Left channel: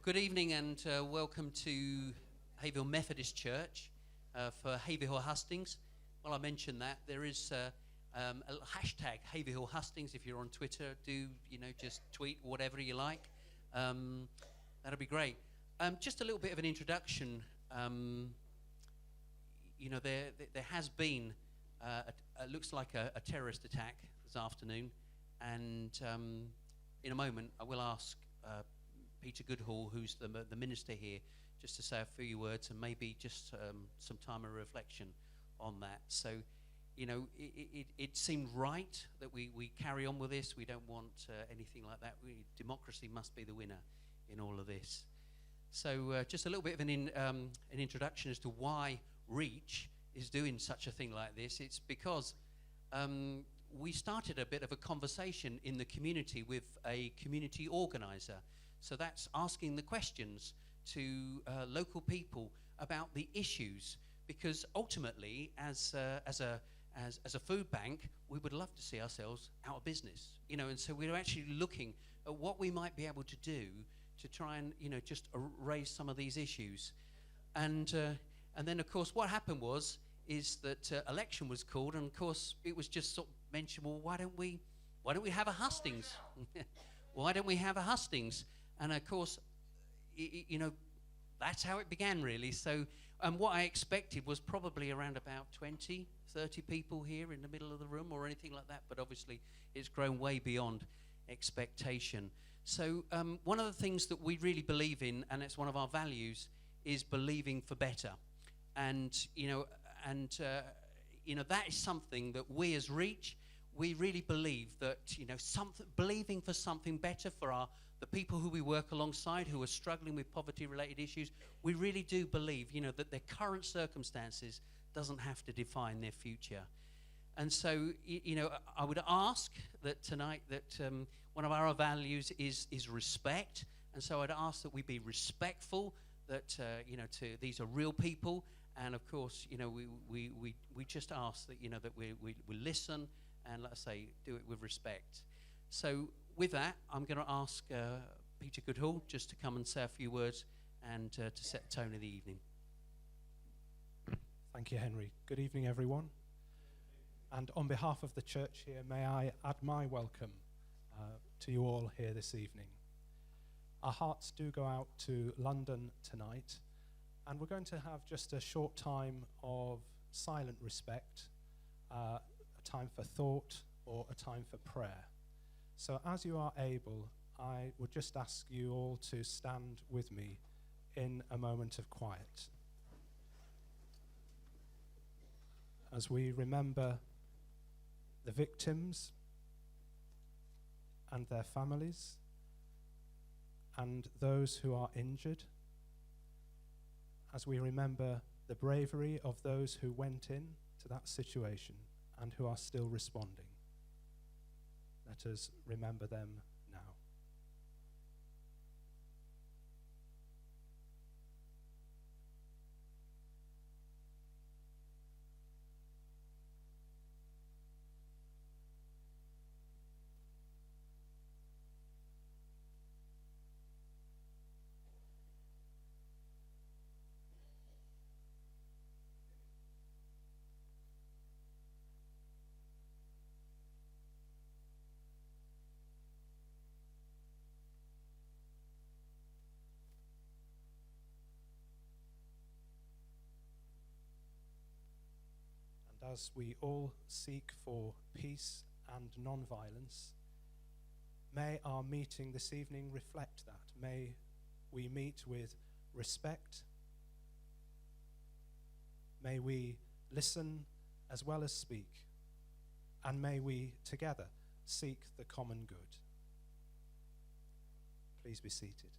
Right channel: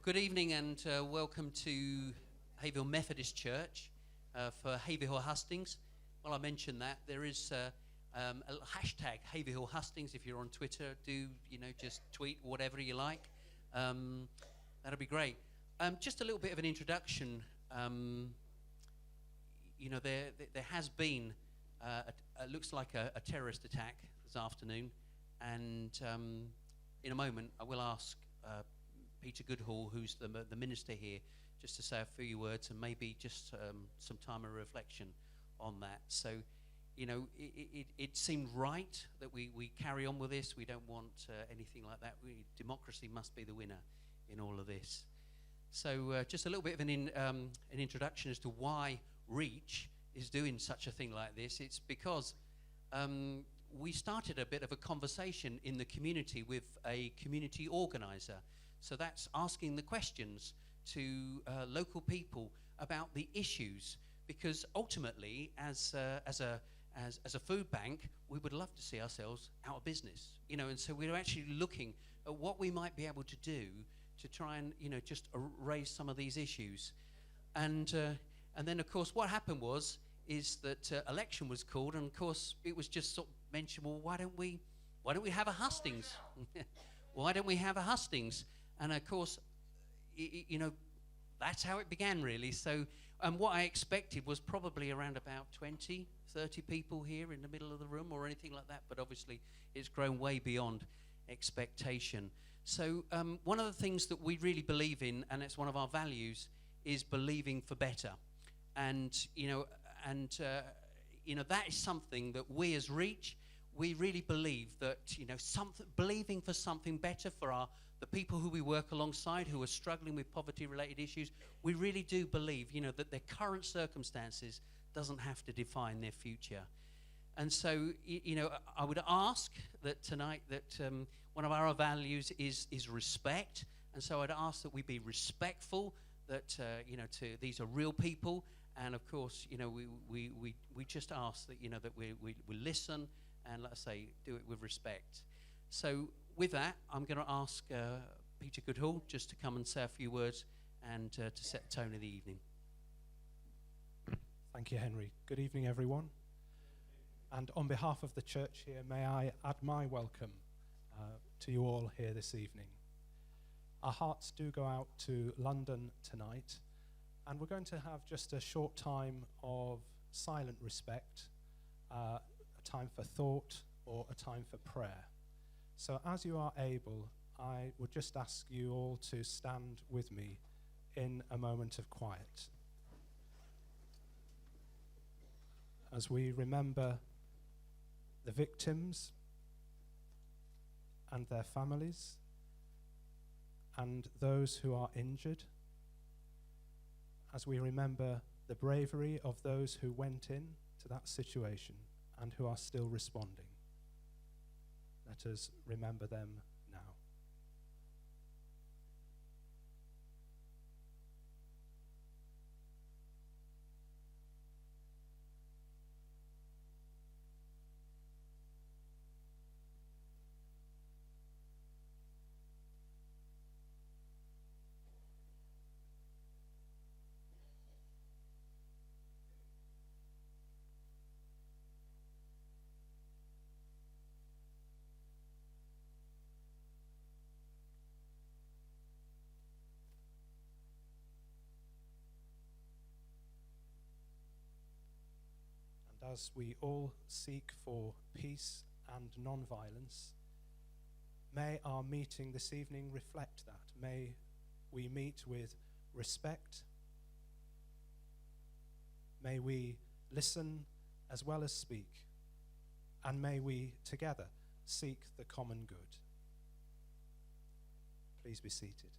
Well, good evening and welcome to Haverhill Methodist Church for Haverhill Hustings. Well, I mentioned that there is a hashtag Haverhill Hustings. If you're on Twitter, just tweet whatever you like. That'll be great. Just a little bit of an introduction. There has been looks like a terrorist attack this afternoon, and in a moment I will ask Peter Goodhall, who's the minister here, just to say a few words and maybe just some time of reflection on that. So, it seemed right that we carry on with this. We don't want anything like that. Democracy must be the winner in all of this. So just a little bit of an introduction as to why Reach is doing such a thing like this. It's because we started a bit of a conversation in the community with a community organizer. So that's asking the questions to local people about the issues, because ultimately, as a food bank, we would love to see ourselves out of business, and so we're actually looking at what we might be able to do to try and just raise some of these issues, and then of course what happened is that election was called, and of course it was just sort of mentioned, well, why don't we have a hustings? Why don't we have a hustings? And of course, that's how it began, really. So what I expected was probably around about 20, 30 people here in the middle of the room or anything like that. But obviously, it's grown way beyond expectation. So one of the things that we really believe in, and it's one of our values, is believing for better. And, that is something that we as Reach, we really believe that, believing for something better for the people who we work alongside, who are struggling with poverty-related issues. We really do believe, that their current circumstances doesn't have to define their future. And so, I would ask that tonight that one of our values is respect. And so I'd ask that we be respectful, that, these are real people. And of course, we just ask that, that we listen and, let's say, do it with respect. So with that, I'm going to ask Peter Goodhall just to come and say a few words and to set the tone of the evening. Thank you, Henry. Good evening, everyone. And on behalf of the church here, may I add my welcome to you all here this evening. Our hearts do go out to London tonight, and we're going to have just a short time of silent respect, a time for thought or a time for prayer. So as you are able, I would just ask you all to stand with me in a moment of quiet as we remember the victims and their families and those who are injured, as we remember the bravery of those who went in to that situation and who are still responding. Let us remember them now. As we all seek for peace and non-violence, may our meeting this evening reflect that. May we meet with respect. May we listen as well as speak. And may we together seek the common good. Please be seated.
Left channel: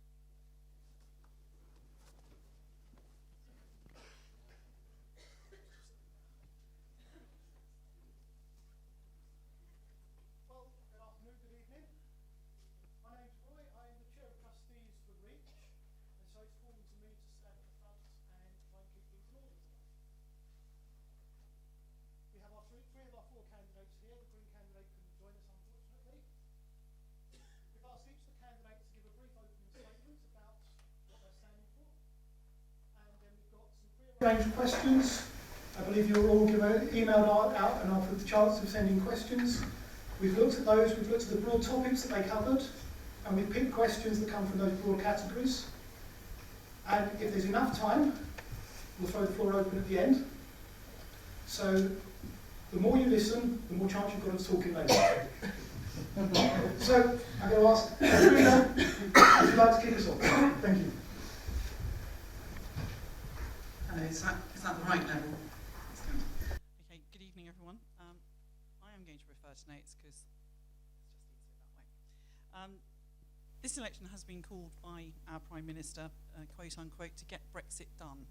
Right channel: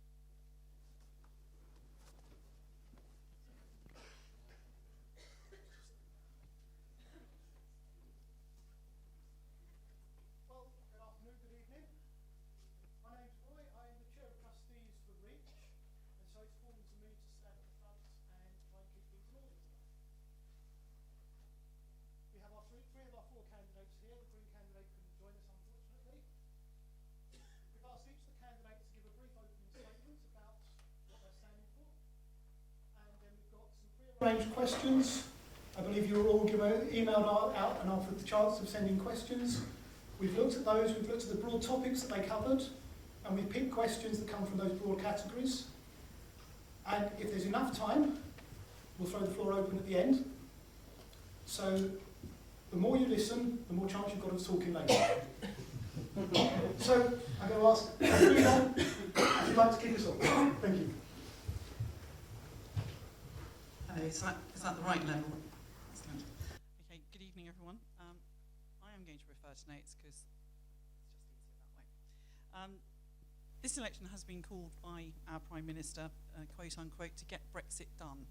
Three of our four candidates here. The Green candidate couldn't join us, unfortunately. We've asked each of the candidates to give a brief opening statement Range of questions. I believe you were all emailed out and offered the chance of sending questions. We've looked at those, we've looked at the broad topics that they covered, and we've picked questions that come from those broad categories. And if there's enough time, we'll throw the floor open at the end. So the more you listen, the more chance you've got of talking later. So I'm going to ask Rina, would you like to kick us off? Thank you. Hello, is that the right level? That's good. Okay, good evening everyone. I am going to refer to notes because it's just easier that way. This election has been called by our Prime Minister, quote unquote, to get Brexit done.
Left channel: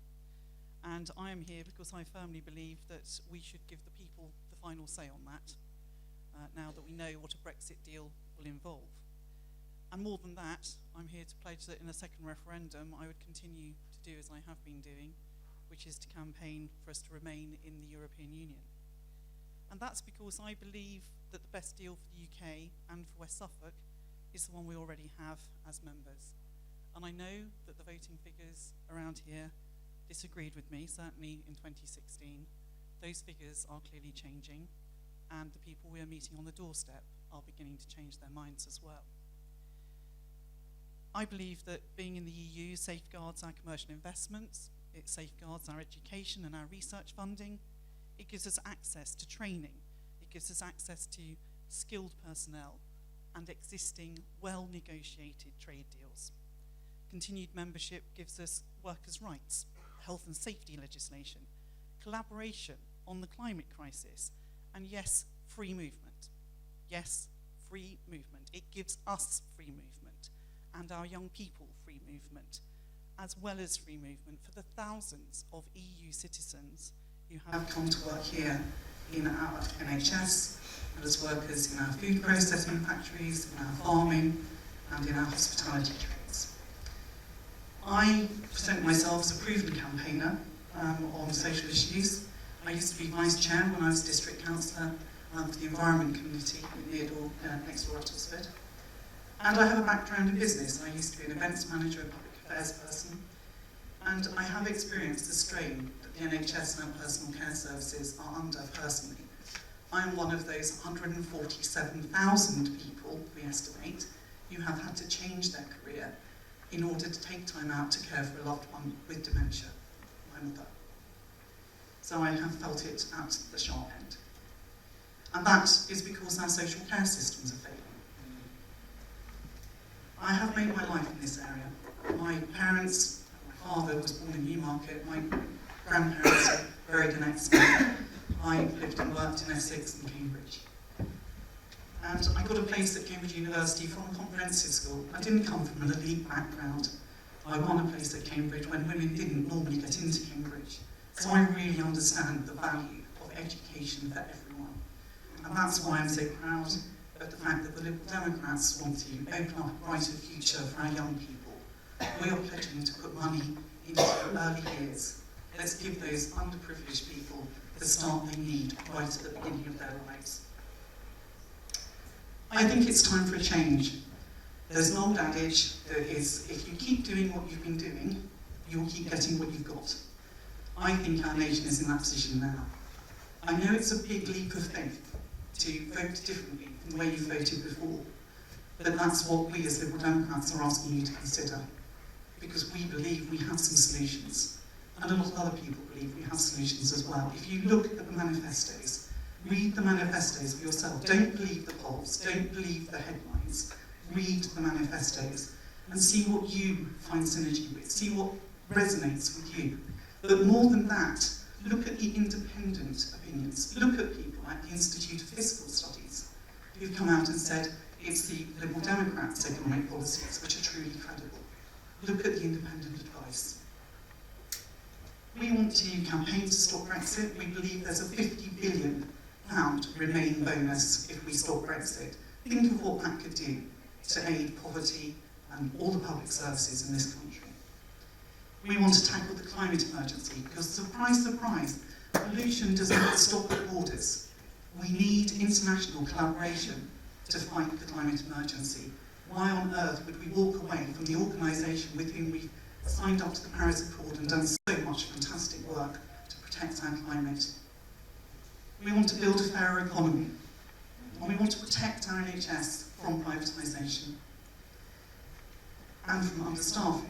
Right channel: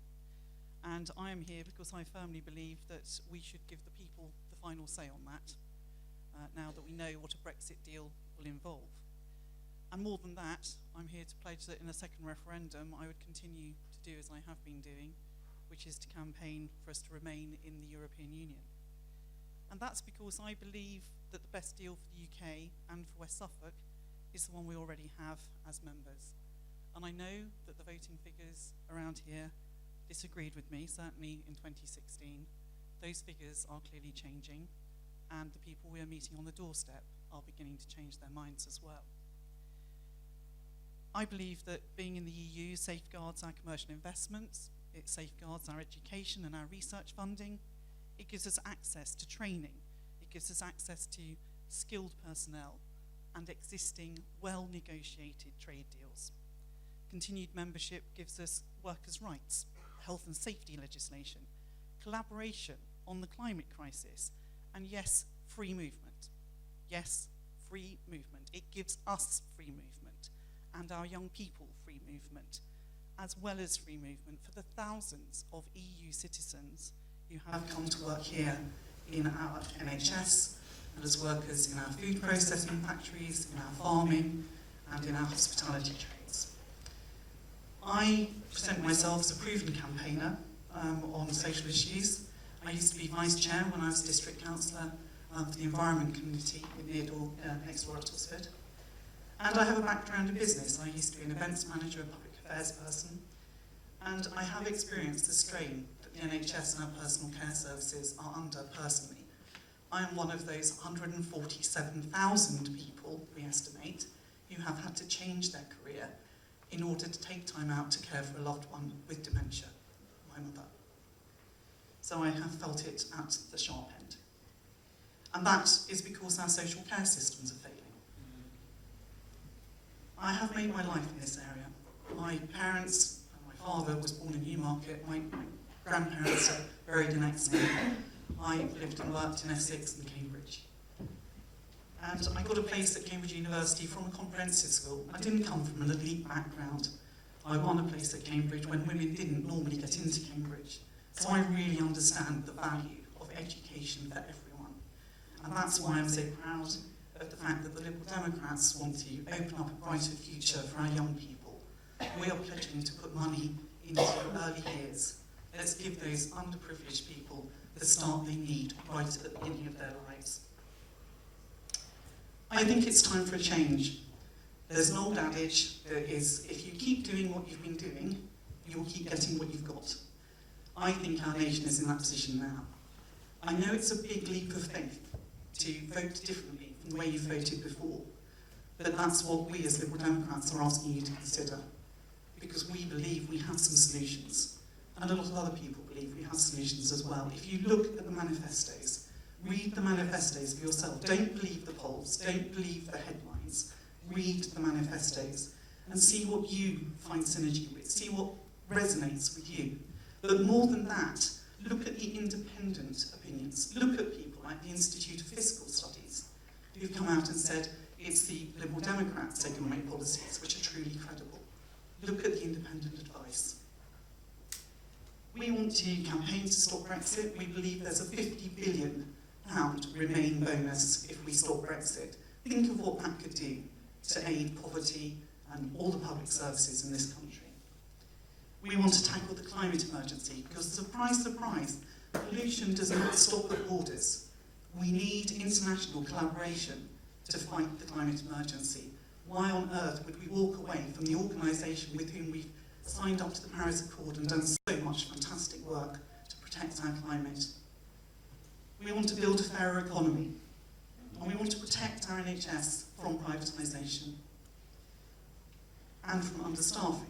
And I am here because I firmly believe that we should give the people the final say on that, now that we know what a Brexit deal will involve. And more than that, I'm here to pledge that in a second referendum, I would continue to do as I have been doing, which is to campaign for us to remain in the European Union. And that's because I believe that the best deal for the UK and for West Suffolk is the one we already have as members. And I know that the voting figures around here disagreed with me, certainly in 2016. Those figures are clearly changing, and the people we are meeting on the doorstep are beginning to change their minds as well. I believe that being in the EU safeguards our commercial investments, it safeguards our education and our research funding, it gives us access to training, it gives us access to skilled personnel and existing well-negotiated trade deals. Continued membership gives us workers' rights, health and safety legislation, collaboration on the climate crisis, and yes, free movement. Yes, free movement. It gives us free movement and our young people free movement, as well as free movement for the thousands of EU citizens who have come to work here in our NHS, and as workers in our food processing factories, in our farming, and in our hospitality trades. I present myself as a proven campaigner on social issues. I used to be vice chair when I was district councillor for the Environment Committee in Neardle, next door at Oxford. And I have a background in business. I used to be an events manager and public affairs person. And I have experienced the strain that the NHS and our personal care services are under personally. I'm one of those 147,000 people, we estimate, who have had to change their career in order to take time out to care for a loved one with dementia, my mother. So I have felt it at the sharp end. And that is because our social care systems are failing. I have made my life in this area. My parents, my father was born in Newmarket, my grandparents are buried in Exeter. I lived and worked in Essex and Cambridge. And I got a place at Cambridge University from a comprehensive school. I didn't come from an elite background. I won a place at Cambridge when women didn't normally get into Cambridge. So I really understand the value of education for everyone. And that's why I'm so proud of the fact that the Liberal Democrats want to open up a brighter future for our young people. We are pledging to put money into early years. Let's give those underprivileged people the start they need right at the beginning of their lives. I think it's time for a change. There's an old adage that is, if you keep doing what you've been doing, you'll keep getting what you've got. I think our nation is in that position now. I know it's a big leap of faith to vote differently from the way you voted before, but that's what we as Liberal Democrats are asking you to consider, because we believe we have some solutions, and a lot of other people believe we have solutions as well. If you look at the manifestos, read the manifestos for yourself. Don't believe the polls, don't believe the headlines. Read the manifestos and see what you find synergy with, see what resonates with you. But more than that, look at the independent opinions. Look at people like the Institute of Fiscal Studies who've come out and said it's the Liberal Democrats' economic policies which are truly credible. Look at the independent advice. We want to campaign to stop Brexit. We believe there's a £50 billion Remain bonus if we stop Brexit. Think of what that could do to aid poverty and all the public services in this country. We want to tackle the climate emergency because, surprise, surprise, pollution does not stop at borders. We need international collaboration to fight the climate emergency. Why on earth would we walk away from the organisation with whom we've signed up to the Paris Accord and done so much fantastic work We want to build a fairer economy, and we want to protect our NHS from privatisation and from understaffing.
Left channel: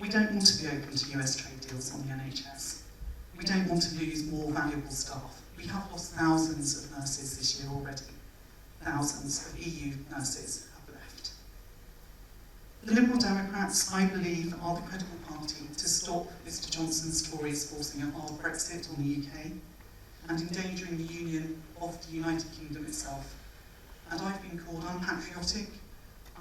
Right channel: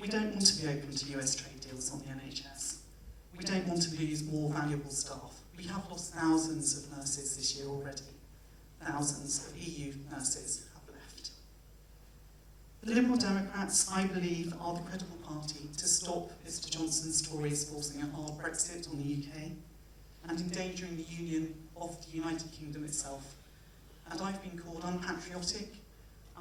We don't want to be open to US trade deals on the NHS. We don't want to lose more valuable staff. We have lost thousands of nurses this year already. Thousands of EU nurses have left. The Liberal Democrats, I believe, are the credible party to stop Mr Johnson's Tories forcing a hard Brexit on the UK and endangering the union of the United Kingdom itself. And I've been called unpatriotic,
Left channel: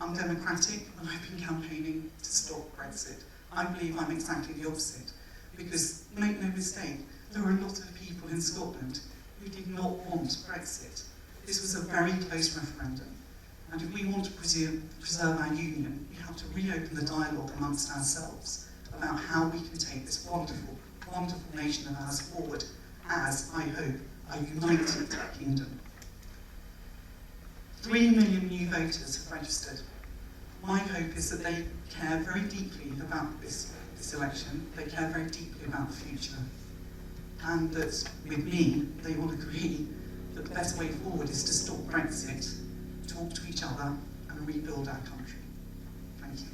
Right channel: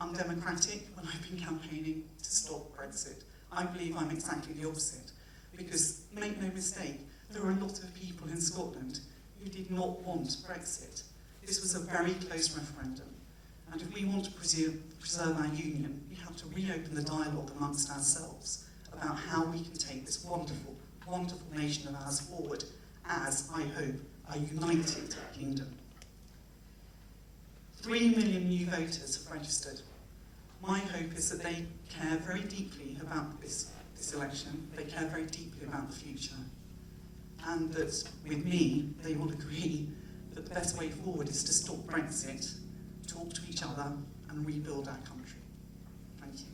undemocratic when I've been campaigning to stop Brexit. I believe I'm exactly the opposite, because, make no mistake, there were a lot of people in Scotland who did not want Brexit. This was a very close referendum, and if we want to preserve our union, we have to reopen the dialogue amongst ourselves about how we can take this wonderful, wonderful nation of ours forward as, I hope, a united kingdom. 3 million new voters have registered. My hope is that they care very deeply about this election, they care very deeply about the future, and that with me they will agree that the best way forward is to stop Brexit, talk to each other and rebuild our country. Thank you.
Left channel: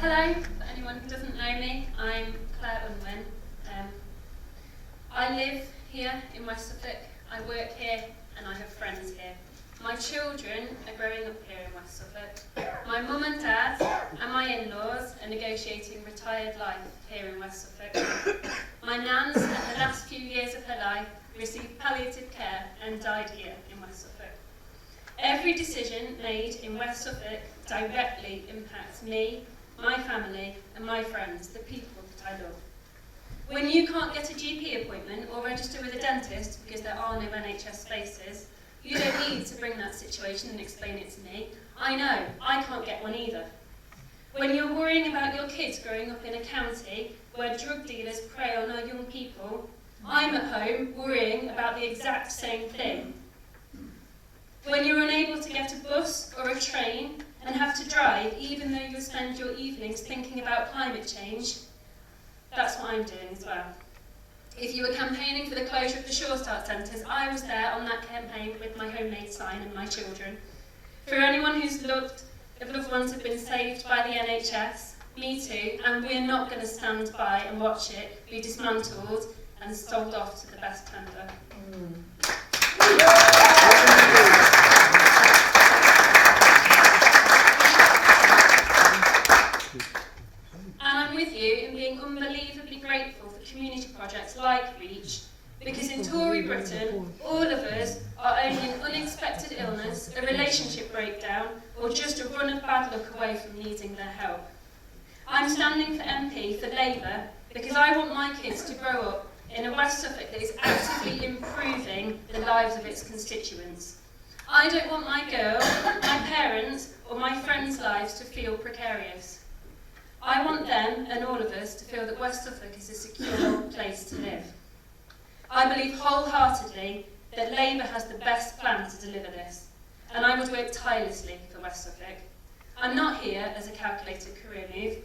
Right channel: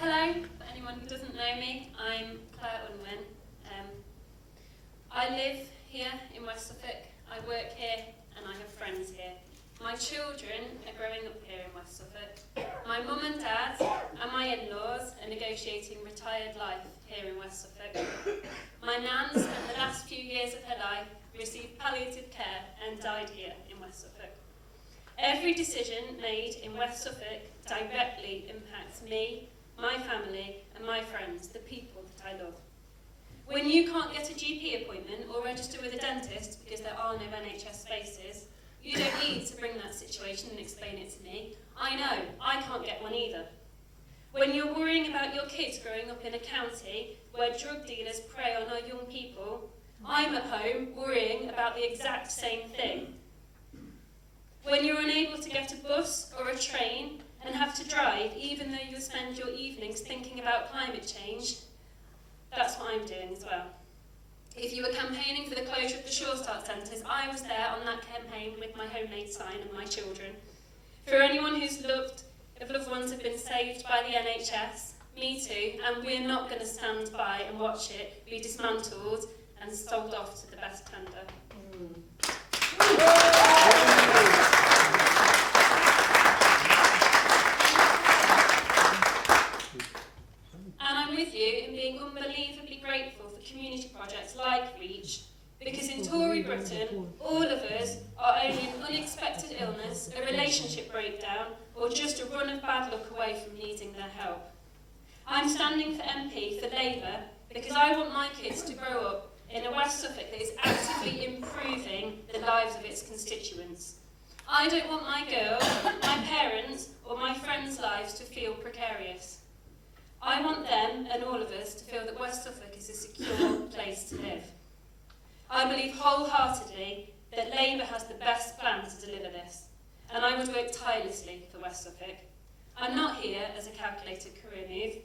Hello, for anyone who doesn't know me, I'm Claire Unwin. I live here in West Suffolk, I work here and I have friends here. My children are growing up here in West Suffolk. My mum and dad and my in-laws are negotiating retired life here in West Suffolk. My nan spent the last few years of her life, received palliative care and died here in West Suffolk. Every decision made in West Suffolk directly impacts me, my family and my friends, the people that I love. When you can't get a GP appointment or register with a dentist because there are no NHS spaces, you don't need to bring that situation and explain it to me. I know, I can't get one either. When you're worrying about your kids growing up in a county where drug dealers prey on our young people, I'm at home worrying about the exact same thing. When you're unable to get a bus or a train and have to drive even though you spend your evenings thinking about climate change, that's what I'm doing as well. If you were campaigning for the closure of the Sure Start centres, I was there on that campaign with my homemade sign and my children. For anyone who's loved, if loved ones have been saved by the NHS, me too, and we're not going to stand by and watch it be dismantled and sold off to the best tender. And I'm with you in being unbelievably grateful for community projects like REACH, because in Tory Britain, all of us are only an unexpected illness, a relationship breakdown, or just a run of bad luck away from needing their help. I'm standing for MP for Labour because I want my kids to grow up in a West Suffolk that is actively improving the lives of its constituents. I don't want my girl, my parents, or my friends' lives to feel precarious. I want them and all of us to feel that West Suffolk is a secure place to live. I believe wholeheartedly that Labour has the best plan to deliver this, and I would work tirelessly for West Suffolk. I'm not here as a calculated career move.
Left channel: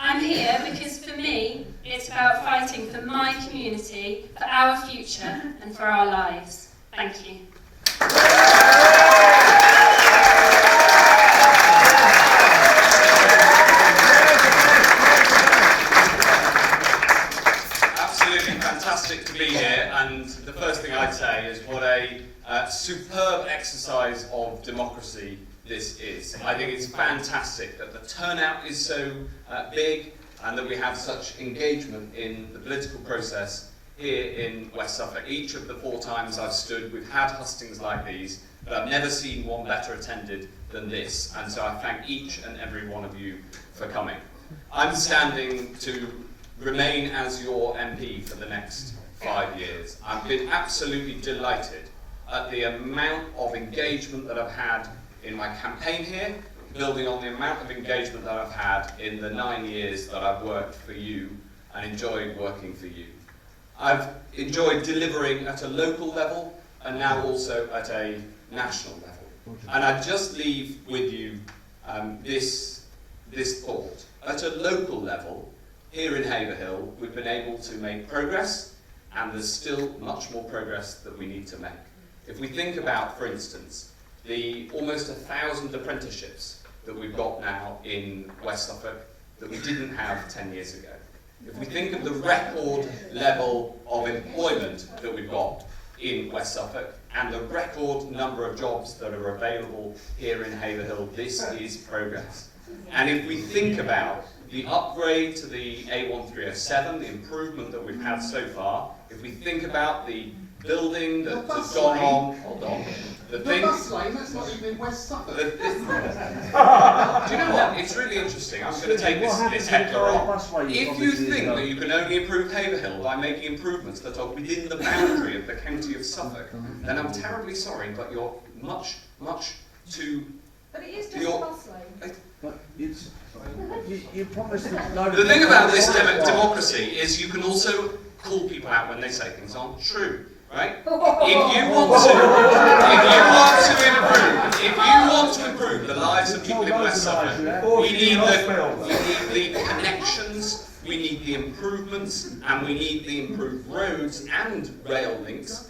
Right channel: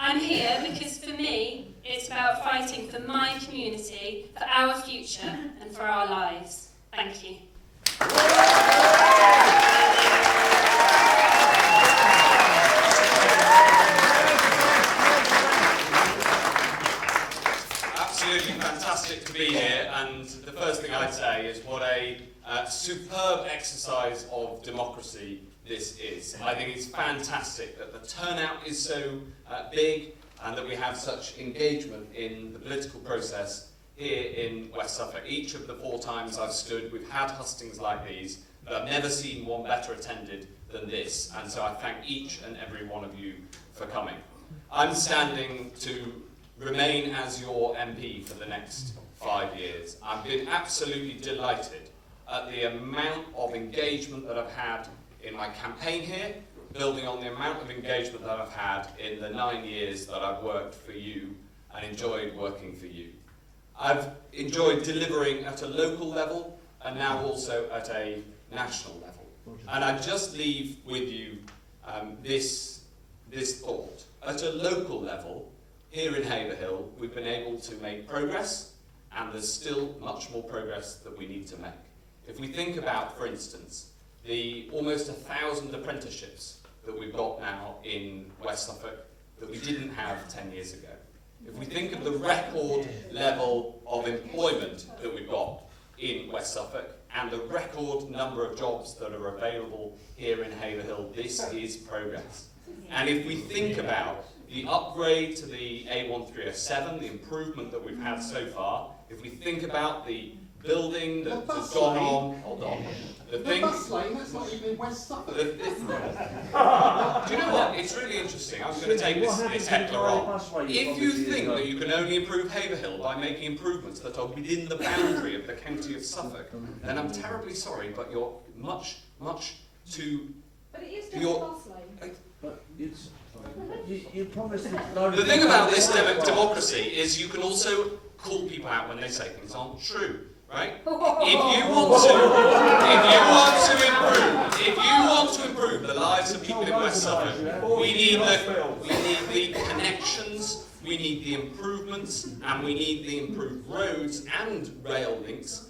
I'm here because for me, it's about fighting for my community, for our future, and for our lives. Thank you. Absolutely fantastic to be here, and the first thing I'd say is what a superb exercise of democracy this is. I think it's fantastic that the turnout is so big and that we have such engagement in the political process here in West Suffolk. Each of the 4 times I've stood, we've had hustings like these, but I've never seen one better attended than this, and so I thank each and every one of you for coming. I'm standing to remain as your MP for the next 5 years. I've been absolutely delighted at the amount of engagement that I've had in my campaign here, building on the amount of engagement that I've had in the 9 years that I've worked for you and enjoyed working for you. I've enjoyed delivering at a local level and now also at a national level. And I just leave with you this thought. At a local level, here in Haverhill, we've been able to make progress, and there's still much more progress that we need to make. If we think about, for instance, the almost 1,000 apprenticeships that we've got now in West Suffolk that we didn't have 10 years ago. If we think of the record level of employment that we've got in West Suffolk and the record number of jobs that are available here in Haverhill, this is progress. And if we think about the upgrade to the A1307, the improvement that we've had so far, if we think about the building that's gone on, hold on, the thing. Bus lane, that's not even in West Suffolk. Do you know what? It's really interesting. I'm going to take this heckler on. If you think that you can only improve Haverhill by making improvements that are within the boundary of the county of Suffolk, then I'm terribly sorry, but you're much too. But it is just a bus lane. The thing about this democracy is you can also call people out when they say things aren't true. Right? If you want to improve the lives of people in West Suffolk, we need the connections, we need the improvements, and we need the improved roads and rail links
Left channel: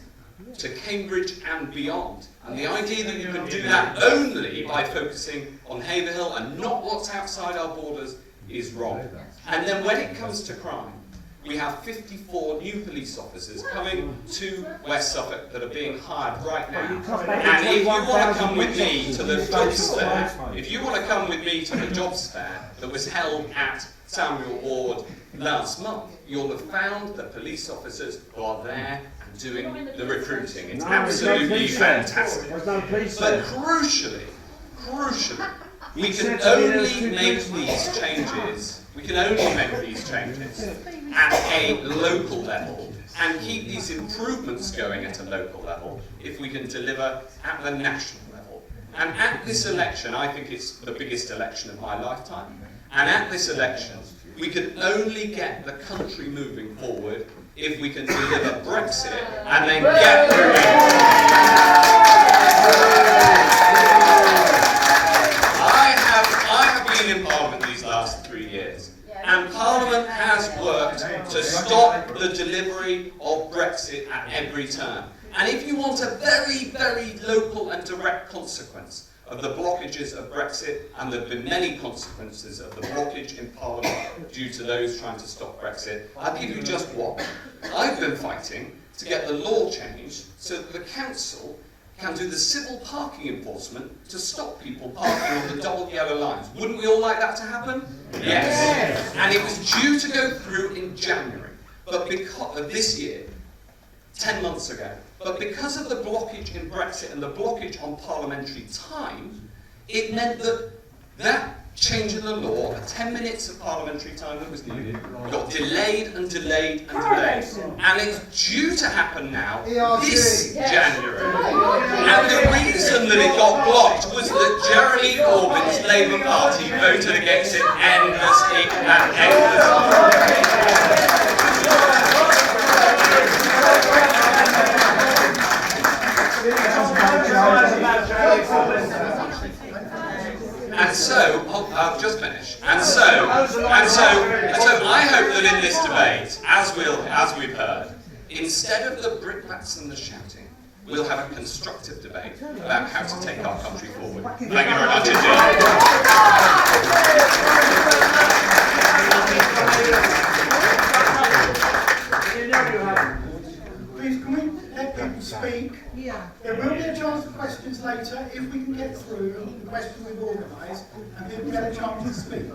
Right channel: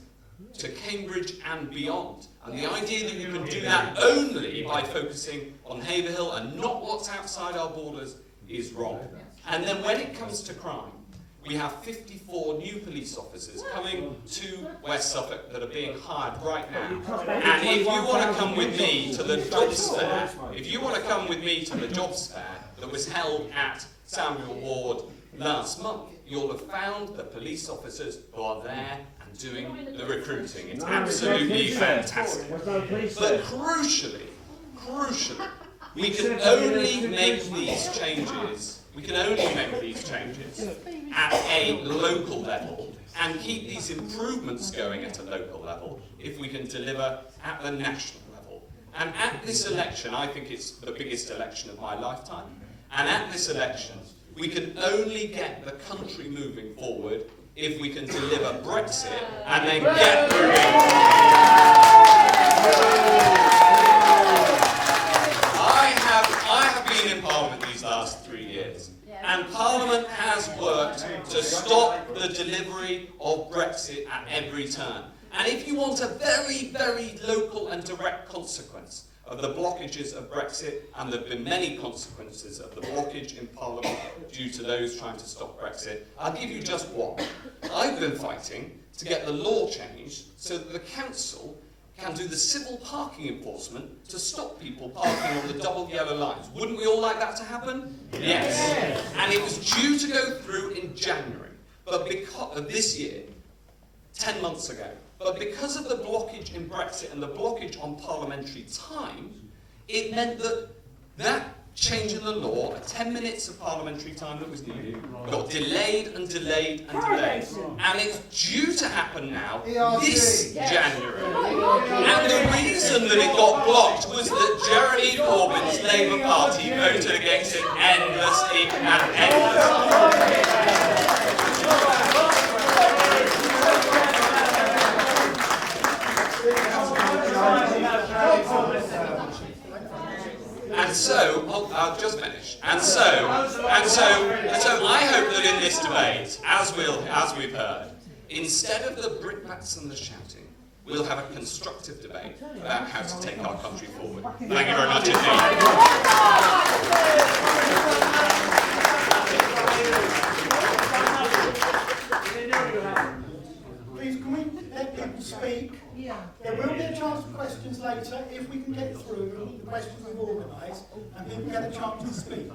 to Cambridge and beyond. And the idea that you can do that only by focusing on Haverhill and not what's outside our borders is wrong. And then when it comes to crime, we have 54 new police officers coming to West Suffolk that are being hired right now. And if you want to come with me to the jobs fair, that was held at Samuel Ward last month, you'll have found the police officers who are there and doing the recruiting. It's absolutely fantastic. But crucially, we can only make these changes. At a local level and keep these improvements going at a local level if we can deliver at the national level. And at this election, I think it's the biggest election of my lifetime, and at this election, we can only get the country moving forward if we can deliver Brexit and then get I have been in Parliament these last 3 years. And Parliament has worked to stop the delivery of Brexit at every turn. And if you want a very, very local and direct consequence of the blockages of Brexit, and there have been many consequences of the blockage in Parliament due to those trying to stop Brexit, I'll give you just one. I've been fighting to get the law changed so that the council can do the civil parking enforcement to stop people parking on the double yellow lines. Wouldn't we all like that to happen? Yes. And it was due to go through in January, but because of this year, 10 months ago. But because of the blockage in Brexit and the blockage on parliamentary time, it meant that that change in the law, 10 minutes of parliamentary time that was needed, got delayed and delayed and delayed. And it's due to happen now, this January. And the reason that it got blocked was that Jeremy Corbyn's Labour Party voted against it endlessly and endlessly. And so, I'll just finish. And so I hope that in this debate, as we've heard, instead of the brickbats and the shouting, we'll have a constructive debate about how to take our country forward. Thank you very much indeed. Please, can we let people speak? There will be a chance for questions later if we can get through the questions we've organised and people get a chance to speak.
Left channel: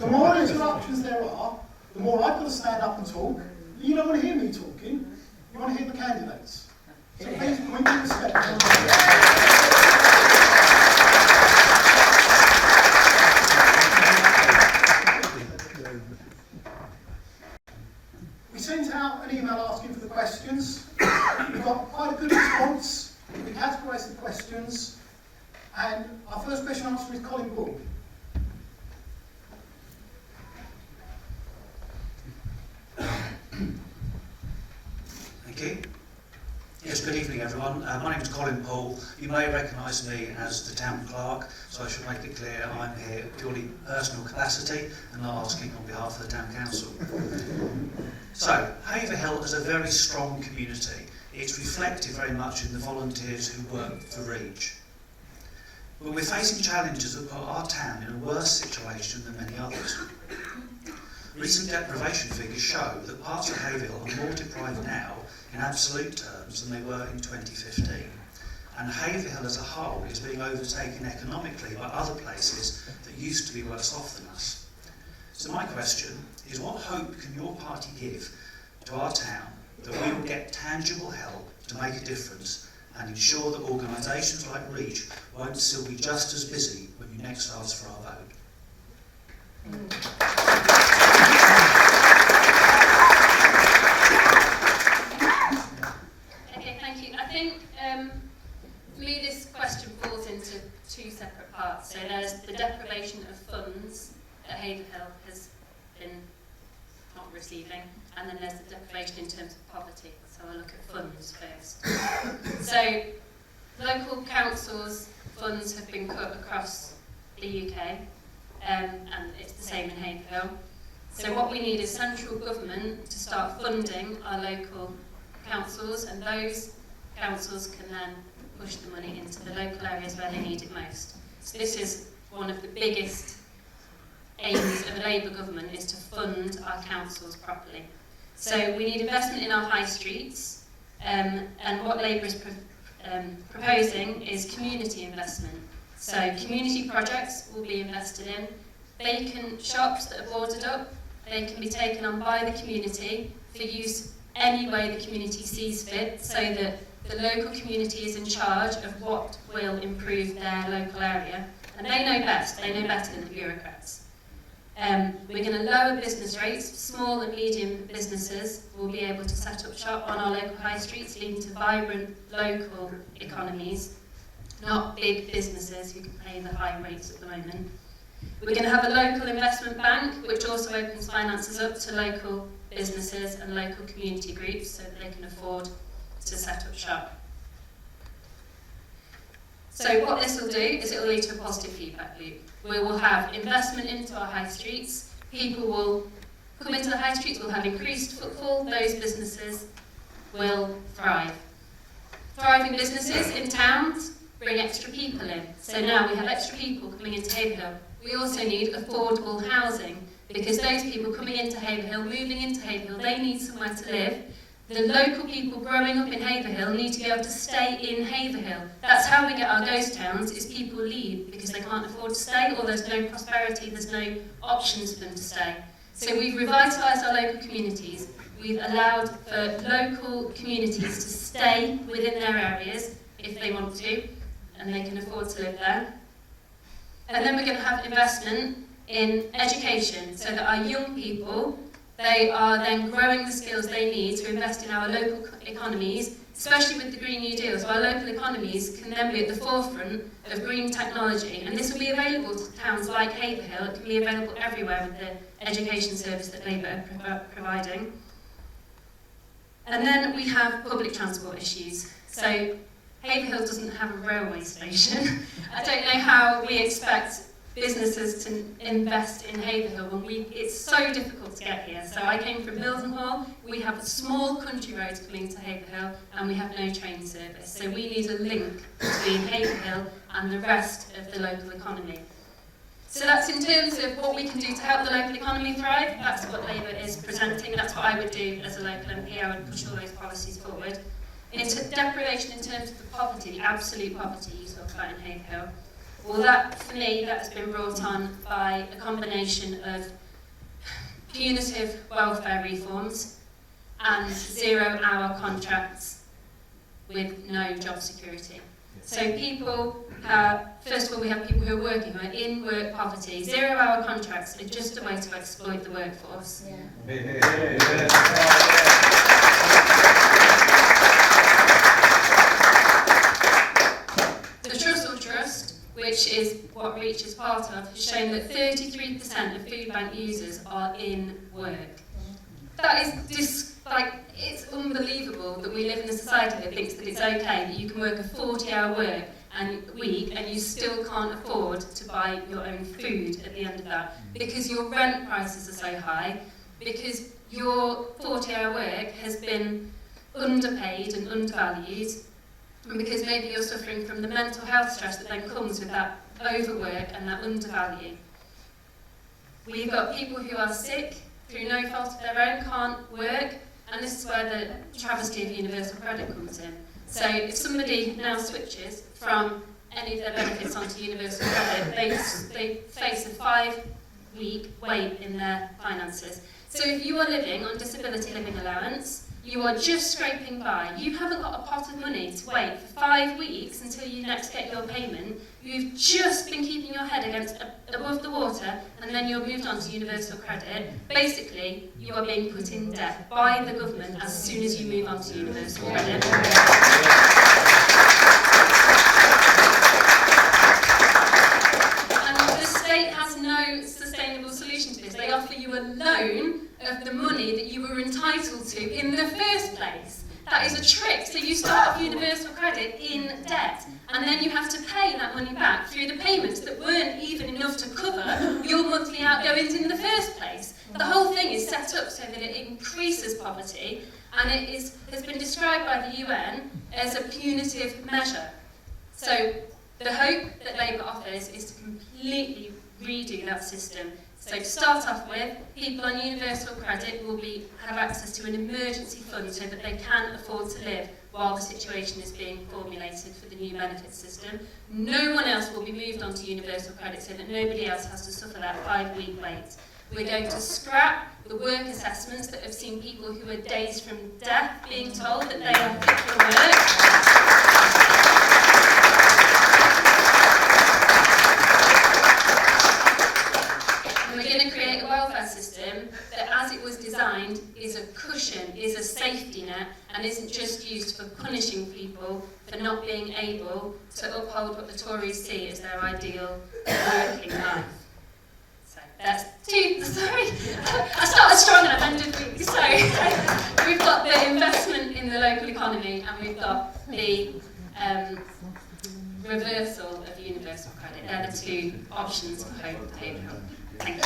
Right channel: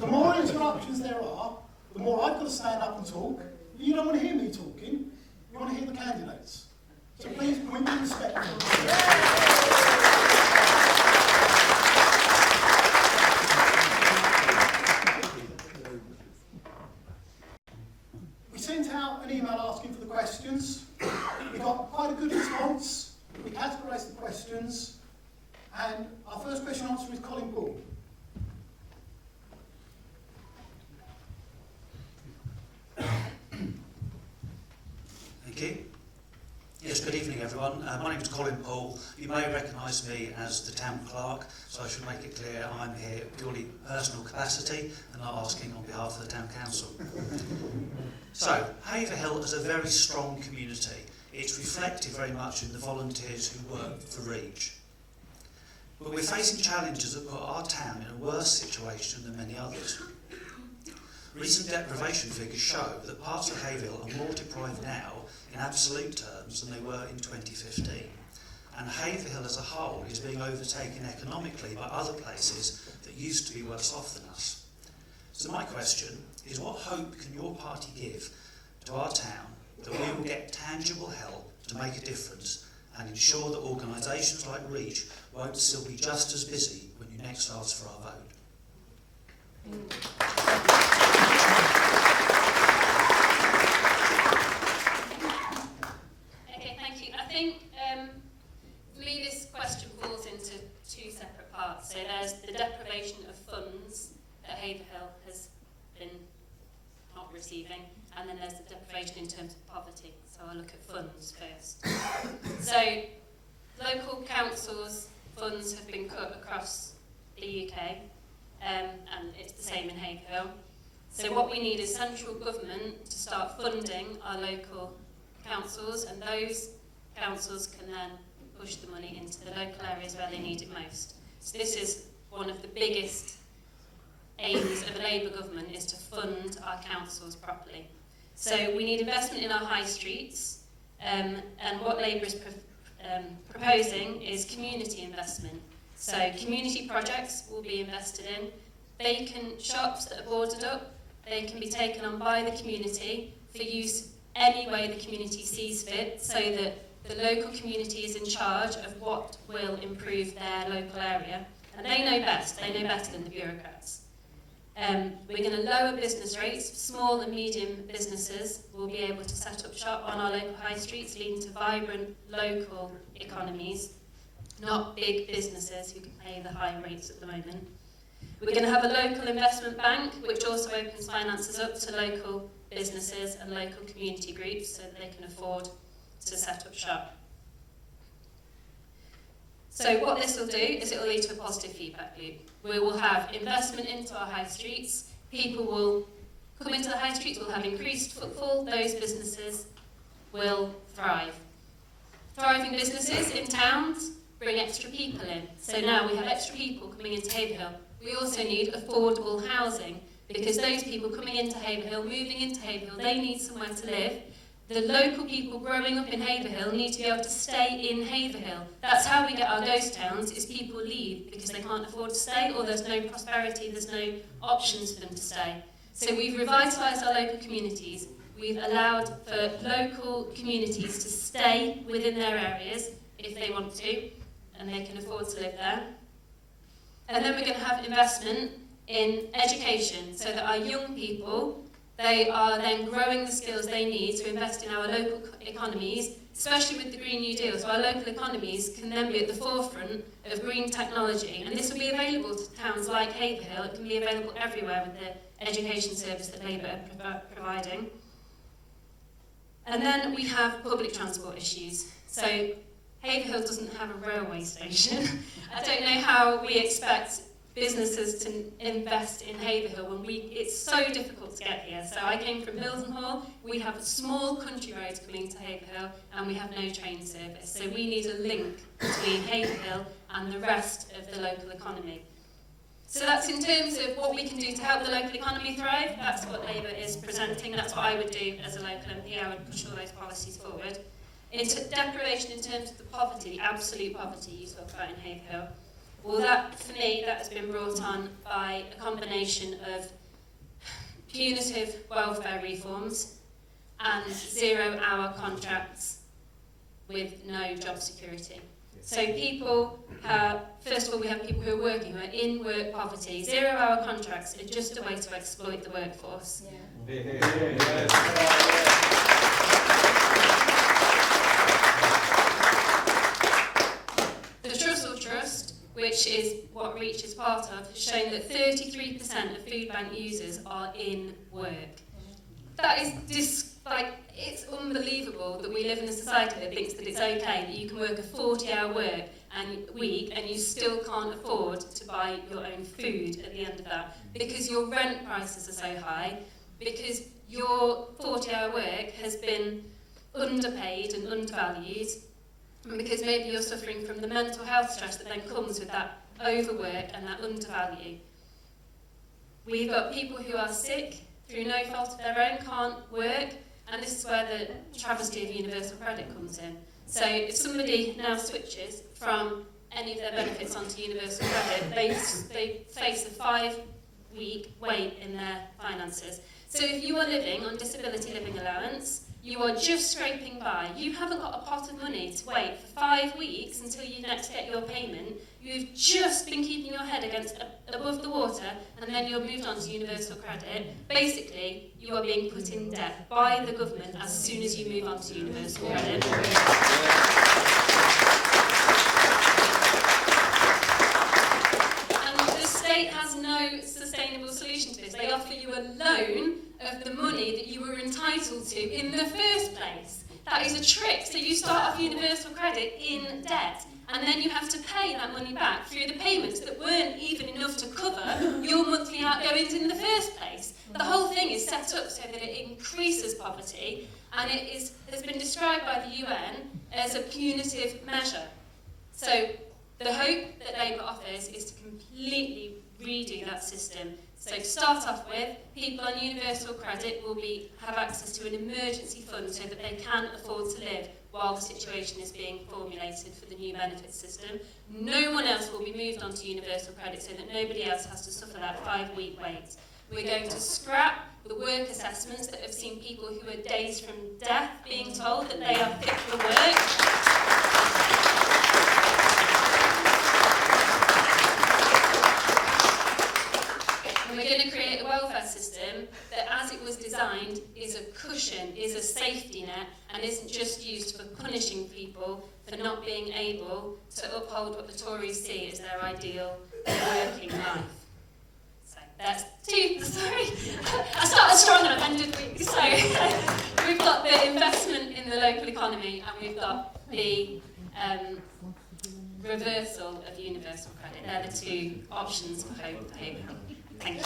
The more interruptions there are, the more I've got to stand up and talk. You don't want to hear me talking, you want to hear the candidates. So please, can we be respectful? Yes, good evening everyone. My name is Colin Paul. You may recognise me as the town clerk, so I should make it clear I'm here purely personal capacity and not asking on behalf of the town council. So, Haverhill is a very strong community. It's reflected very much in the volunteers who work for Reach. But we're facing challenges that put our town in a worse situation than many others. Recent deprivation figures show that parts of Haverhill are more deprived now in absolute terms than they were in 2015. And Haverhill as a whole is being overtaken economically by other places that used to be worse off than us. So my question is, what hope can your party give to our town that we will get tangible help to make a difference and ensure that organisations like Reach won't still be just as busy when you next ask for our vote? Okay, thank you. I think for me this question falls into two separate parts. So there's the deprivation of funds that Haverhill has been not receiving, and then there's the deprivation in terms of poverty. So I'll look at funds first. So local councils' funds have been cut across the UK, and it's the same in Haverhill. So what we need is central government to start funding our local councils, and those councils can then push the money into the local areas where they need it most. So this is one of the biggest aims of a Labour government, is to fund our councils properly. So we need investment in our high streets, and what Labour is proposing is community investment. So community projects will be invested in. Vacant shops that are boarded up, they can be taken on by the community for use any way the community sees fit, so that the local community is in charge of what will improve their local area. And they know best, they know better than the bureaucrats. We're going to lower business rates. Small and medium businesses will be able to set up shop on our local high streets, leading to vibrant local economies, not big businesses who can pay the high rates at the moment. We're going to have a local investment bank, which also opens finances up to local businesses and local community groups so that they can afford to set up shop. So what this will do is it will lead to a positive feedback loop. We will have investment into our high streets, people will come into the high streets, we'll have increased footfall, those businesses will thrive. Thriving businesses in towns bring extra people in. So now we have extra people coming into Haverhill. We also need affordable housing, because those people coming into Haverhill, moving into Haverhill, they need somewhere to live. The local people growing up in Haverhill need to be able to stay in Haverhill. That's how we get our ghost towns, is people leave because they can't afford to stay, or there's no prosperity, there's no options for them to stay. So we've revitalised our local communities. We've allowed for local communities to stay within their areas if they want to, and they can afford to live there. And then we're going to have investment in education, so that our young people, they are then growing the skills they need to invest in our local economies, especially with the Green New Deal. So our local economies can then be at the forefront of green technology, and this will be available to towns like Haverhill. It can be available everywhere with the education service that Labour are providing. And then we have public transport issues. So Haverhill doesn't have a railway station. I don't know how we expect businesses to invest in Haverhill when it's so difficult to get here. So I came from Mildenhall. We have small country roads coming to Haverhill, and we have no train service. So we need a link between Haverhill and the rest of the local economy. So that's in terms of what we can do to help the local economy thrive. That's what Labour is presenting. That's what I would do as a local MP. I would push all those policies forward. Into deprivation in terms of the poverty, the absolute poverty you talk about in Haverhill. Well, that, for me, that's been brought on by a combination of punitive welfare reforms and 0-hour contracts with no job security. So people have, first of all, we have people who are working, who are in work poverty. 0-hour contracts are just a way to exploit the workforce. The Trussell Trust, which is what Reach is part of, has shown that 33% of food bank users are in work. That is like, it's unbelievable that we live in a society that thinks that it's okay that you can work a 40-hour week and you still can't afford to buy your own food at the end of that, because your rent prices are so high, because your 40-hour work has been underpaid and undervalued, and because maybe you're suffering from the mental health stress that then comes with that overwork and that undervalue. We've got people who are sick through no fault of their own, can't work, and this is where the travesty of universal credit comes in. So if somebody now switches from any of their benefits onto universal credit, they face a 5-week wait in their finances. So if you are living on disability living allowance, you are just scraping by. You haven't got a pot of money to wait for 5 weeks until you next get your payment. You've just been keeping your head above the water, and then you're moved on to universal credit. Basically, you are being put in debt by the government as soon as you move on to universal credit. And the state has no sustainable solution to this. They offer you a loan of the money that you were entitled to in the first place. That is a trick. So you start off universal credit in debt, and then you have to pay that money back through the payments that weren't even enough to cover your monthly outgoings in the first place. The whole thing is set up so that it increases poverty, and it has been described by the UN as a punitive measure. So the hope that Labour offers is to completely redo that system. So to start off with, people on universal credit will have access to an emergency fund so that they can afford to live while the situation is being formulated for the new benefit system. No one else will be moved on to universal credit so that nobody else has to suffer that 5-week wait. We're going to scrap the work assessments that have seen people who are dazed from death being told that they are fit for work. We're going to create a welfare system that, as it was designed, is a cushion, is a safety net, and isn't just used for punishing people for not being able to uphold what the Tories see as their ideal working life. So that's sorry. I started strong and I've ended weak. So we've got the investment in the local economy, and we've got the reversal of universal credit. They're the two options for Haverhill. Thank you.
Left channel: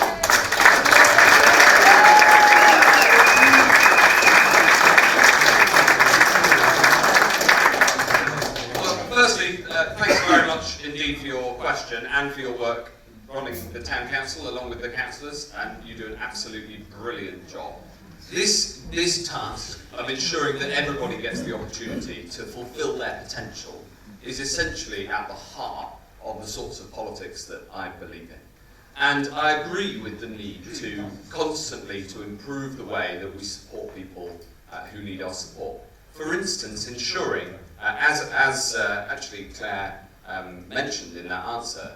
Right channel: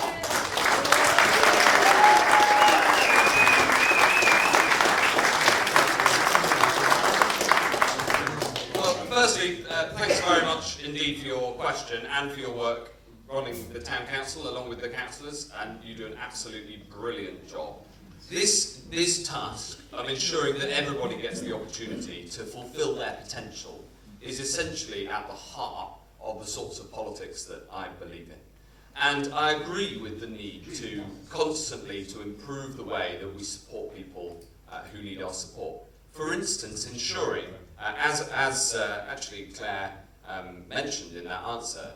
Well, firstly, thanks very much indeed for your question and for your work running the town council along with the councillors, and you do an absolutely brilliant job. This task of ensuring that everybody gets the opportunity to fulfil their potential is essentially at the heart of the sorts of politics that I believe in. And I agree with the need to constantly to improve the way that we support people who need our support. For instance, ensuring, as actually Claire mentioned in that answer,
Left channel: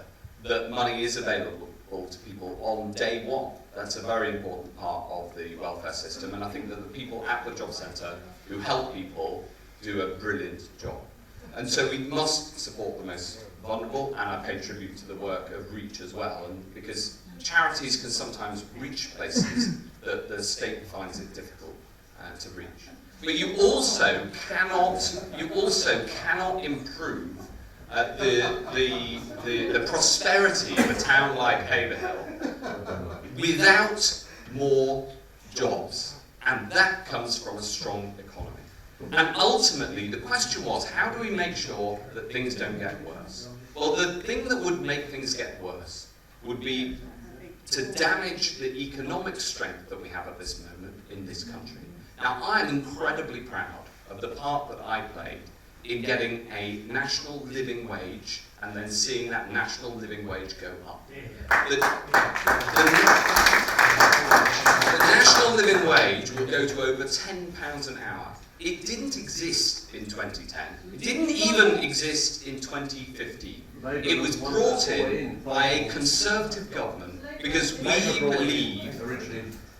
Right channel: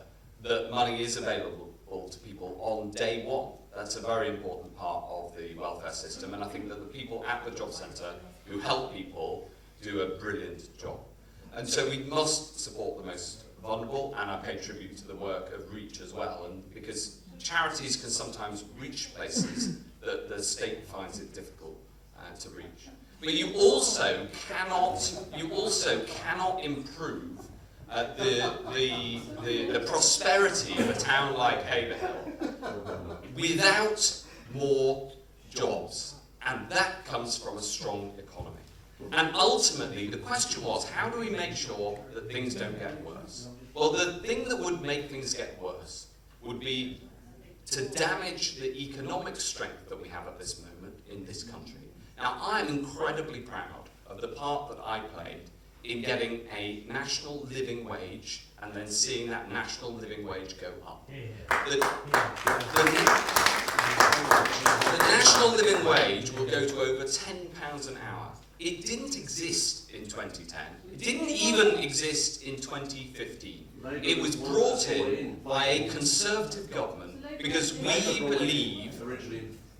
that money is available to people on day one. That's a very important part of the welfare system, and I think that the people at the job centre who help people do a brilliant job. And so we must support the most vulnerable, and I pay tribute to the work of Reach as well, and because charities can sometimes reach places that the state finds it difficult to reach. But you also cannot improve the prosperity of a town like Haverhill without more jobs, and that comes from a strong economy. And ultimately, the question was, how do we make sure that things don't get worse? Well, the thing that would make things get worse would be to damage the economic strength that we have at this moment in this country. Now, I'm incredibly proud of the part that I played in getting a national living wage and then seeing that national living wage go up. The national living wage will go to over £10 an hour. It didn't exist in 2010. It didn't even exist in 2015. It was brought in by a Conservative government because we believe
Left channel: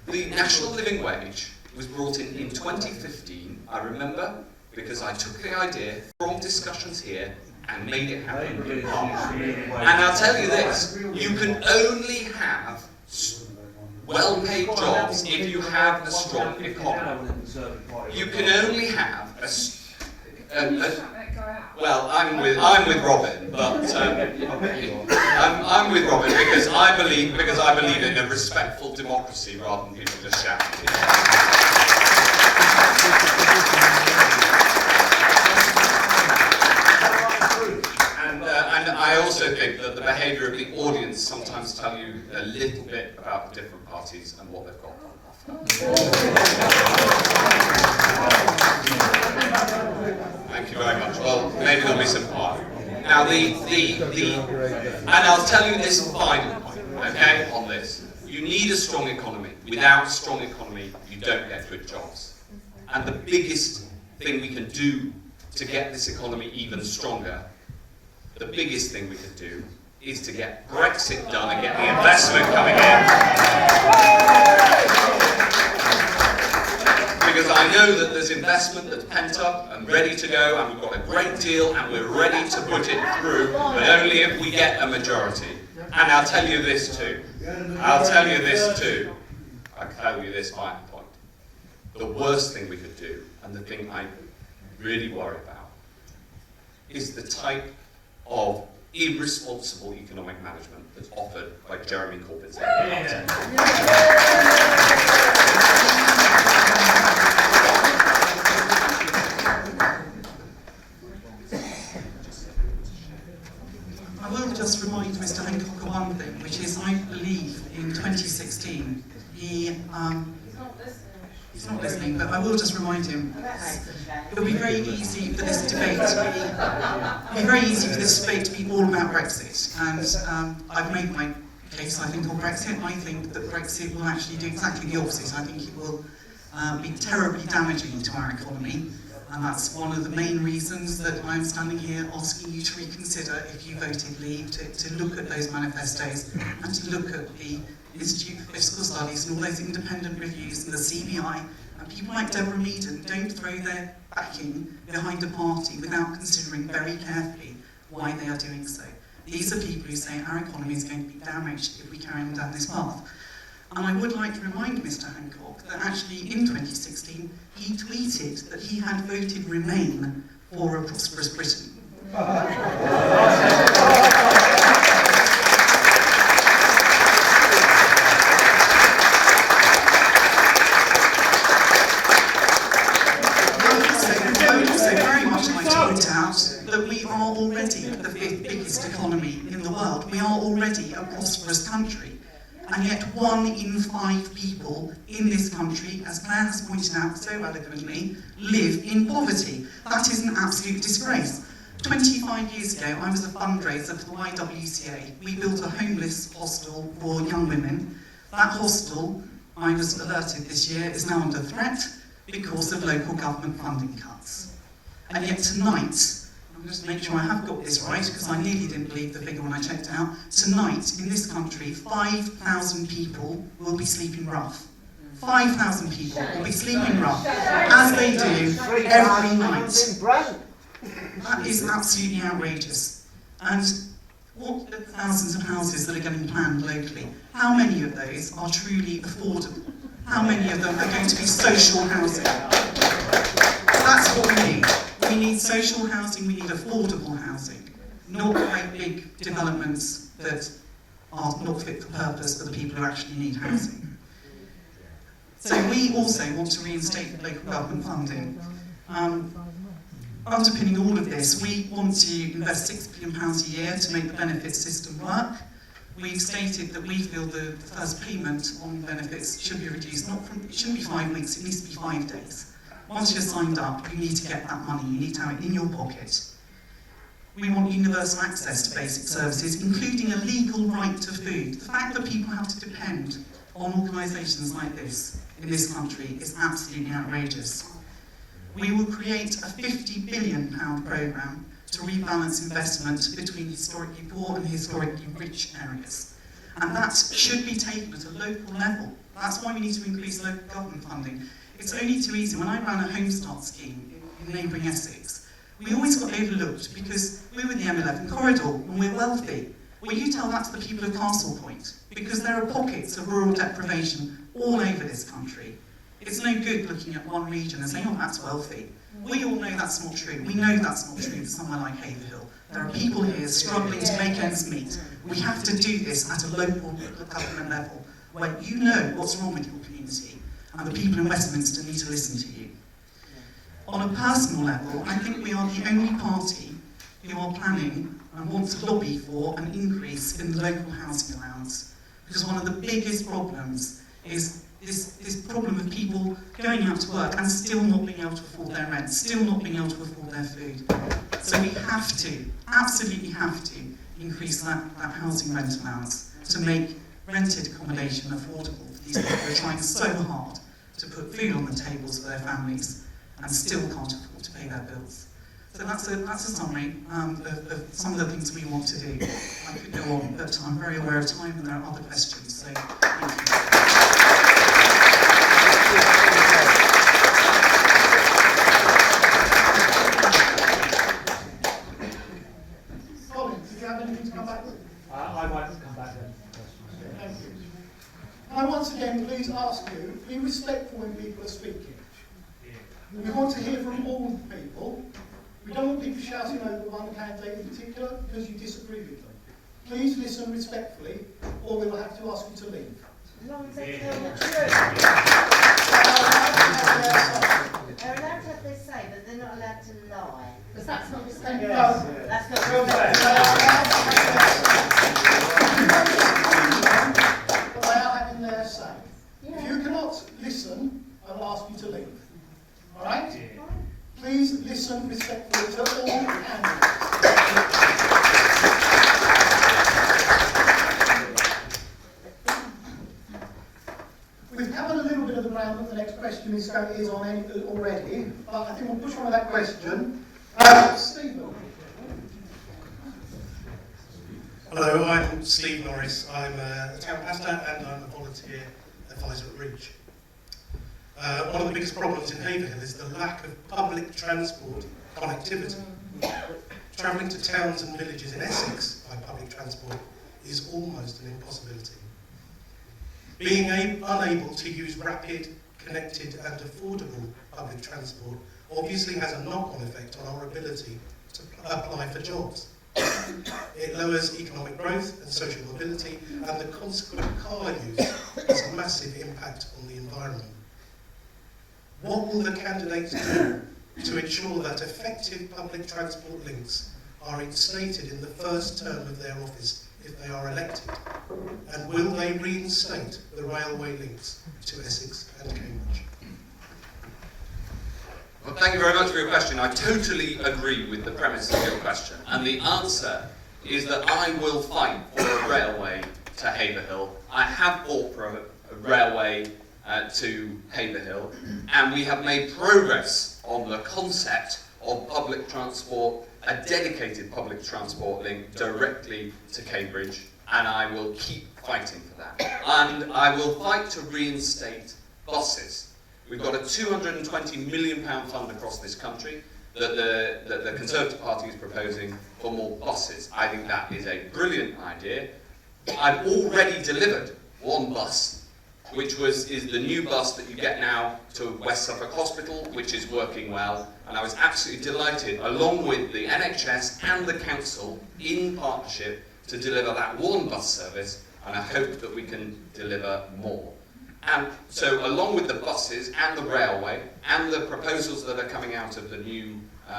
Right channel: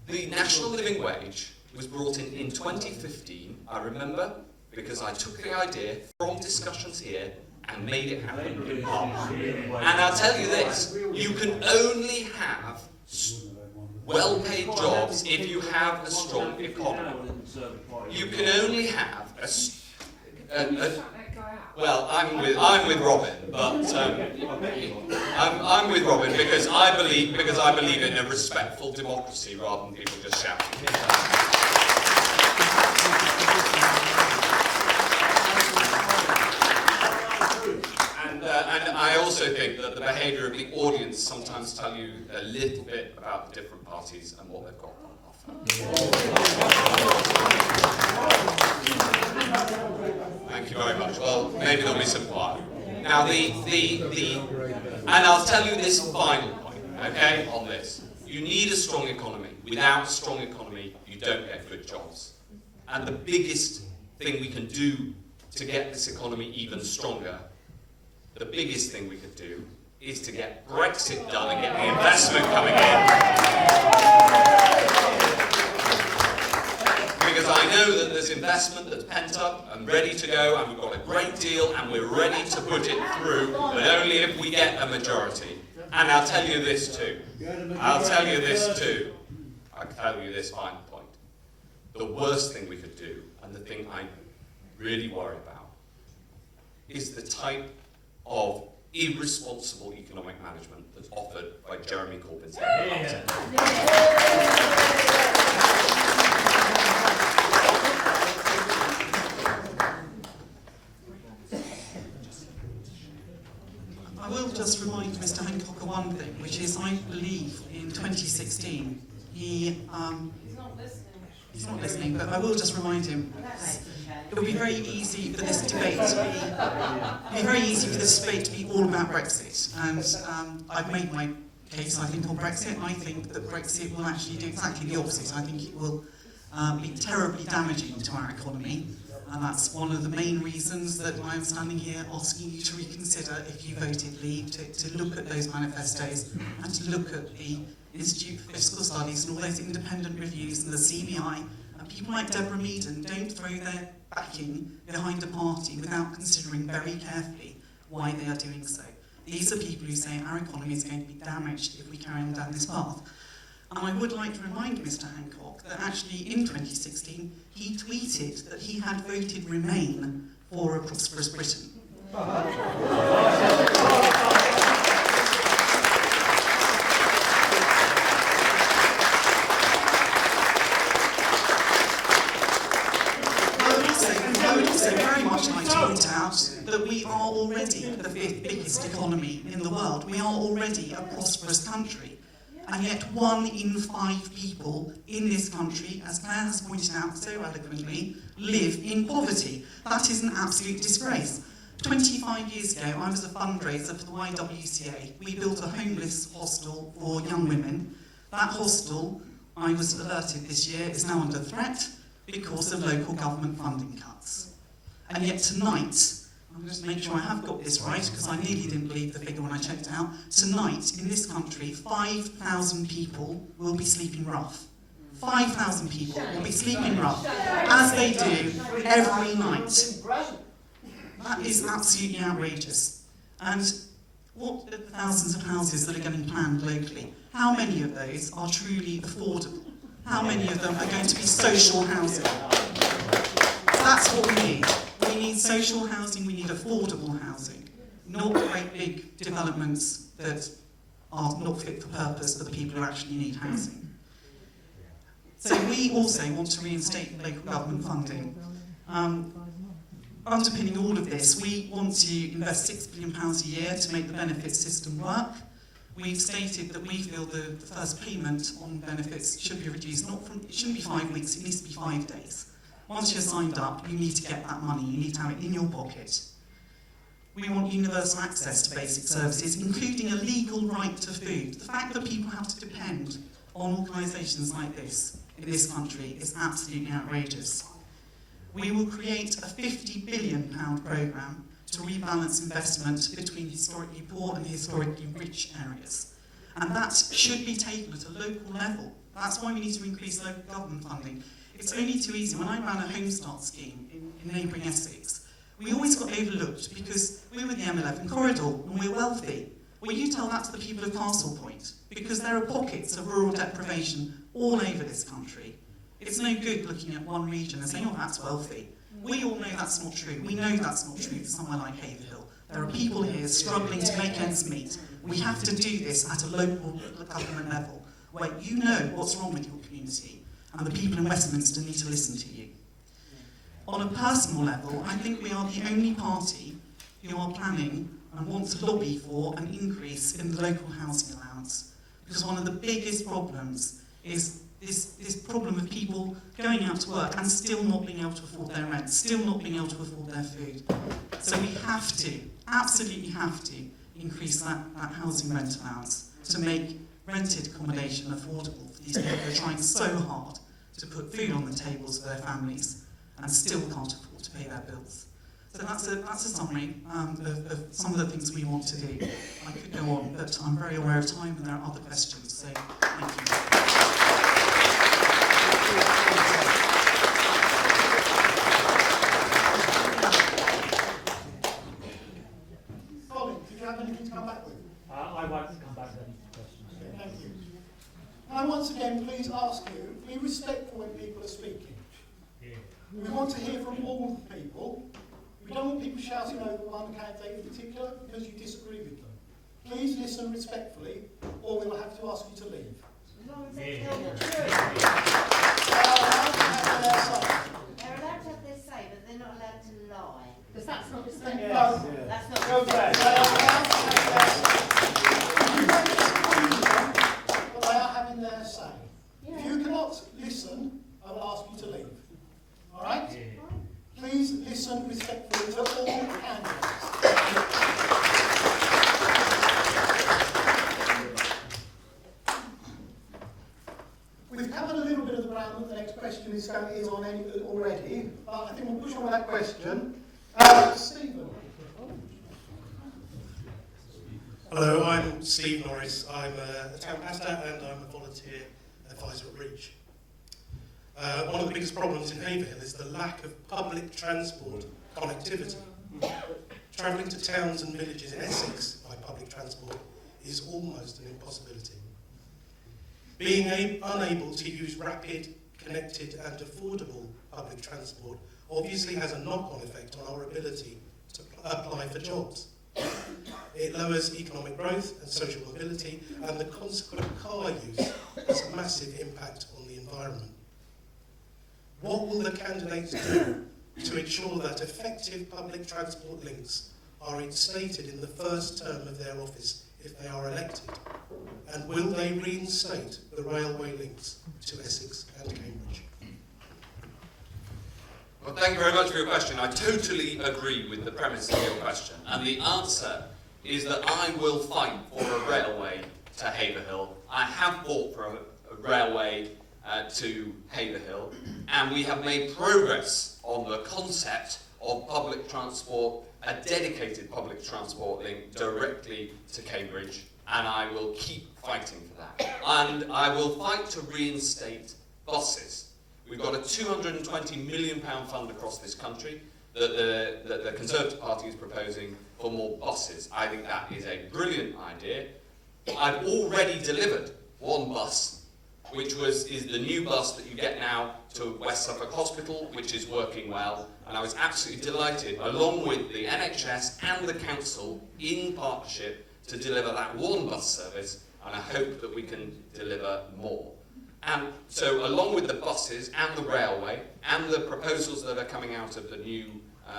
the national living wage was brought in 2015, I remember, because I took the idea from discussions here and made it happen in Parliament. And I'll tell you this, you can only have well-paid jobs jobs if you have a strong economy. You can only have well, I'm with Robin, but I'm with Robin because I believe in a respectful democracy rather than people just shouting. And I also think that the behaviour of the audience sometimes tell you a little bit about the different parties and what they've got on offer. Thank you very much. Well, maybe there'll be some fire. Now, and I'll tell you this final point, okay, on this. You need a strong economy. Without a strong economy, you don't get good jobs. And the biggest thing we can do to get this economy even stronger, the biggest thing we can do is to get Brexit done and get the investment coming in. Because I know that there's investment that's pent up and ready to go, and we've got a great deal, and we're ready to put it through, but only if we get a majority. And I'll tell you this too. I'll tell you this final point. The worst thing we could do, and the thing I really worry about, is the type of irresponsible economic management that's offered by Jeremy Corbyn's I will just remind Mr. Hancock of one thing, which is I believe in 2016 he's not listening, but I will just remind him. It would be very easy for this debate to be all about Brexit. And I've made my case, I think, on Brexit. I think that Brexit will actually do exactly the opposite. I think it will be terribly damaging to our economy. And that's one of the main reasons that I'm standing here asking you to reconsider, if you voted leave, to look at those manifestos and to look at the Institute for Fiscal Studies and all those independent reviews and the CBI. People like Deborah Meaden don't throw their backing behind a party without considering very carefully why they are doing so. These are people who say our economy is going to be damaged if we carry on down this path. And I would like to remind Mr. Hancock that actually in 2016 he tweeted that he had voted Remain for a prosperous Britain. That we are already the fifth biggest economy in the world. We are already a prosperous country. And yet 1 in 5 people in this country, as Claire has pointed out so eloquently, live in poverty. That is an absolute disgrace. 25 years ago, I was a fundraiser for the YWCA. We built a homeless hostel for young women. That hostel, I was alerted this year, is now under threat because of local government funding cuts. And yet tonight, just make sure I have got this right, because I nearly didn't believe the figure when I checked out. Tonight, in this country, 5,000 people will be sleeping rough. 5,000 people will be sleeping rough, as they do every night. That is absolutely outrageous. And what are the thousands of houses that are getting planned locally? How many of those are truly affordable? How many of them are going to be social housing? That's what we need. We need social housing, we need affordable housing, not great big developments that are not fit for purpose for the people who actually need housing. So we also want to reinstate local government funding. Underpinning all of this, we want to invest £6 billion a year to make the benefits system work. We've stated that we feel the first payment on benefits should be reduced, it shouldn't be 5 weeks, it needs to be 5 days. Once you're signed up, you need to get that money, you need to have it in your pocket. We want universal access to basic services, including a legal right to food. The fact that people have to depend on organisations like this in this country is absolutely outrageous. We will create a £50 billion programme to rebalance investment between historically poor and historically rich areas. And that should be taken at a local level. That's why we need to increase local government funding. It's only too easy. When I ran a Home Start scheme in neighbouring Essex, we always got overlooked because we were the M11 corridor and we're wealthy. Well, you tell that to the people of Castle Point, because there are pockets of rural deprivation all over this country. It's no good looking at one region and saying, oh, that's wealthy. We all know that's not true. We know that's not true for somewhere like Haverhill. There are people here struggling to make ends meet. We have to do this at a local government level, where you know what's wrong with your community, and the people in Westminster need to listen to you. On a personal level, I think we are the only party who are planning and want to lobby for an increase in the local housing allowance. Because one of the biggest problems is this problem of people going out to work and still not being able to afford their rent, still not being able to afford their food. So we have to, absolutely have to, increase that housing rent allowance to make rented accommodation affordable for these people who are trying so hard to put food on the tables for their families and still can't afford to pay their bills. So that's a summary of some of the things we want to do. I could go on, but I'm very aware of time and there are other questions, so thank you. Colin, did you have anything to come back with? I'd like to come back then. Thank you. And I once again, please ask you, be respectful when people are speaking. We want to hear from all people. We don't want people shouting over one candidate in particular because you disagree with them. Please listen respectfully, or we'll have to ask you to leave. As long as they tell the truth. They're allowed to have their say, but they're not allowed to lie. Because that's not the same. Yes. That's not the Well, they are having their say. If you cannot listen, I will ask you to leave. All right? Please listen respectfully to all candidates. We've covered a little bit of the ground that the next question is on already, but I think we'll push on that question. Stephen. Hello, I'm Steve Norris. I'm a town pastor and I'm a volunteer at Pfizer Ridge. One of the biggest problems in Haverhill is the lack of public transport connectivity. Travelling to towns and villages in Essex by public transport is almost an impossibility. Being unable to use rapid, connected and affordable public transport obviously has a knock-on effect on our ability to apply for jobs. It lowers economic growth and social mobility, and the consequent car use has a massive impact on the environment. What will the candidates do to ensure that effective public transport links are instated in the first term of their office if they are elected? And will they reinstate the railway links to Essex and Cambridge? Well, thank you very much for your question. I totally agree with the premise of your question. And the answer is that I will fight for a railway to Haverhill. I have fought for a railway to Haverhill, and we have made progress on the concept of public transport, a dedicated public transport link directly to Cambridge, and I will keep fighting for that. And I will fight to reinstate buses. We've got a £220 million fund across this country that the Conservative Party is proposing for more buses. I think that is a brilliant idea. I've already delivered one bus, which is the new bus that you get now to West Suffolk Hospital, which is working well. And I was absolutely delighted, along with the NHS and the council, in partnership, to deliver that one bus service, and I hope that we can deliver more. And so along with the buses and the railway and the proposals that are coming out of the new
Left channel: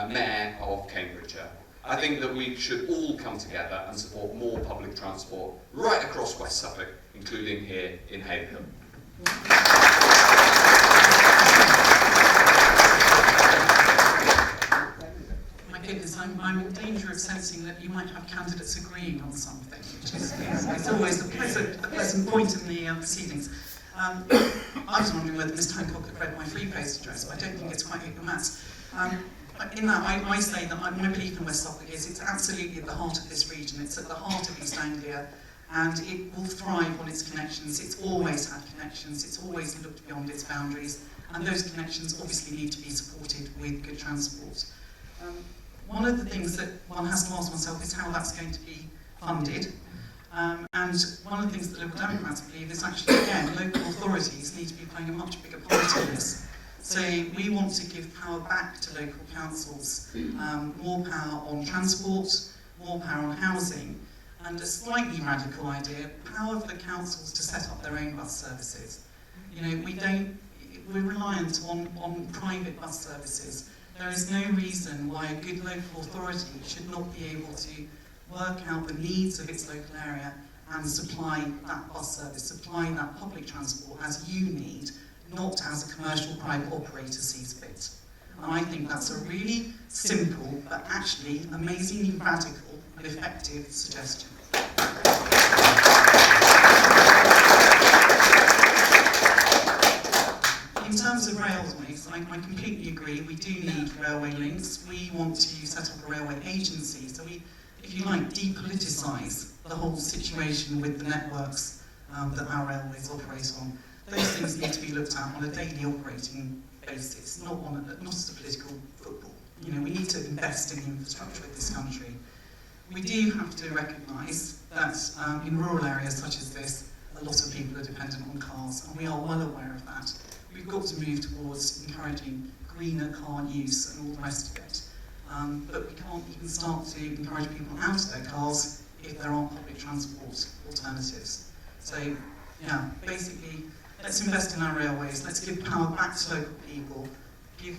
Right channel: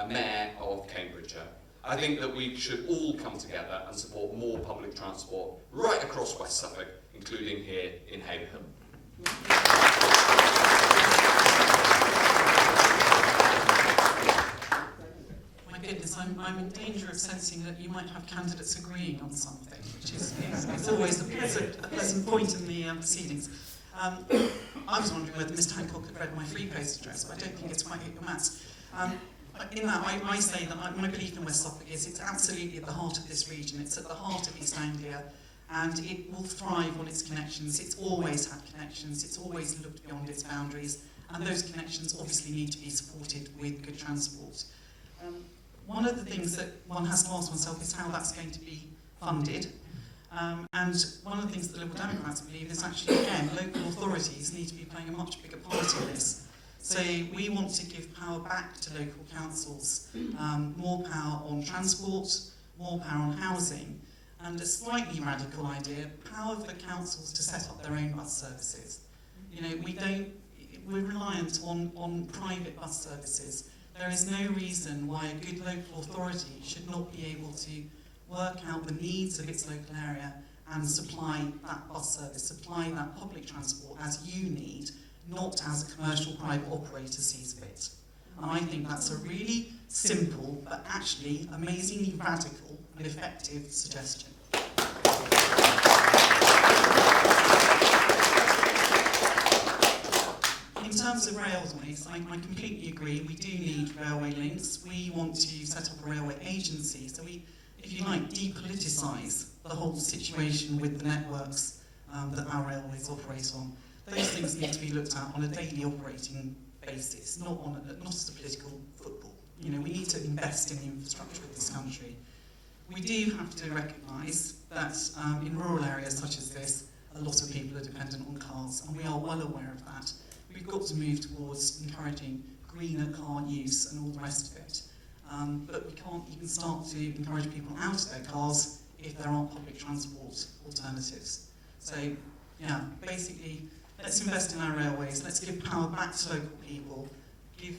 Mayor of Cambridgeshire, I think that we should all come together and support more public transport right across West Suffolk, including here in Haverhill. My goodness, I'm in danger of sensing that you might have candidates agreeing on something, which is it's always a pleasant point in the proceedings. I was wondering whether Mr. Hancock had read my free post address, but I don't think it's quite hit the maths. In that, I say that my belief in West Suffolk is it's absolutely at the heart of this region. It's at the heart of East Anglia, and it will thrive on its connections. It's always had connections. It's always looked beyond its boundaries, and those connections obviously need to be supported with good transport. One of the things that one has to ask oneself is how that's going to be funded. And one of the things that Local Democrats believe is actually, again, local authorities need to be playing a much bigger part in this. So we want to give power back to local councils, more power on transport, more power on housing, and a slightly radical idea, power for councils to set up their own bus services. You know, we're reliant on private bus services. There is no reason why a good local authority should not be able to work out the needs of its local area and supply that bus service, supply that public transport as you need, not as a commercial private operator sees fit. And I think that's a really simple but actually amazingly radical and effective suggestion. In terms of railways, I completely agree, we do need railway links. We want to set up a railway agency, so we, if you like, depoliticise the whole situation with the networks that our railways operate on. Those things need to be looked at on a daily operating basis, not as a political football. You know, we need to invest in the infrastructure of this country. We do have to recognise that in rural areas such as this, a lot of people are dependent on cars, and we are well aware of that. We've got to move towards encouraging greener car use and all the rest of it. But we can't even start to encourage people out of their cars if there aren't public transport alternatives. So, yeah, basically, let's invest in our railways, let's give power back to local people, give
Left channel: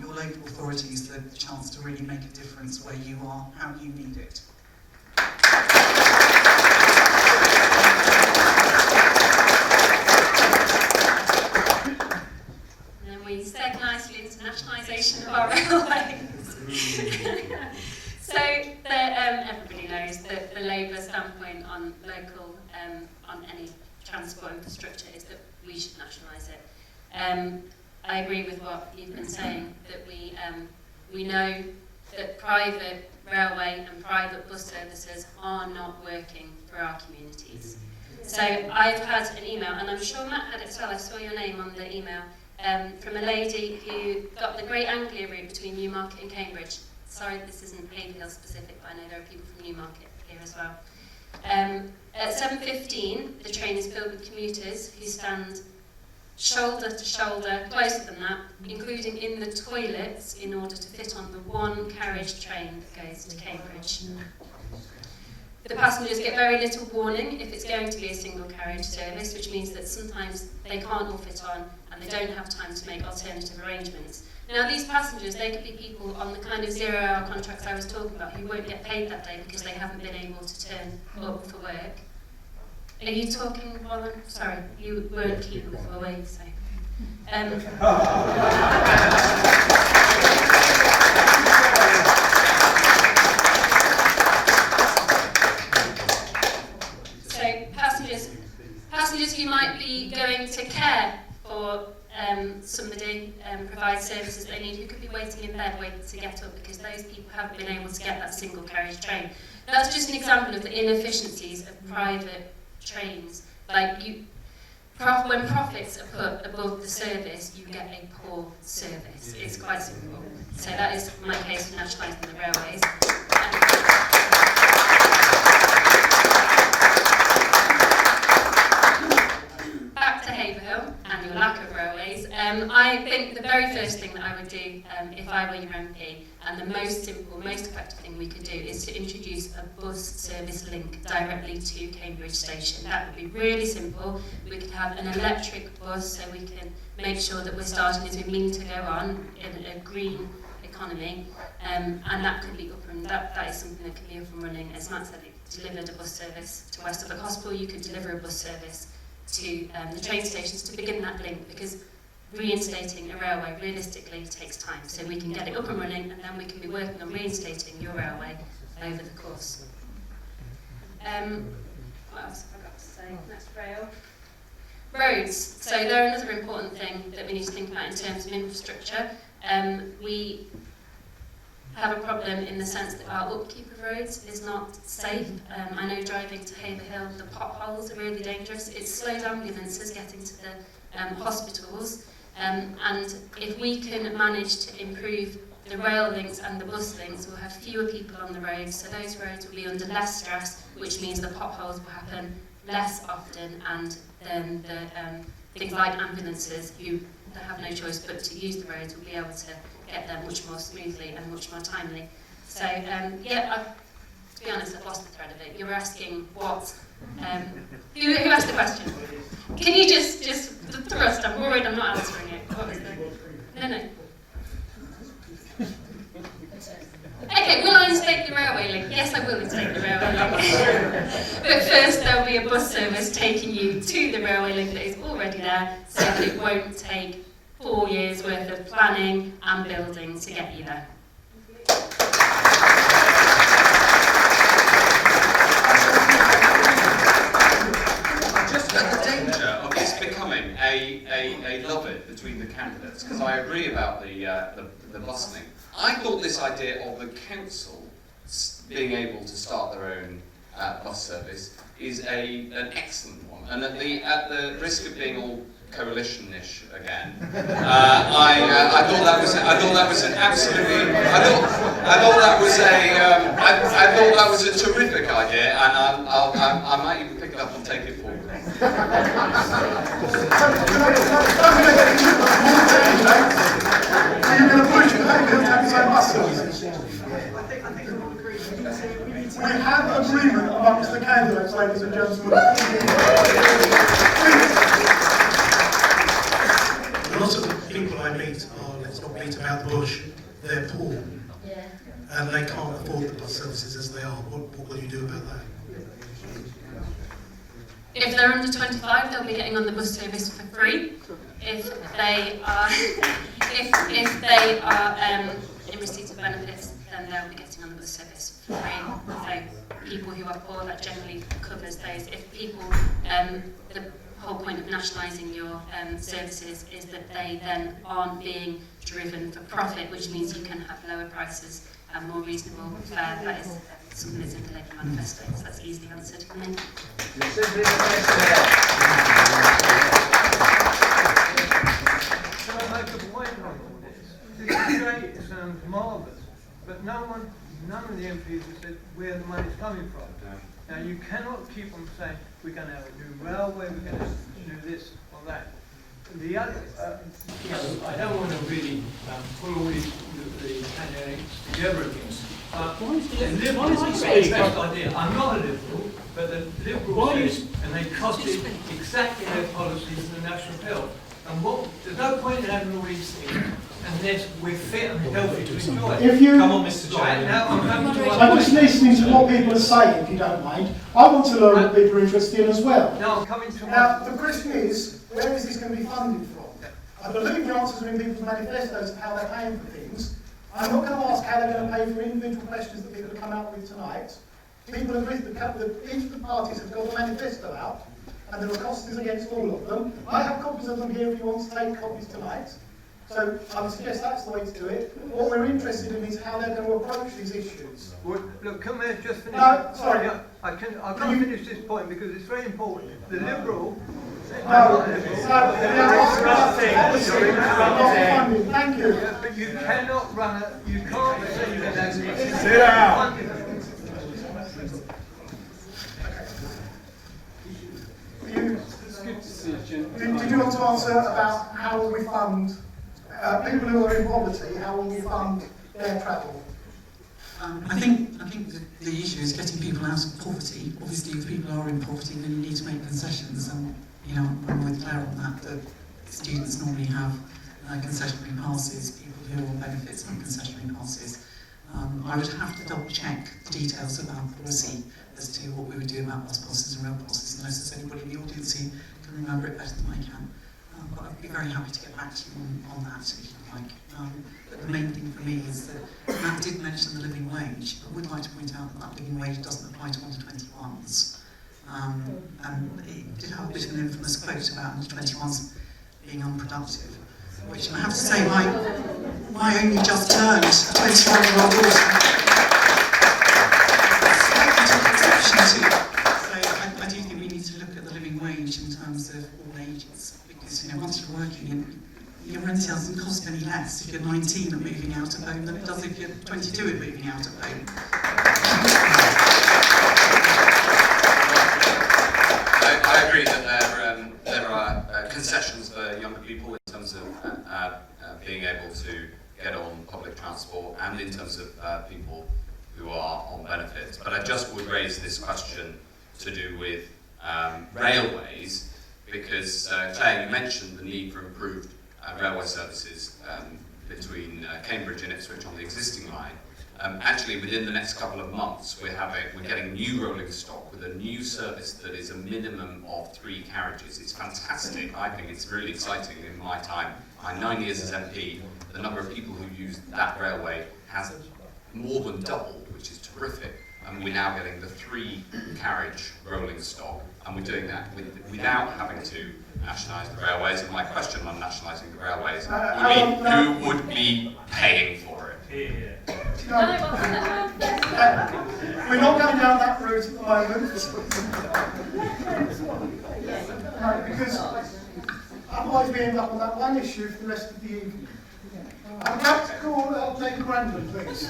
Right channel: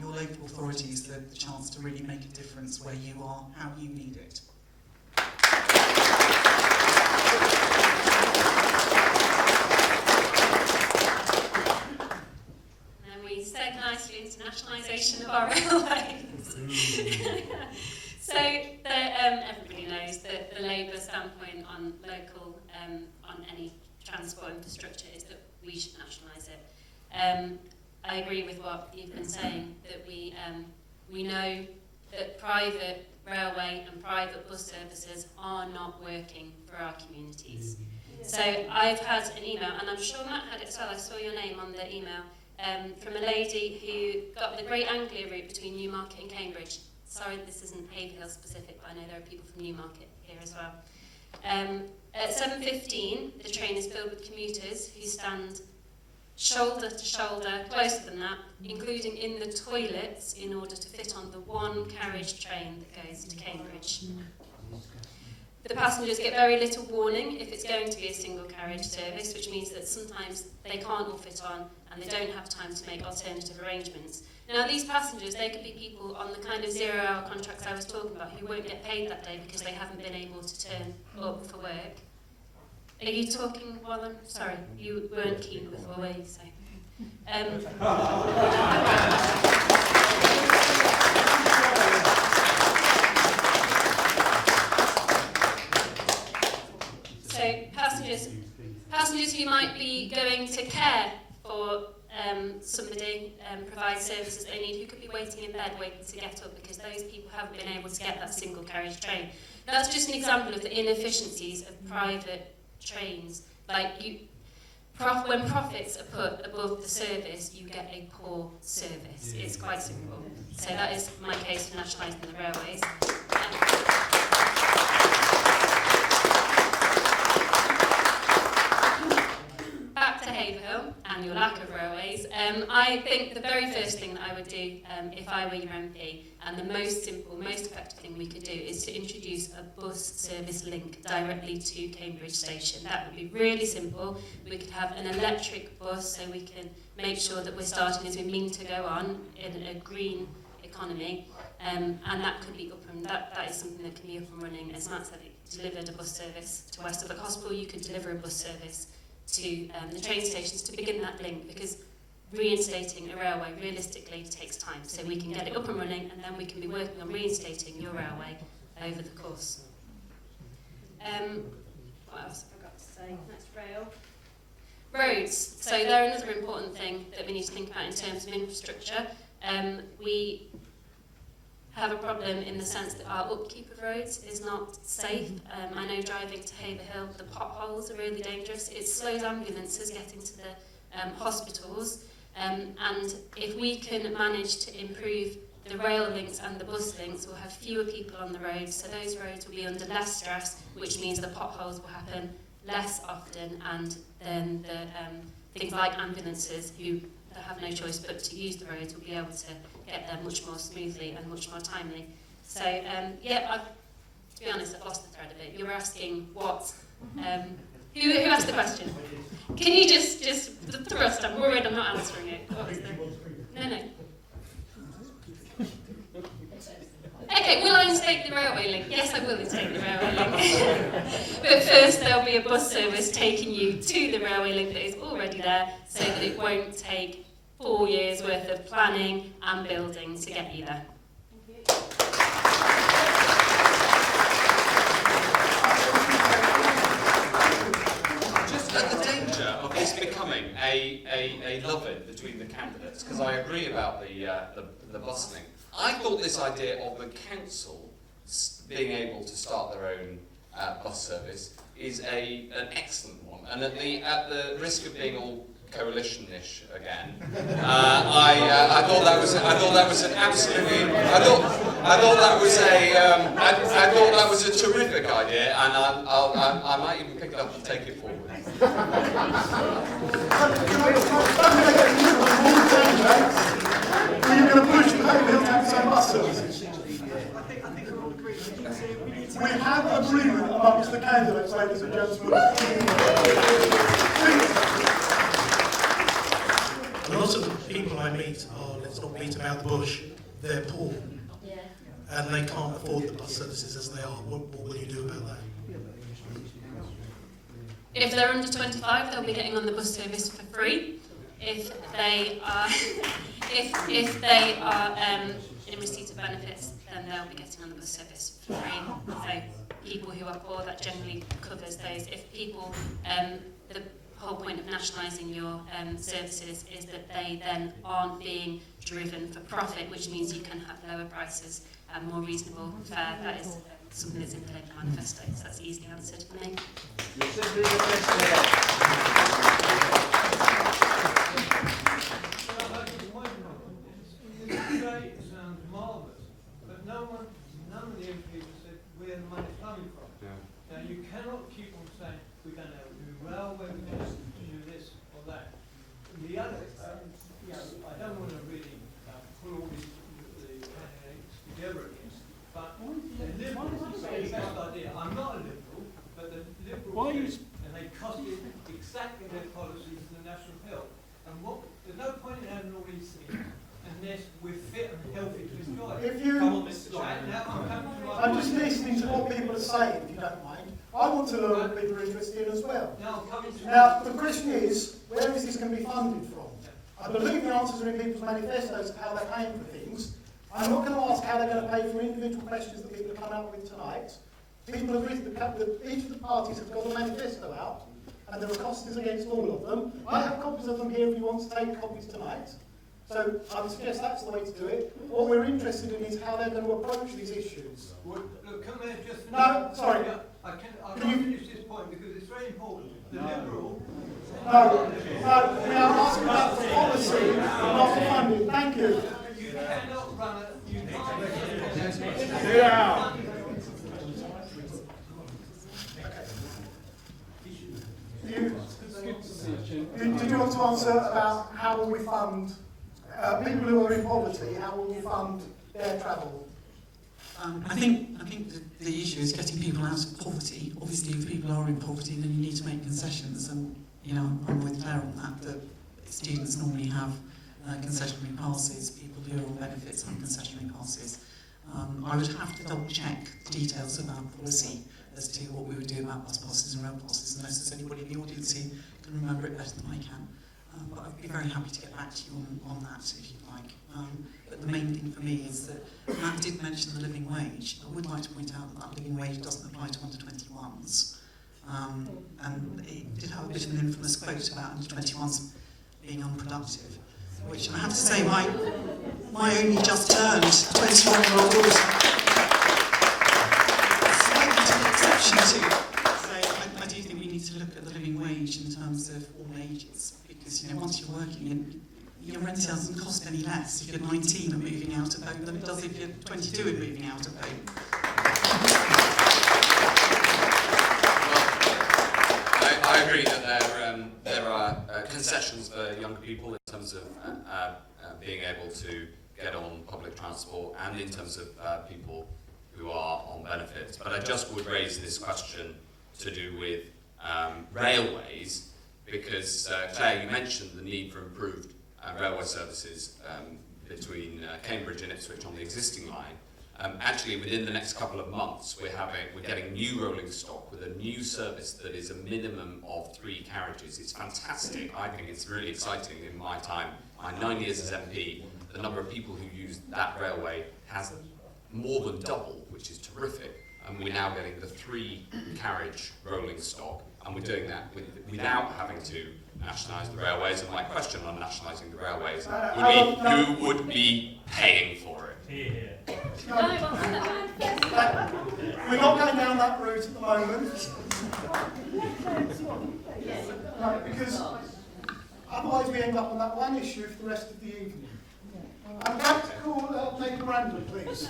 your local authorities the chance to really make a difference where you are, how you need it. And we segue nicely into nationalisation of our railways. So everybody knows that the Labour standpoint on local, on any transport infrastructure is that we should nationalise it. I agree with what you've been saying, that we know that private railway and private bus services are not working for our communities. So I've had an email, and I'm sure Matt had it as well, I saw your name on the email, from a lady who got the Great Anglia route between Newmarket and Cambridge. Sorry, this isn't Haverhill specific, but I know there are people from Newmarket here as well. At 7:15, the train is filled with commuters who stand shoulder to shoulder, closer than that, including in the toilets, in order to fit on the one carriage train that goes to Cambridge. The passengers get very little warning if it's going to be a single carriage service, which means that sometimes they can't all fit on and they don't have time to make alternative arrangements. Now, these passengers, they could be people on the kind of 0-hour contracts I was talking about who won't get paid that day because they haven't been able to turn up for work. Are you talking while I'm... Sorry, you weren't keen before, were you? So, passengers who might be going to care for somebody, provide services they need, who could be waiting in bed waiting to get up because those people haven't been able to get that single carriage train. That's just an example of the inefficiencies of private trains. Like when profits are put above the service, you get a poor service. It's quite simple. So that is my case of nationalising the railways. Back to Haverhill and your lack of railways. I think the very first thing that I would do if I were your MP, and the most simple, most effective thing we could do, is to introduce a bus service link directly to Cambridge Station. That would be really simple. We could have an electric bus so we can make sure that we're starting as we mean to go on in a green economy, and that could be up and that is something that can be up and running. As Matt said, it delivered a bus service to West Suffolk Hospital. You could deliver a bus service to the train stations to begin that link, because reinstating a railway realistically takes time. So we can get it up and running, and then we can be working on reinstating your railway over the course. What else have I got to say? Next, rail. Roads. So they're another important thing that we need to think about in terms of infrastructure. We have a problem in the sense that our upkeep of roads is not safe. I know driving to Haverhill, the potholes are really dangerous. It slows ambulances getting to the hospitals. And if we can manage to improve the rail links and the bus links will have fewer people on the road, so those roads will be under less stress, which means the potholes will happen less often, and then the things like ambulances who have no choice but to use the roads will be able to get there much more smoothly and much more timely. So to be honest, I've lost the thread of it. You were asking what, who asked the question? Can you just thrust? I'm worried I'm not answering it. What was it? No. Okay, will I instate the railway link? Yes, I will instate the railway link. But first there'll be a bus service taking you to the railway link that is already there, so that it won't take 4 years worth of planning and building to get you there. Just at the danger of this becoming a love-it between the candidates, because I agree about the bus link. I thought this idea of the council being able to start their own bus service is an excellent one, and at the risk of being all coalition-ish again, I thought that was an absolutely. I thought that was a terrific idea, and I might even pick it up and take it forward. We have agreement amongst the candidates, ladies and gentlemen. A lot of the people I meet are, let's not beat about the bush, they're poor. Yeah. And they can't afford the bus services as they are. What will you do about that? If they're under 25, they'll be getting on the bus service for free. If they are, in receipt of benefits, then they'll be getting on the bus service for free. So people who are poor, that generally covers those. If people, the whole point of nationalising your services is that they then aren't being driven for profit, which means you can have lower prices and more reasonable fare. That is something that's in the Labour manifesto, so that's easily answered. And then, Can I make a point on all this? This is great, it sounds marvellous, but none of the MPs have said where the money's coming from. No. Now you cannot keep on saying we're going to have a new railway, we're going to do this or that. The other, I don't want to really pull all the candidates together again. The Liberals is the best idea. I'm not a Liberal, but the Liberals say, and they costed exactly their policies in the National Health. And there's no point in having all these things unless we're fit and healthy to enjoy it. Come on, Mr. Chairman. I'm just listening to what people are saying, if you don't mind. I want to learn what people are interested in as well. No, I'm coming to Now, the question is, where is this going to be funded from? I believe the answers are in people's manifestos of how they're paying for things. I'm not going to ask how they're going to pay for individual questions that people have come up with tonight. People agree that each of the parties has got a manifesto out, and there are costings against all of them. I have copies of them here if you want to take copies tonight. So I would suggest that's the way to do it. What we're interested in is how they're going to approach these issues. Well, look, can we just finish? No, sorry. I can't finish this point because it's very important. The Liberal... Thank you. Yeah, but you cannot run it, you can't say that. Sit down. Did you want to answer about how will we fund people who are in poverty, how will we fund their travel? I think the issue is getting people out of poverty. Obviously, if people are in poverty, then you need to make concessions. And I'm with Claire on that. The students normally have concessionary passes. People who are on benefits have concessionary passes. I would have to double check the details of our policy as to what we would do about bus passes and rail passes, unless there's anybody in the audience who can remember it better than I can. But I'd be very happy to get back to you on that if you like. But the main thing for me is that Matt did mention the living wage. I would like to point out that living wage doesn't apply to under 21s. And it did have a bit of an infamous quote about under 21s being unproductive, which I have to say my only just turned 21-year-old daughter slightly took exception to. So I do think we need to look at the living wage in terms of all ages, because once you're working in your rental doesn't cost any less if you're 19 and moving out of home than it does if you're 22 and moving out of home. I agree that there are concessions for younger people in terms of being able to get on public transport and in terms of people who are on benefits. But I just would raise this question to do with railways, because Claire, you mentioned the need for improved railway services between Cambridge and Ipswich on the existing line. Actually, within the next couple of months, we're getting new rolling stock with a new service that is a minimum of 3 carriages. It's fantastic. I think it's really exciting. In my time, my 9 years as MP, the number of people who use that railway has more than doubled, which is terrific. And we're now getting the 3 carriage rolling stock, and we're doing that without having to nationalise the railways. And my question on nationalising the railways would be, who would be paying for it? We're not going down that route at the moment. Because otherwise we end up on that one issue for the rest of the evening. I'd like to call Jacob Brandon, please.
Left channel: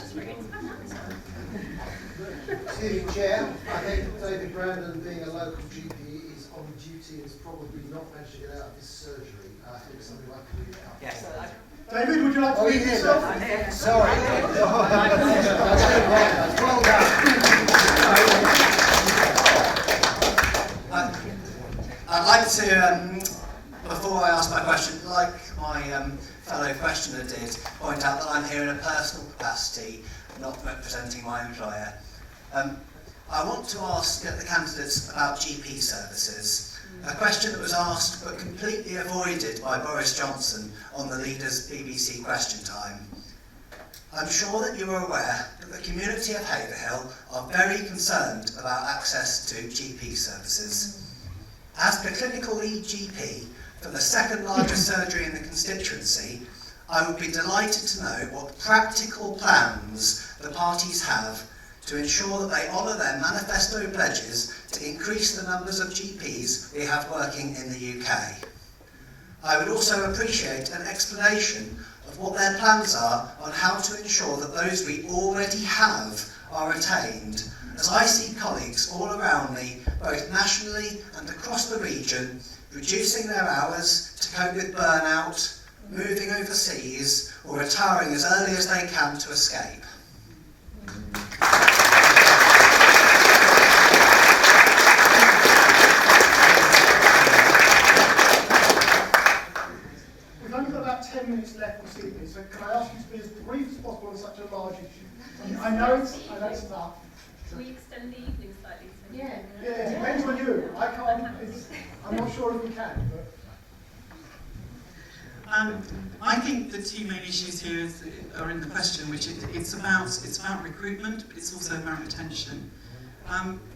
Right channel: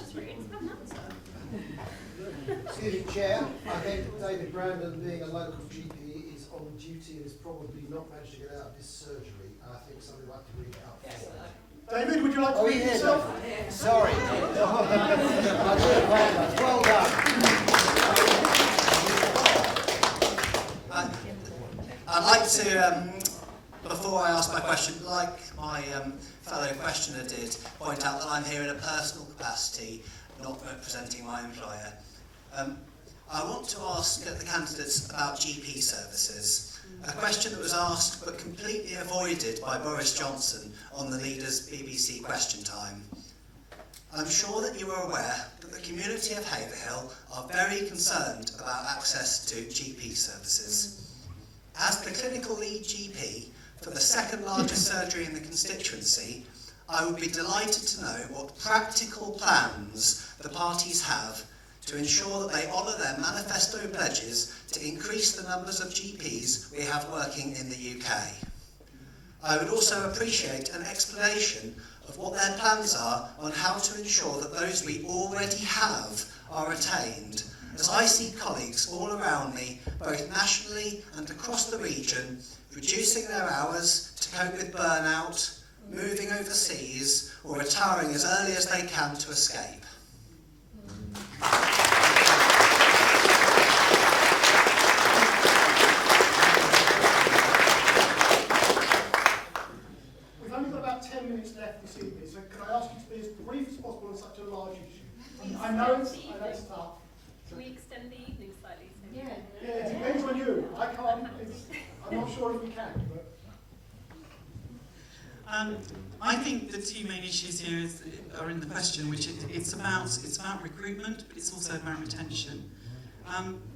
Excuse me, Chair. I think David Brandon, being a local GP, is on duty and has probably not managed to get out of this surgery. I think it's something like to read out. Yes. David, would you like to read yourself? I'm here. Sorry. Well done. I'd like to, before I ask my question, like my fellow questioner did, point out that I'm here in a personal capacity, not representing my employer. I want to ask the candidates about GP services, a question that was asked but completely avoided by Boris Johnson on the Leader's BBC Question Time. I'm sure that you are aware that the community of Haverhill are very concerned about access to GP services. As the clinical lead GP for the second largest surgery in the constituency, I would be delighted to know what practical plans the parties have to ensure that they honour their manifesto pledges to increase the numbers of GPs we have working in the UK. I would also appreciate an explanation of what their plans are on how to ensure that those we already have are retained, as I see colleagues all around me, both nationally and across the region, reducing their hours to cope with burnout, moving overseas, or retiring as early as they can to escape. We've only got about 10 minutes left this evening, so can I ask you to be as brief as possible on such a large issue? I know it's tough. Can we extend the evening slightly? So Yeah, it depends on you. I can't. I'm not sure if we can, but. I think the 2 main issues here are in the question, which it's about recruitment, but it's also about retention.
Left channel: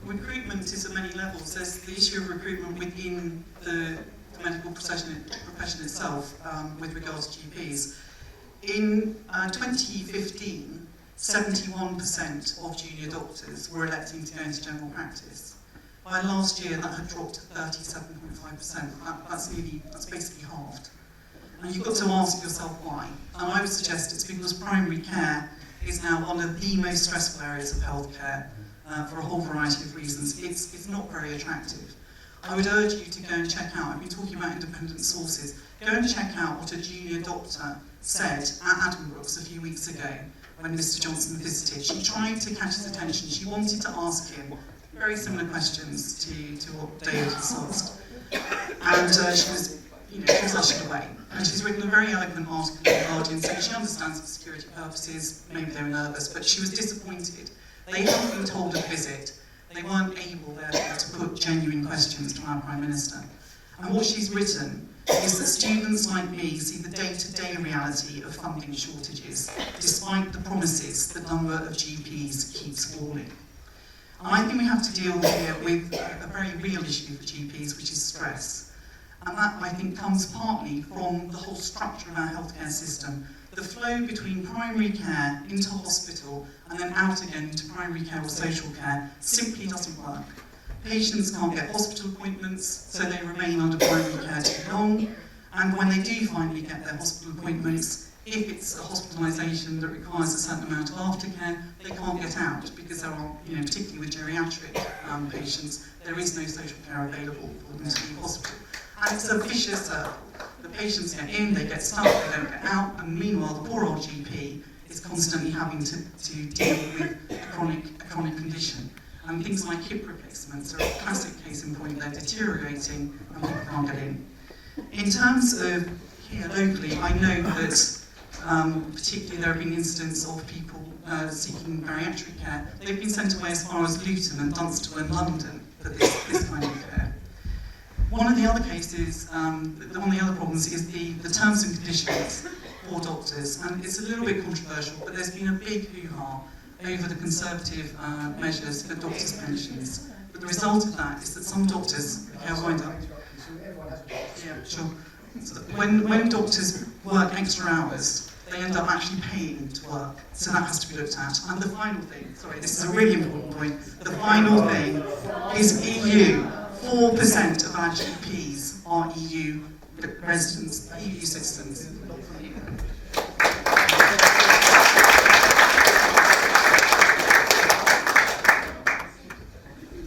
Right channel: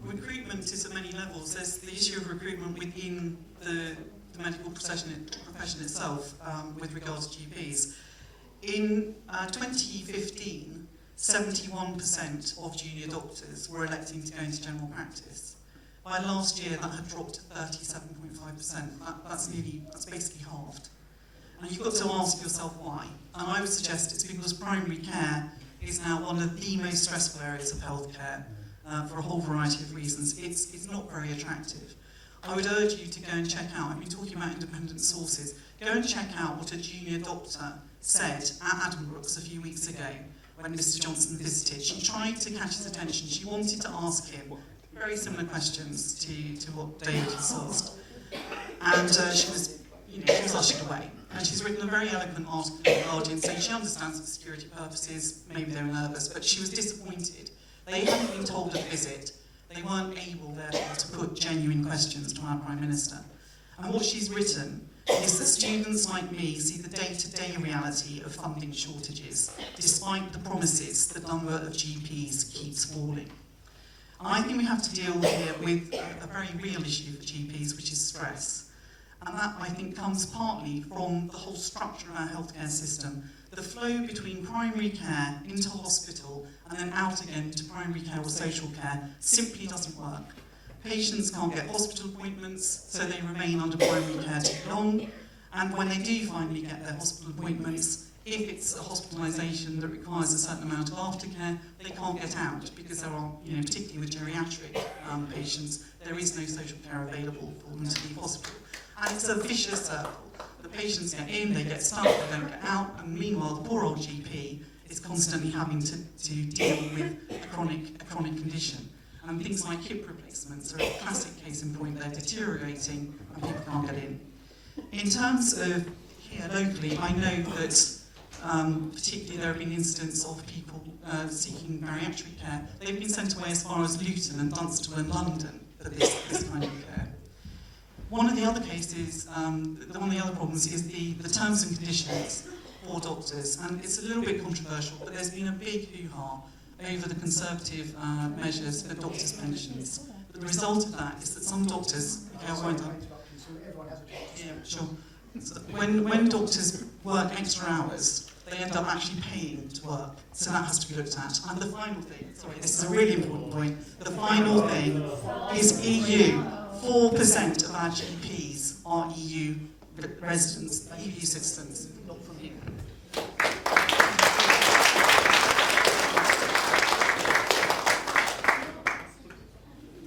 Recruitment is at many levels. There's the issue of recruitment within the medical profession itself, with regards to GPs. In 2015, 71% of junior doctors were electing to go into general practice. By last year, that had dropped to 37.5%. That's basically halved. And you've got to ask yourself why. And I would suggest it's because primary care is now one of the most stressful areas of healthcare for a whole variety of reasons. It's not very attractive. I would urge you to go and check out, I've been talking about independent sources, go and check out what a junior doctor said at Addenbrooke's a few weeks ago when Mr. Johnson visited. She tried to catch his attention. She wanted to ask him very similar questions to what David has asked. And she was flushed away. And she's written a very eloquent article in The Guardian saying she understands for security purposes, maybe they were nervous, but she was disappointed. They hadn't been told at visit. They weren't able, therefore, to put genuine questions to our Prime Minister. And what she's written is that students like me see the day-to-day reality of funding shortages, despite the promises the number of GPs keeps falling. And I think we have to deal here with a very real issue for GPs, which is stress. And that, I think, comes partly from the whole structure of our healthcare system. The flow between primary care into hospital and then out again to primary care or social care simply doesn't work. Patients can't get hospital appointments, so they remain under primary care too long. And when they do finally get their hospital appointments, if it's a hospitalisation that requires a certain amount of aftercare, they can't get out because there are, particularly with geriatric patients, there is no social care available for them to be possible. And it's a vicious circle. The patients get in, they get stuck, they don't get out, and meanwhile the poor old GP is constantly having to deal with a chronic condition. And things like hip replacements are a classic case in point. They're deteriorating and people can't get in. In terms of here locally, I know that particularly there have been incidents of people seeking bariatric care. They've been sent away as far as Luton and Dunstable and London for this kind of care. One of the other cases, one of the other problems is the terms and conditions for doctors, and it's a little bit controversial, but there's been a big hoo-ha over the Conservative measures for doctors' pensions. The result of that is that some doctors, so when doctors work extra hours, they end up actually paying to work, so that has to be looked at. And the final thing, sorry, this is a really important point, the final thing is EU. 4% of our GPs are EU residents, EU citizens.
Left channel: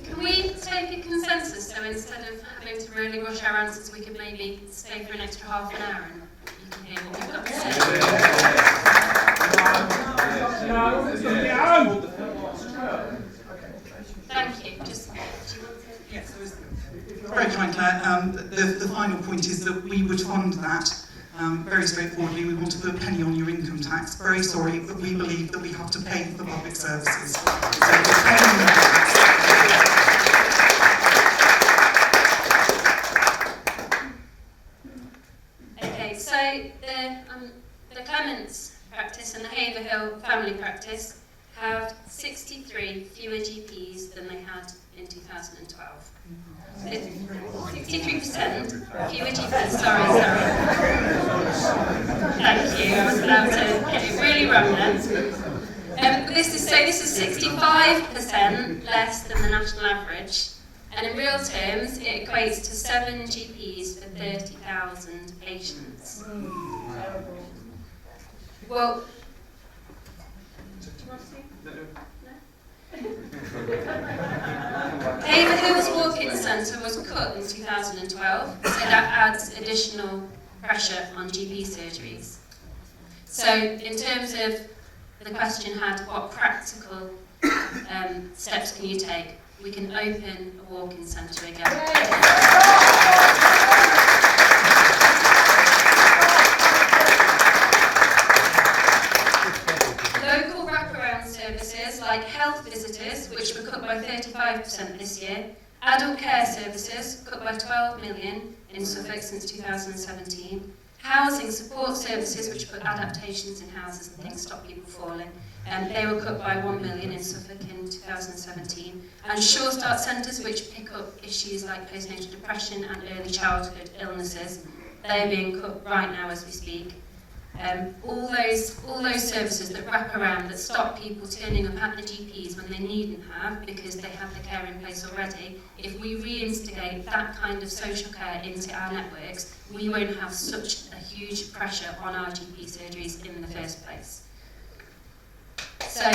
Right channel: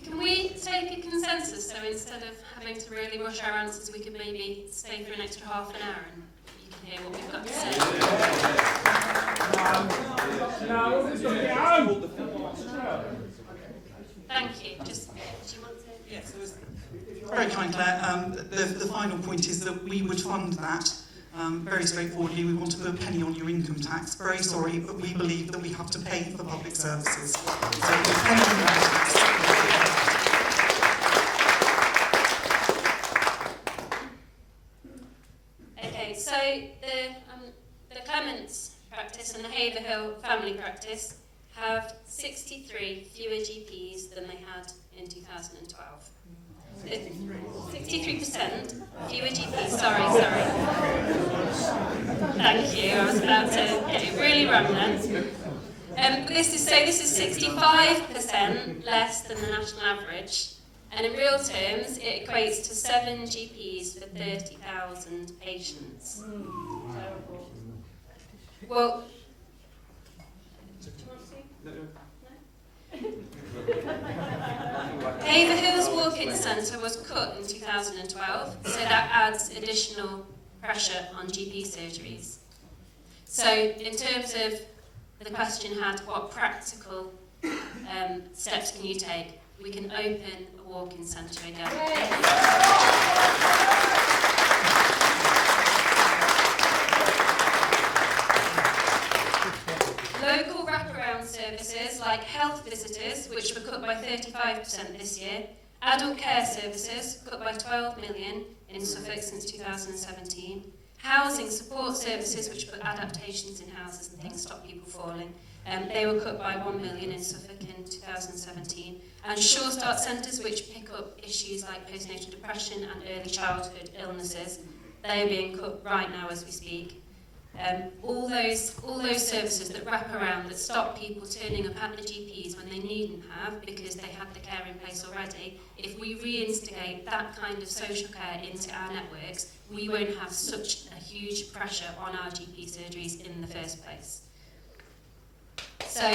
Can we take a consensus, so instead of having to really rush our answers, we could maybe stay for an extra half an hour and you can hear what we've got to say? Thank you. Very kind, Claire. The final point is that we would fund that very straightforwardly. We want to put a penny on your income tax. Very sorry, but we believe that we have to pay for public services. So Okay, so the Clements practice and the Haverhill family practice have 63 fewer GPs than they had in 2012. 63% fewer GPs, sorry. Thank you, I was about to get it really wrong then. This is 65% less than the national average, and in real terms it equates to 7 GPs for 30,000 patients. Well, do you want to see? Haverhill's walk-in centre was cut in 2012, so that adds additional pressure on GP surgeries. So in terms of the question had, what practical steps can you take? We can open a walk-in centre again. Local wraparound services like health visitors, which were cut by 35% this year, adult care services cut by 12 million in Suffolk since 2017, housing support services, which put adaptations in houses and things, stop people falling, they were cut by 1 million in Suffolk in 2017, and Sure Start centres, which pick up issues like postnatal depression and early childhood illnesses, they're being cut right now as we speak. All those services that wrap around, that stop people turning up at the GPs when they needn't have because they have the care in place already, if we reinstigate that kind of social care into our networks, we won't have such a huge pressure on our GP surgeries in the first place. So I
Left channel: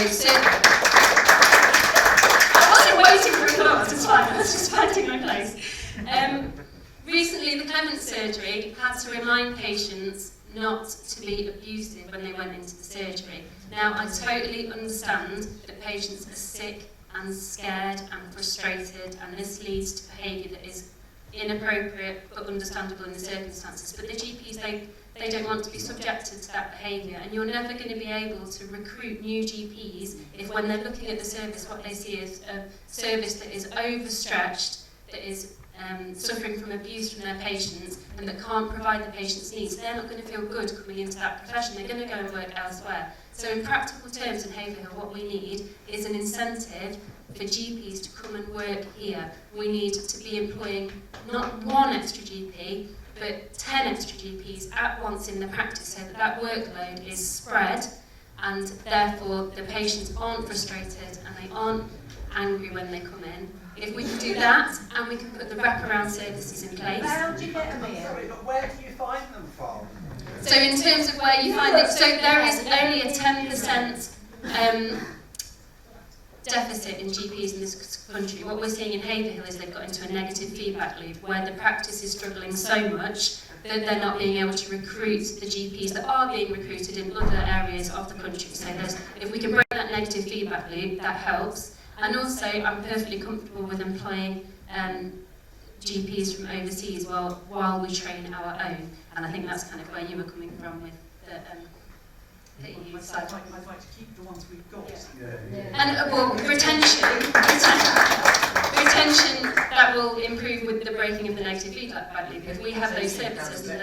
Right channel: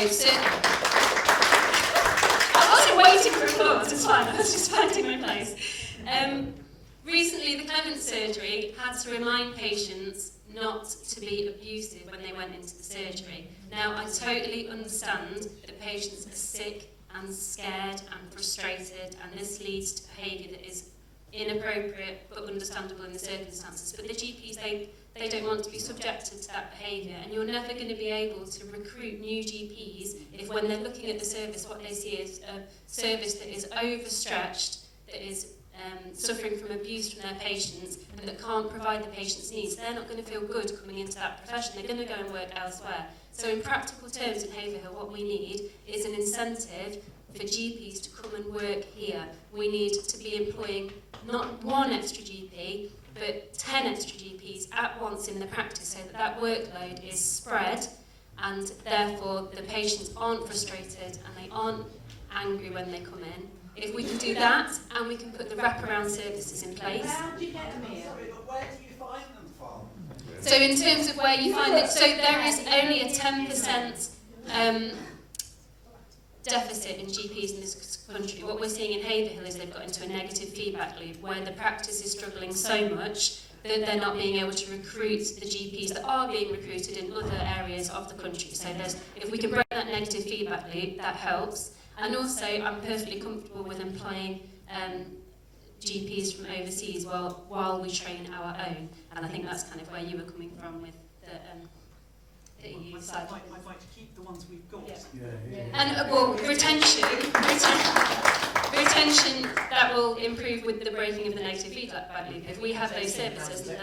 wasn't waiting for applause, it's fine, I was just finding my place. Recently, the Clement surgery had to remind patients not to be abusive when they went into the surgery. Now, I totally understand that patients are sick and scared and frustrated, and this leads to behaviour that is inappropriate but understandable in the circumstances. But the GPs, they don't want to be subjected to that behaviour, and you're never going to be able to recruit new GPs if when they're looking at the service, what they see is a service that is overstretched, that is suffering from abuse from their patients, and that can't provide the patient's needs. They're not going to feel good coming into that profession. They're going to go and work elsewhere. So in practical terms in Haverhill, what we need is an incentive for GPs to come and work here. We need to be employing not one extra GP, but 10 extra GPs at once in the practice, so that workload is spread, and therefore the patients aren't frustrated and they aren't angry when they come in. If we can do that, and we can put the wraparound services in place. How do you get them in? Sorry, where do you find So in terms of where you find it, so there is only a 10% deficit in GPs in this country. What we're seeing in Haverhill is they've got into a negative feedback loop where the practice is struggling so much that they're not being able to recruit the GPs that are being recruited in other areas of the country. So if we can break that negative feedback loop, that helps. And also, I'm perfectly comfortable with employing GPs from overseas while we train our own. And I think that's kind of where you were coming from with the EU side. I'd like to keep the ones we've got. And well, retention, that will improve with the breaking of the negative feedback loop. If we have those services, then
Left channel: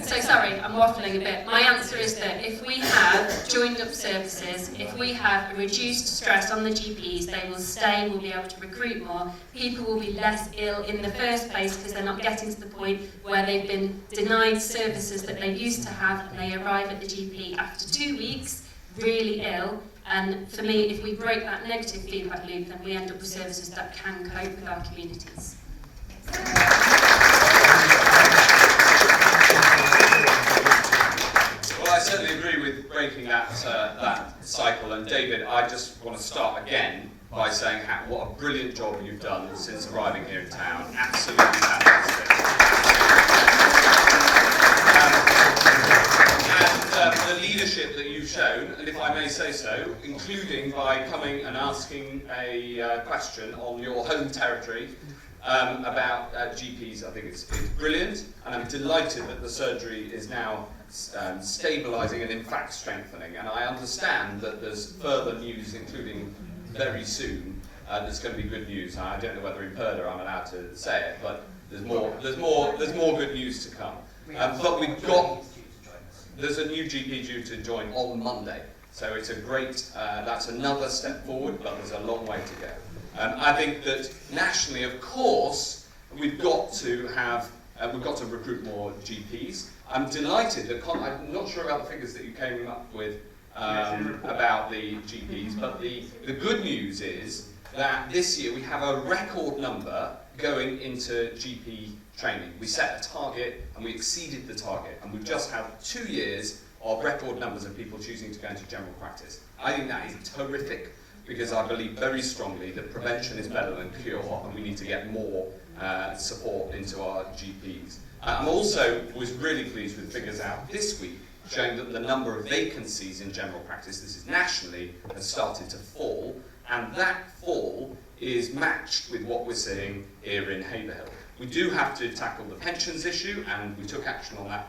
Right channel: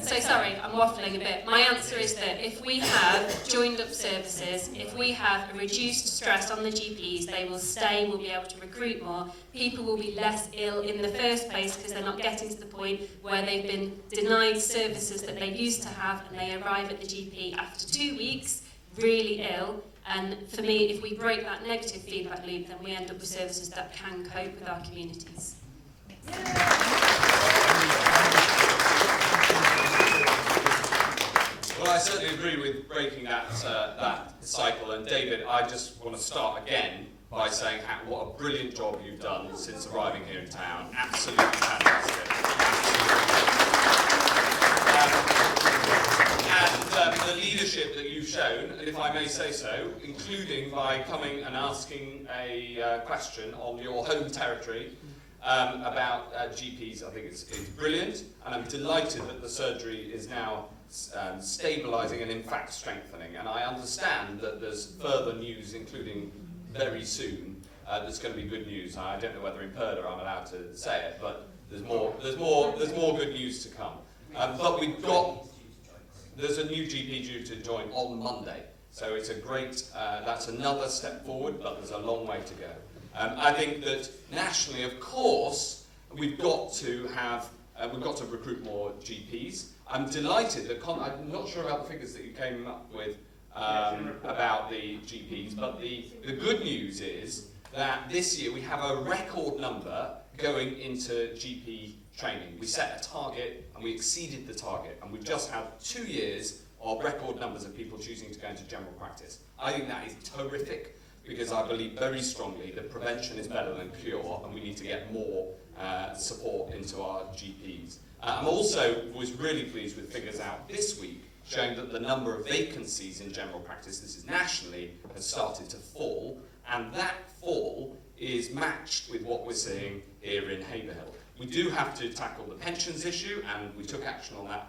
So sorry, I'm waffling a bit. My answer is that if we have joined up services, if we have a reduced stress on the GPs, they will stay, we'll be able to recruit more, people will be less ill in the first place because they're not getting to the point where they've been denied services that they used to have and they arrive at the GP after 2 weeks, really ill. And for me, if we break that negative feedback loop, then we end up with services that can cope with our communities. Well, I certainly agree with breaking that cycle. And David, I just want to start again by saying what a brilliant job you've done since arriving here in town. Absolutely fantastic. And the leadership that you've shown, and if I may say so, including by coming and asking a question on your home territory about GPs, I think it's brilliant. And I'm delighted that the surgery is now stabilising and in fact strengthening, and I understand that there's further news, including very soon. There's going to be good news. I don't know whether in Perda I'm allowed to say it, but there's more good news to come. But there's a new GP due to join on Monday, so it's a great. That's another step forward, but there's a long way to go. I think that nationally, of course, we've got to recruit more GPs. I'm delighted that I'm not sure about the figures that you came up with about the GPs, but the good news is that this year we have a record number going into GP training. We set a target and we exceeded the target, and we've just had 2 years of record numbers of people choosing to go into general practice. I think that is terrific because I believe very strongly that prevention is better than cure, and we need to get more support into our GPs. Was really pleased with figures out this week showing that the number of vacancies in general practice, this is nationally, has started to fall, and that fall is matched with what we're seeing here in Haverhill. We do have to tackle the pensions issue, and we took action on that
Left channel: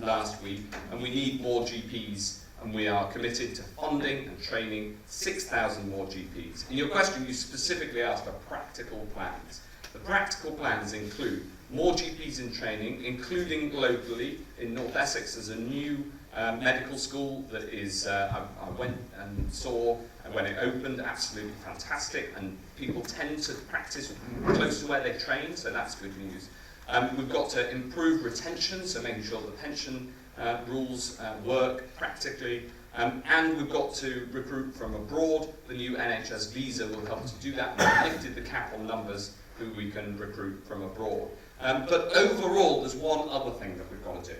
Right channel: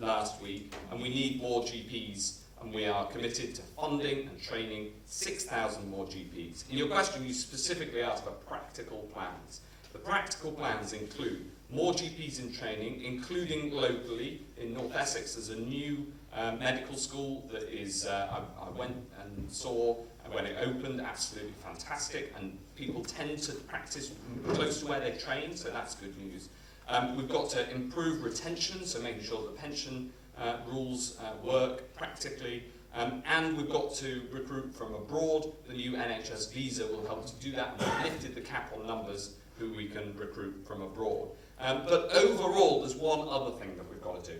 last week, and we need more GPs, and we are committed to funding and training 6,000 more GPs. In your question, you specifically asked for practical plans. The practical plans include more GPs in training, including locally in North Essex. There's a new medical school that is, I went and saw when it opened, absolutely fantastic, and people tend to practice close to where they train, so that's good news. We've got to improve retention, so making sure the pension rules work practically, and we've got to recruit from abroad. The new NHS visa will help to do that. We've lifted the cap on numbers who we can recruit from abroad. But overall, there's one other thing that we've got to do.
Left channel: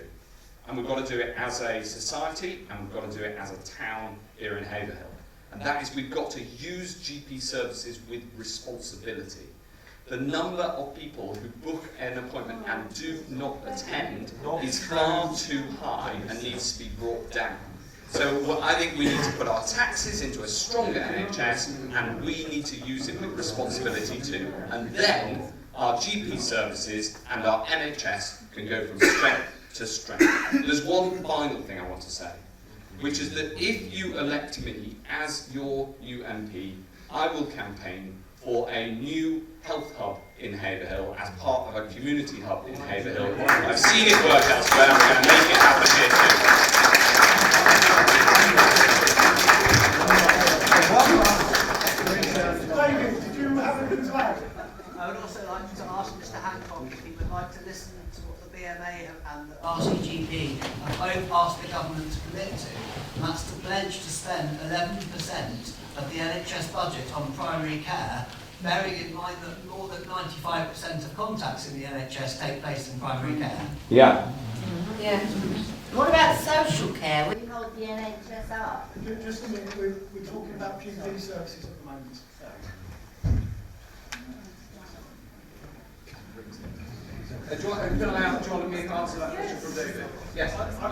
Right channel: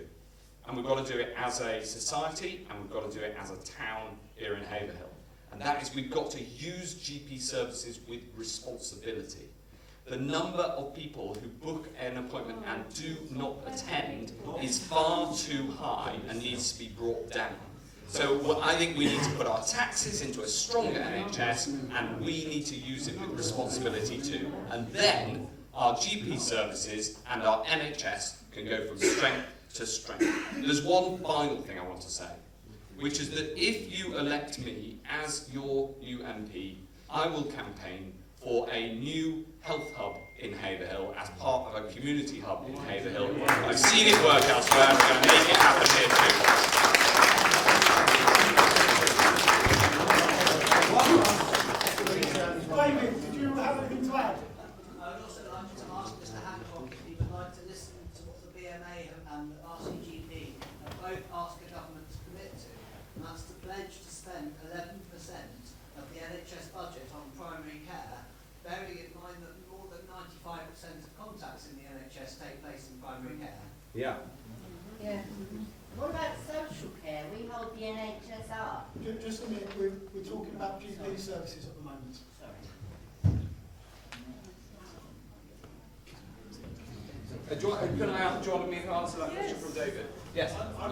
And we've got to do it as a society, and we've got to do it as a town here in Haverhill. And that is, we've got to use GP services with responsibility. The number of people who book an appointment and do not attend is far too high and needs to be brought down. So I think we need to put our taxes into a stronger NHS, and we need to use it with responsibility too. And then our GP services and our NHS can go from strength to strength. There's one final thing I want to say, which is that if you elect me as your new MP, I will campaign for a new health hub in Haverhill as part of a community hub in Haverhill. I've seen it work elsewhere, and we're going to make it happen here too. David, did you have anything to add? I would also like to ask Mr. Hancock if he would like to listen to what the BMA and the RCGP have both asked the government to commit to, and that's to pledge to spend spend 11% of the NHS budget on primary care, bearing in mind that more than 95% of contacts in the NHS take place in primary care. Yeah. Yeah. What about social care? We hold the NHS up. Just a minute, we're talking about GP services at the moment. Do you want me to answer that question from David? Yes. I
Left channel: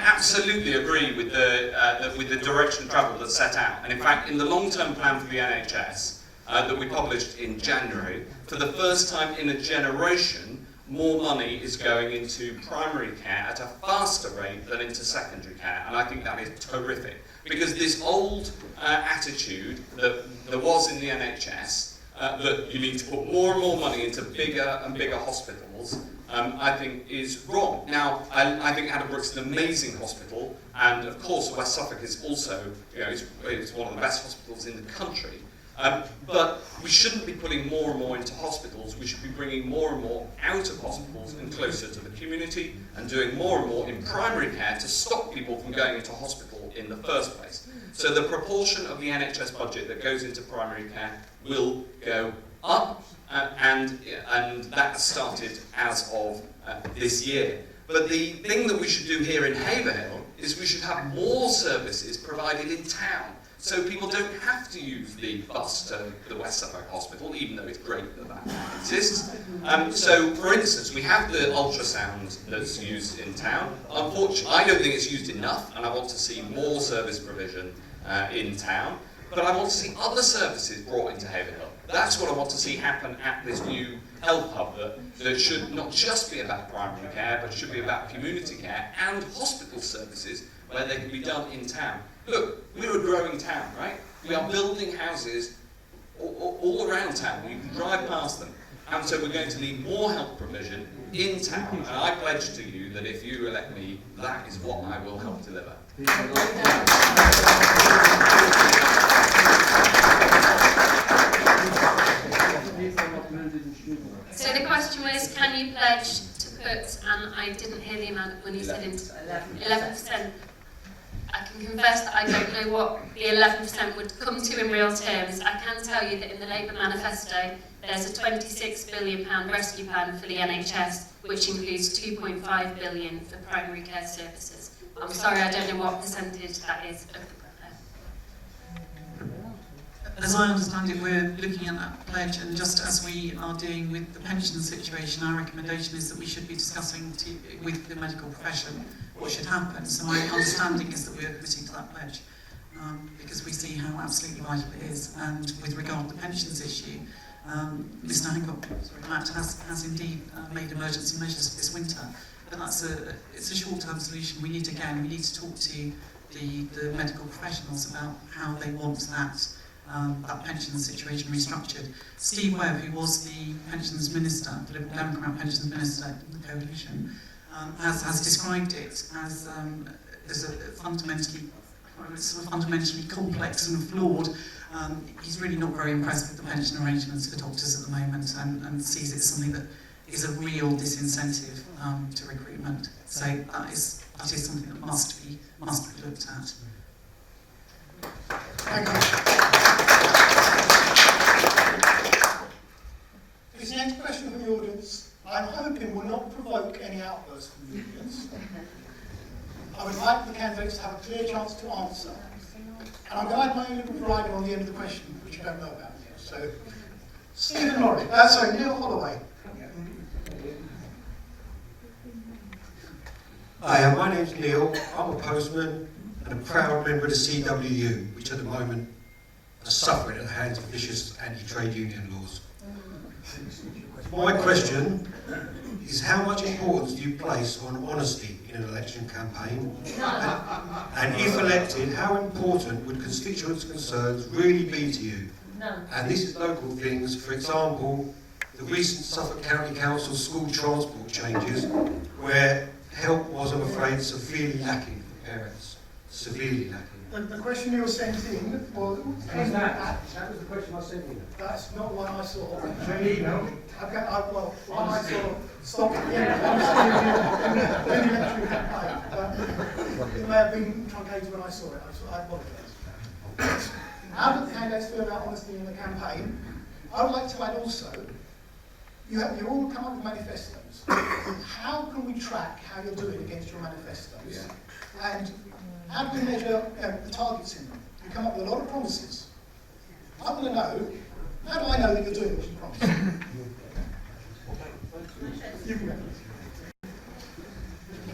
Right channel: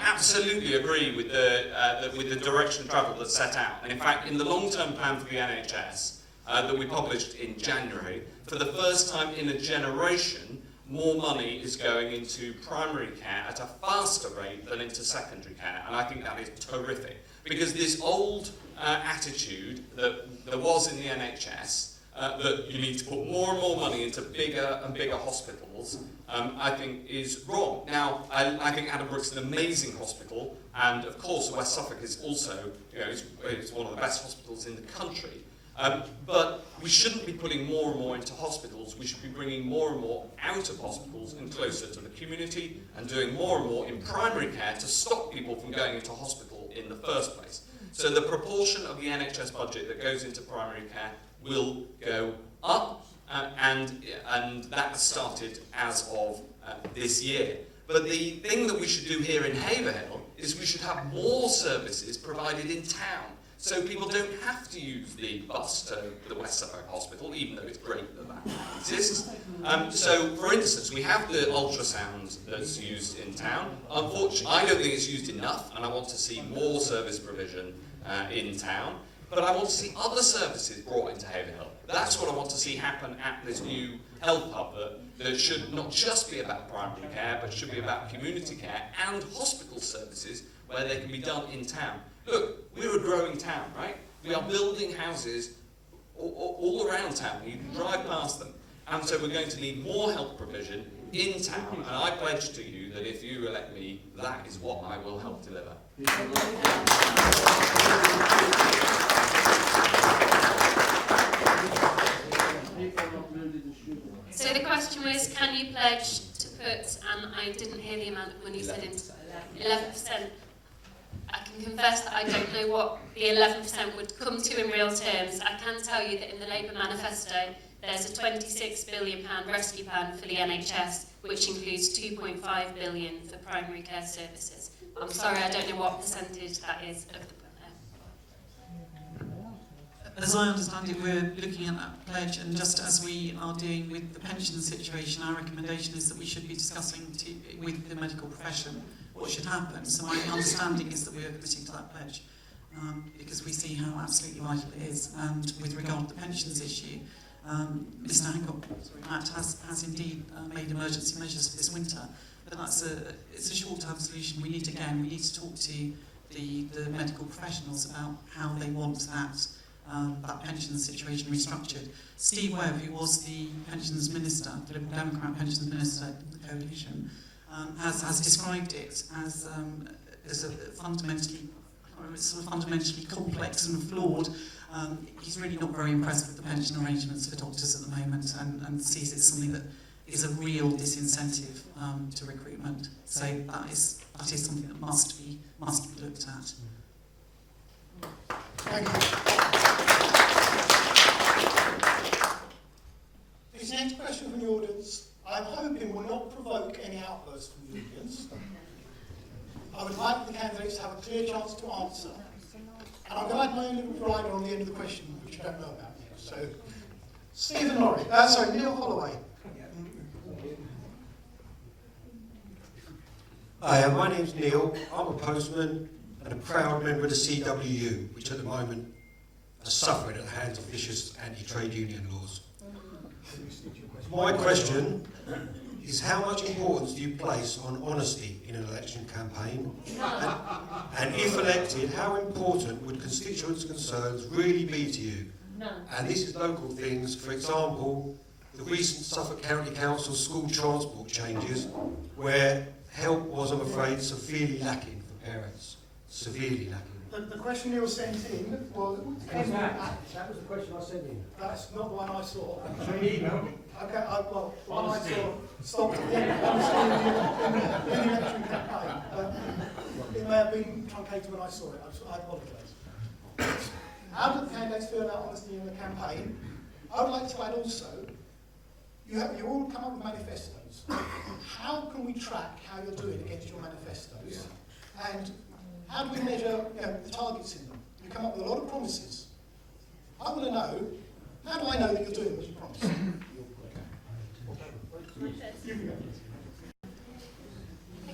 absolutely agree with the direction of travel that's set out. And in fact, in the long-term plan for the NHS that we published in January, for the first time in a generation, more money is going into primary care at a faster rate than into secondary care. And I think that is terrific. Because this old attitude that there was in the NHS, that you need to put more and more money into bigger and bigger hospitals, I think is wrong. Now, I think Addenbrook's an amazing hospital, and of course West Suffolk is also, it's one of the best hospitals in the country. But we shouldn't be putting more and more into hospitals. We should be bringing more and more out of hospitals and closer to the community, and doing more and more in primary care to stop people from going into hospital in the first place. So the proportion of the NHS budget that goes into primary care will go up, and that started as of this year. But the thing that we should do here in Haverhill is we should have more services provided in town, so people don't have to use the bus to the West Suffolk Hospital, even though it's great that that exists. So, for instance, we have the ultrasound that's used in town. Unfortunately, I don't think it's used enough, and I want to see more service provision in town. But I want to see other services brought into Haverhill. That's what I want to see happen at this new health hub, that should not just be about primary care, but should be about community care and hospital services where they can be done in town. Look, we're a growing town, right? We are building houses all around town. You can drive past them. And so we're going to need more health provision in town. And I pledge to you that if you elect me, that is what I will help deliver. So the question was, can you pledge to put, and I didn't hear the amount of money said into 11%. I can confess that I don't know what the 11% would come to in real terms. I can tell you that in the Labour manifesto, there's a £26 billion rescue plan for the NHS, which includes £2.5 billion for primary care services. I'm sorry, I don't know what percentage that is of the As I understand it, we're looking at that pledge, and just as we are doing with the pension situation, our recommendation is that we should be discussing with the medical profession what should happen. So my understanding is that we're committing to that pledge, because we see how absolutely vital it is. And with regard to the pensions issue, Mr. Hancock has indeed made emergency measures for this winter, but it's a short-term solution. We need to talk to the medical professionals about how they want that pension situation restructured. Steve Webb, who was the pensions minister, the Liberal Democrat pensions minister in the coalition, has described it as a fundamentally complex and flawed. He's really not very impressed with the pension arrangements for doctors at the moment, and sees it as something that is a real disincentive to recruitment. So that is something that must be looked at. Thank you. This next question from the audience, I'm hoping will not provoke any outbursts from the audience. I would like the candidates to have a clear chance to answer. And I'm glad my only rider on the end of the question, which I don't know about yet. So, Stephen Norris, Neil Holloway. Hi, my name's Neil. I'm a postman and a proud member of the CWU, which at the moment are suffering at the hands of vicious anti-trade union laws. My question is, how much importance do you place on honesty in an election campaign? And if elected, how important would constituents' concerns really be to you? And this is local things, for example, the recent Suffolk County Council school transport changes, where help was, I'm afraid, severely lacking for parents. Severely lacking. The question you were sent in was... That was the question I sent in. That's not one I saw. Okay, one I saw stopped in the election campaign. It may have been truncated when I saw it. I apologise. How do the candidates feel about honesty in the campaign? I would like to add also, you all come up with manifestos. How can we track how you're doing against your manifestos? And how do we measure the targets in them? You come up with a lot of promises. I want to know, how do I know that you're doing what you promised?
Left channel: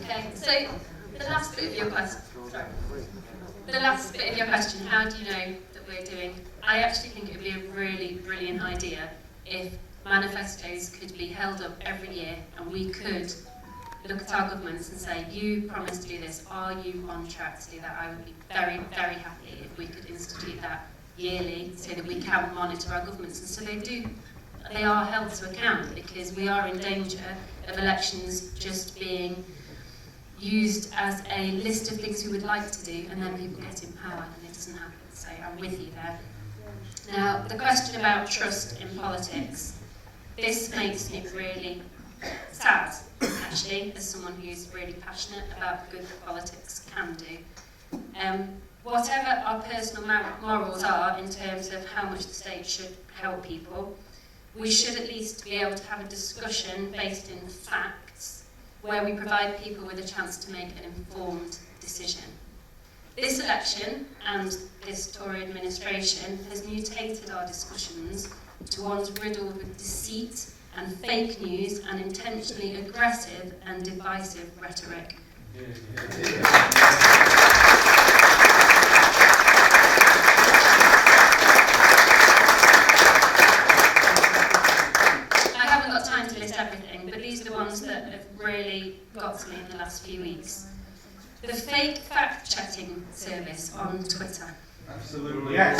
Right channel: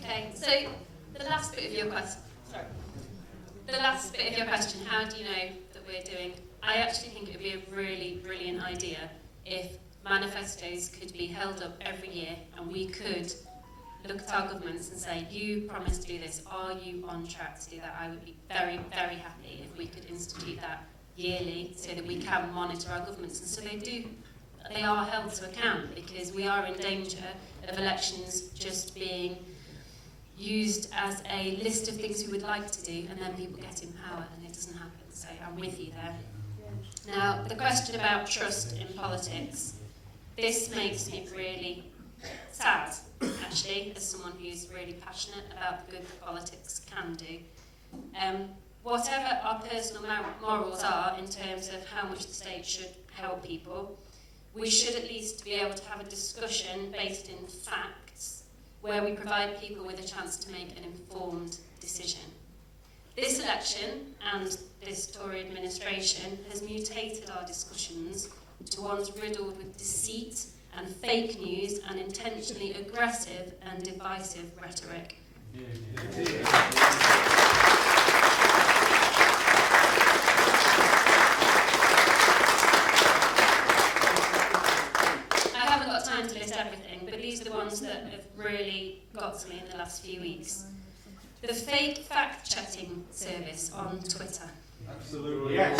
Okay, so the last bit of your question, how do you know that we're doing? I actually think it would be a really brilliant idea if manifestos could be held up every year and we could look at our governments and say, you promised to do this, are you on track to do that? I would be very, very happy if we could institute that yearly so that we can monitor our governments, and so they are held to account, because we are in danger of elections just being used as a list of things we would like to do, and then people get in power and it doesn't happen. So I'm with you there. Now, the question about trust in politics, this makes me really sad, actually, as someone who's really passionate about the good that politics can do. Whatever our personal morals are in terms of how much the state should help people, we should at least be able to have a discussion based in facts where we provide people with a chance to make an informed decision. This election and this Tory administration has mutated our discussions to ones riddled with deceit and fake news and intentionally aggressive and divisive rhetoric. I haven't got time to list everything, but these are the ones that have really got to me in the last few weeks. The fake fact-checking service on Twitter. Absolutely. Yes.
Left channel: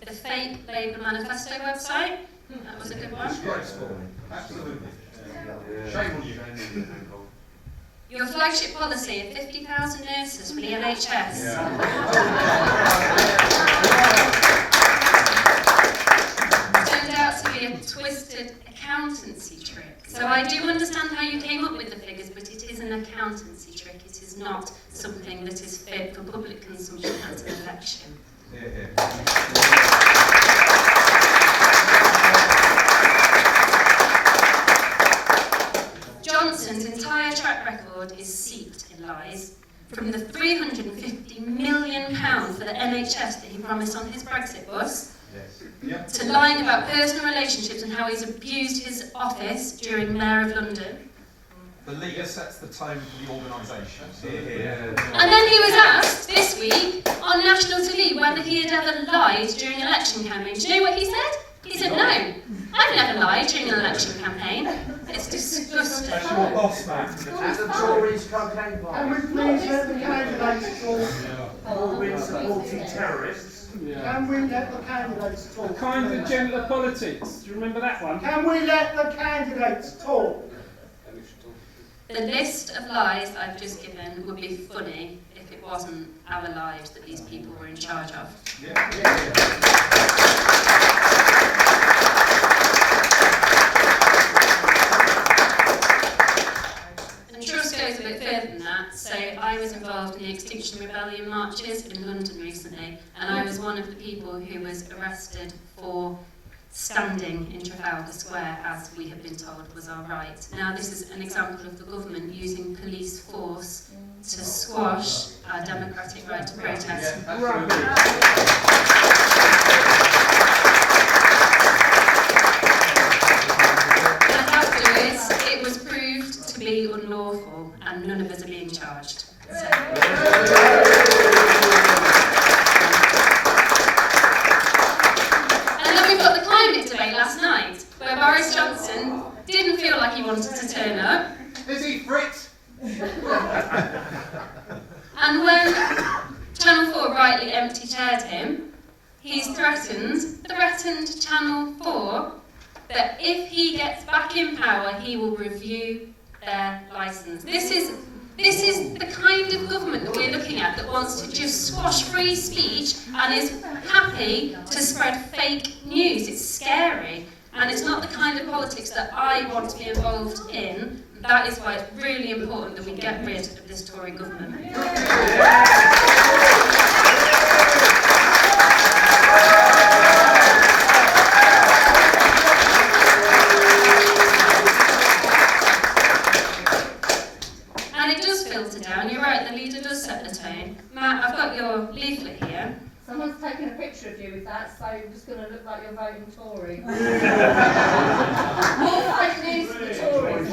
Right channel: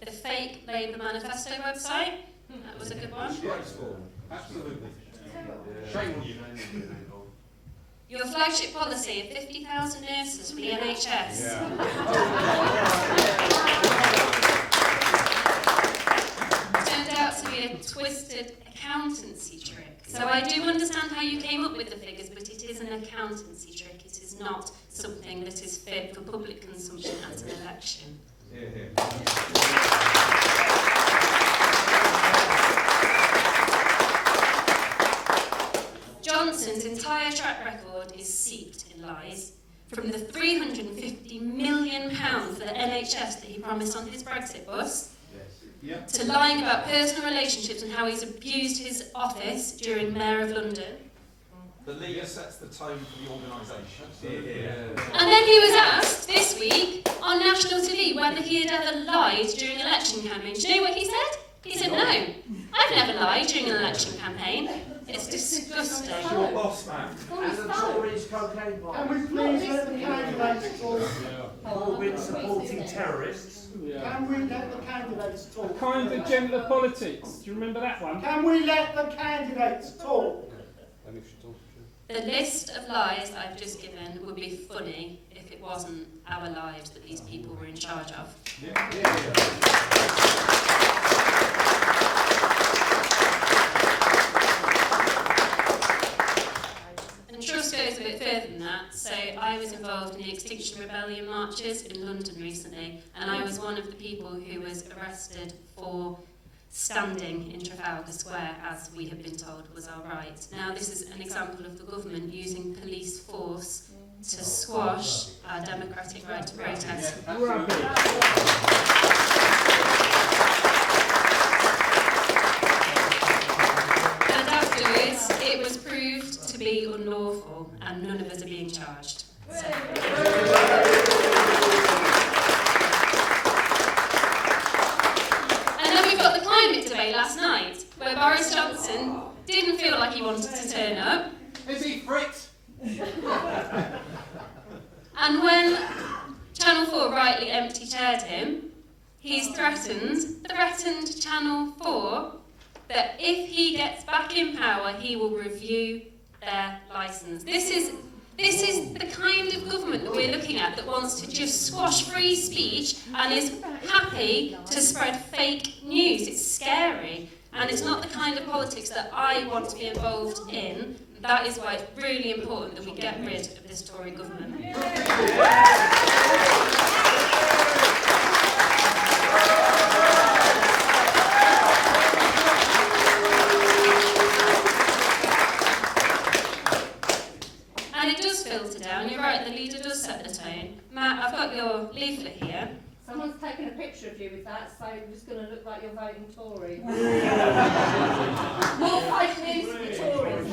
The fake Labour manifesto website. That was a good one. Absolutely. Shame on you. Your flagship policy of 50,000 nurses for the NHS. Turned out to be a twisted accountancy trick. So I do understand how you came up with the figures, but it is an accountancy trick. It is not something that is fit for public consumption at an election. Johnson's entire track record is seeped in lies. From the £350 million for the NHS that he promised on his Brexit bus, to lying about personal relationships and how he's abused his office during Mayor of London. The leader sets the tone for the organisation. And then he was asked this week on national TV whether he had ever lied during an election campaign. Do you know what he said? He said, no, I've never lied during an election campaign. It's disgusting. That's your boss, man. And the Tories cocaine bombs. Can we please let the candidates talk? All been supporting terrorists. Can we let the candidates talk? Kind of gender politics. Do you remember that one? Can we let the candidates talk? The list of lies I've just given would be funny if it wasn't our lives that these people were in charge of. And trust goes a bit further than that. So I was involved in the Extinction Rebellion marches in London recently, and I was one of the people who was arrested for standing in Trafalgar Square, as we have been told was our right. Now, this is an example of the government using police force to squash our democratic right to protest. And afterwards, it was proved to be unlawful, and none of us are being charged. Last night, where Boris Johnson didn't feel like he wanted to turn up. Is he Fritz? And when Channel 4 rightly empty-chaired him, he's threatened Channel 4 that if he gets back in power, he will review their licence. This is the kind of government that we're looking at, that wants to just squash free speech and is happy to spread fake news. It's scary, and it's not the kind of politics that I want to be involved in. that is why it's really important that we get rid of this Tory government. And it does filter down. You're right, the leader does set the tone. Matt, I've got your leaflet here. Someone's taken a picture of you with that, so you're just going to look like you're voting Tory. More fake news for the Tories.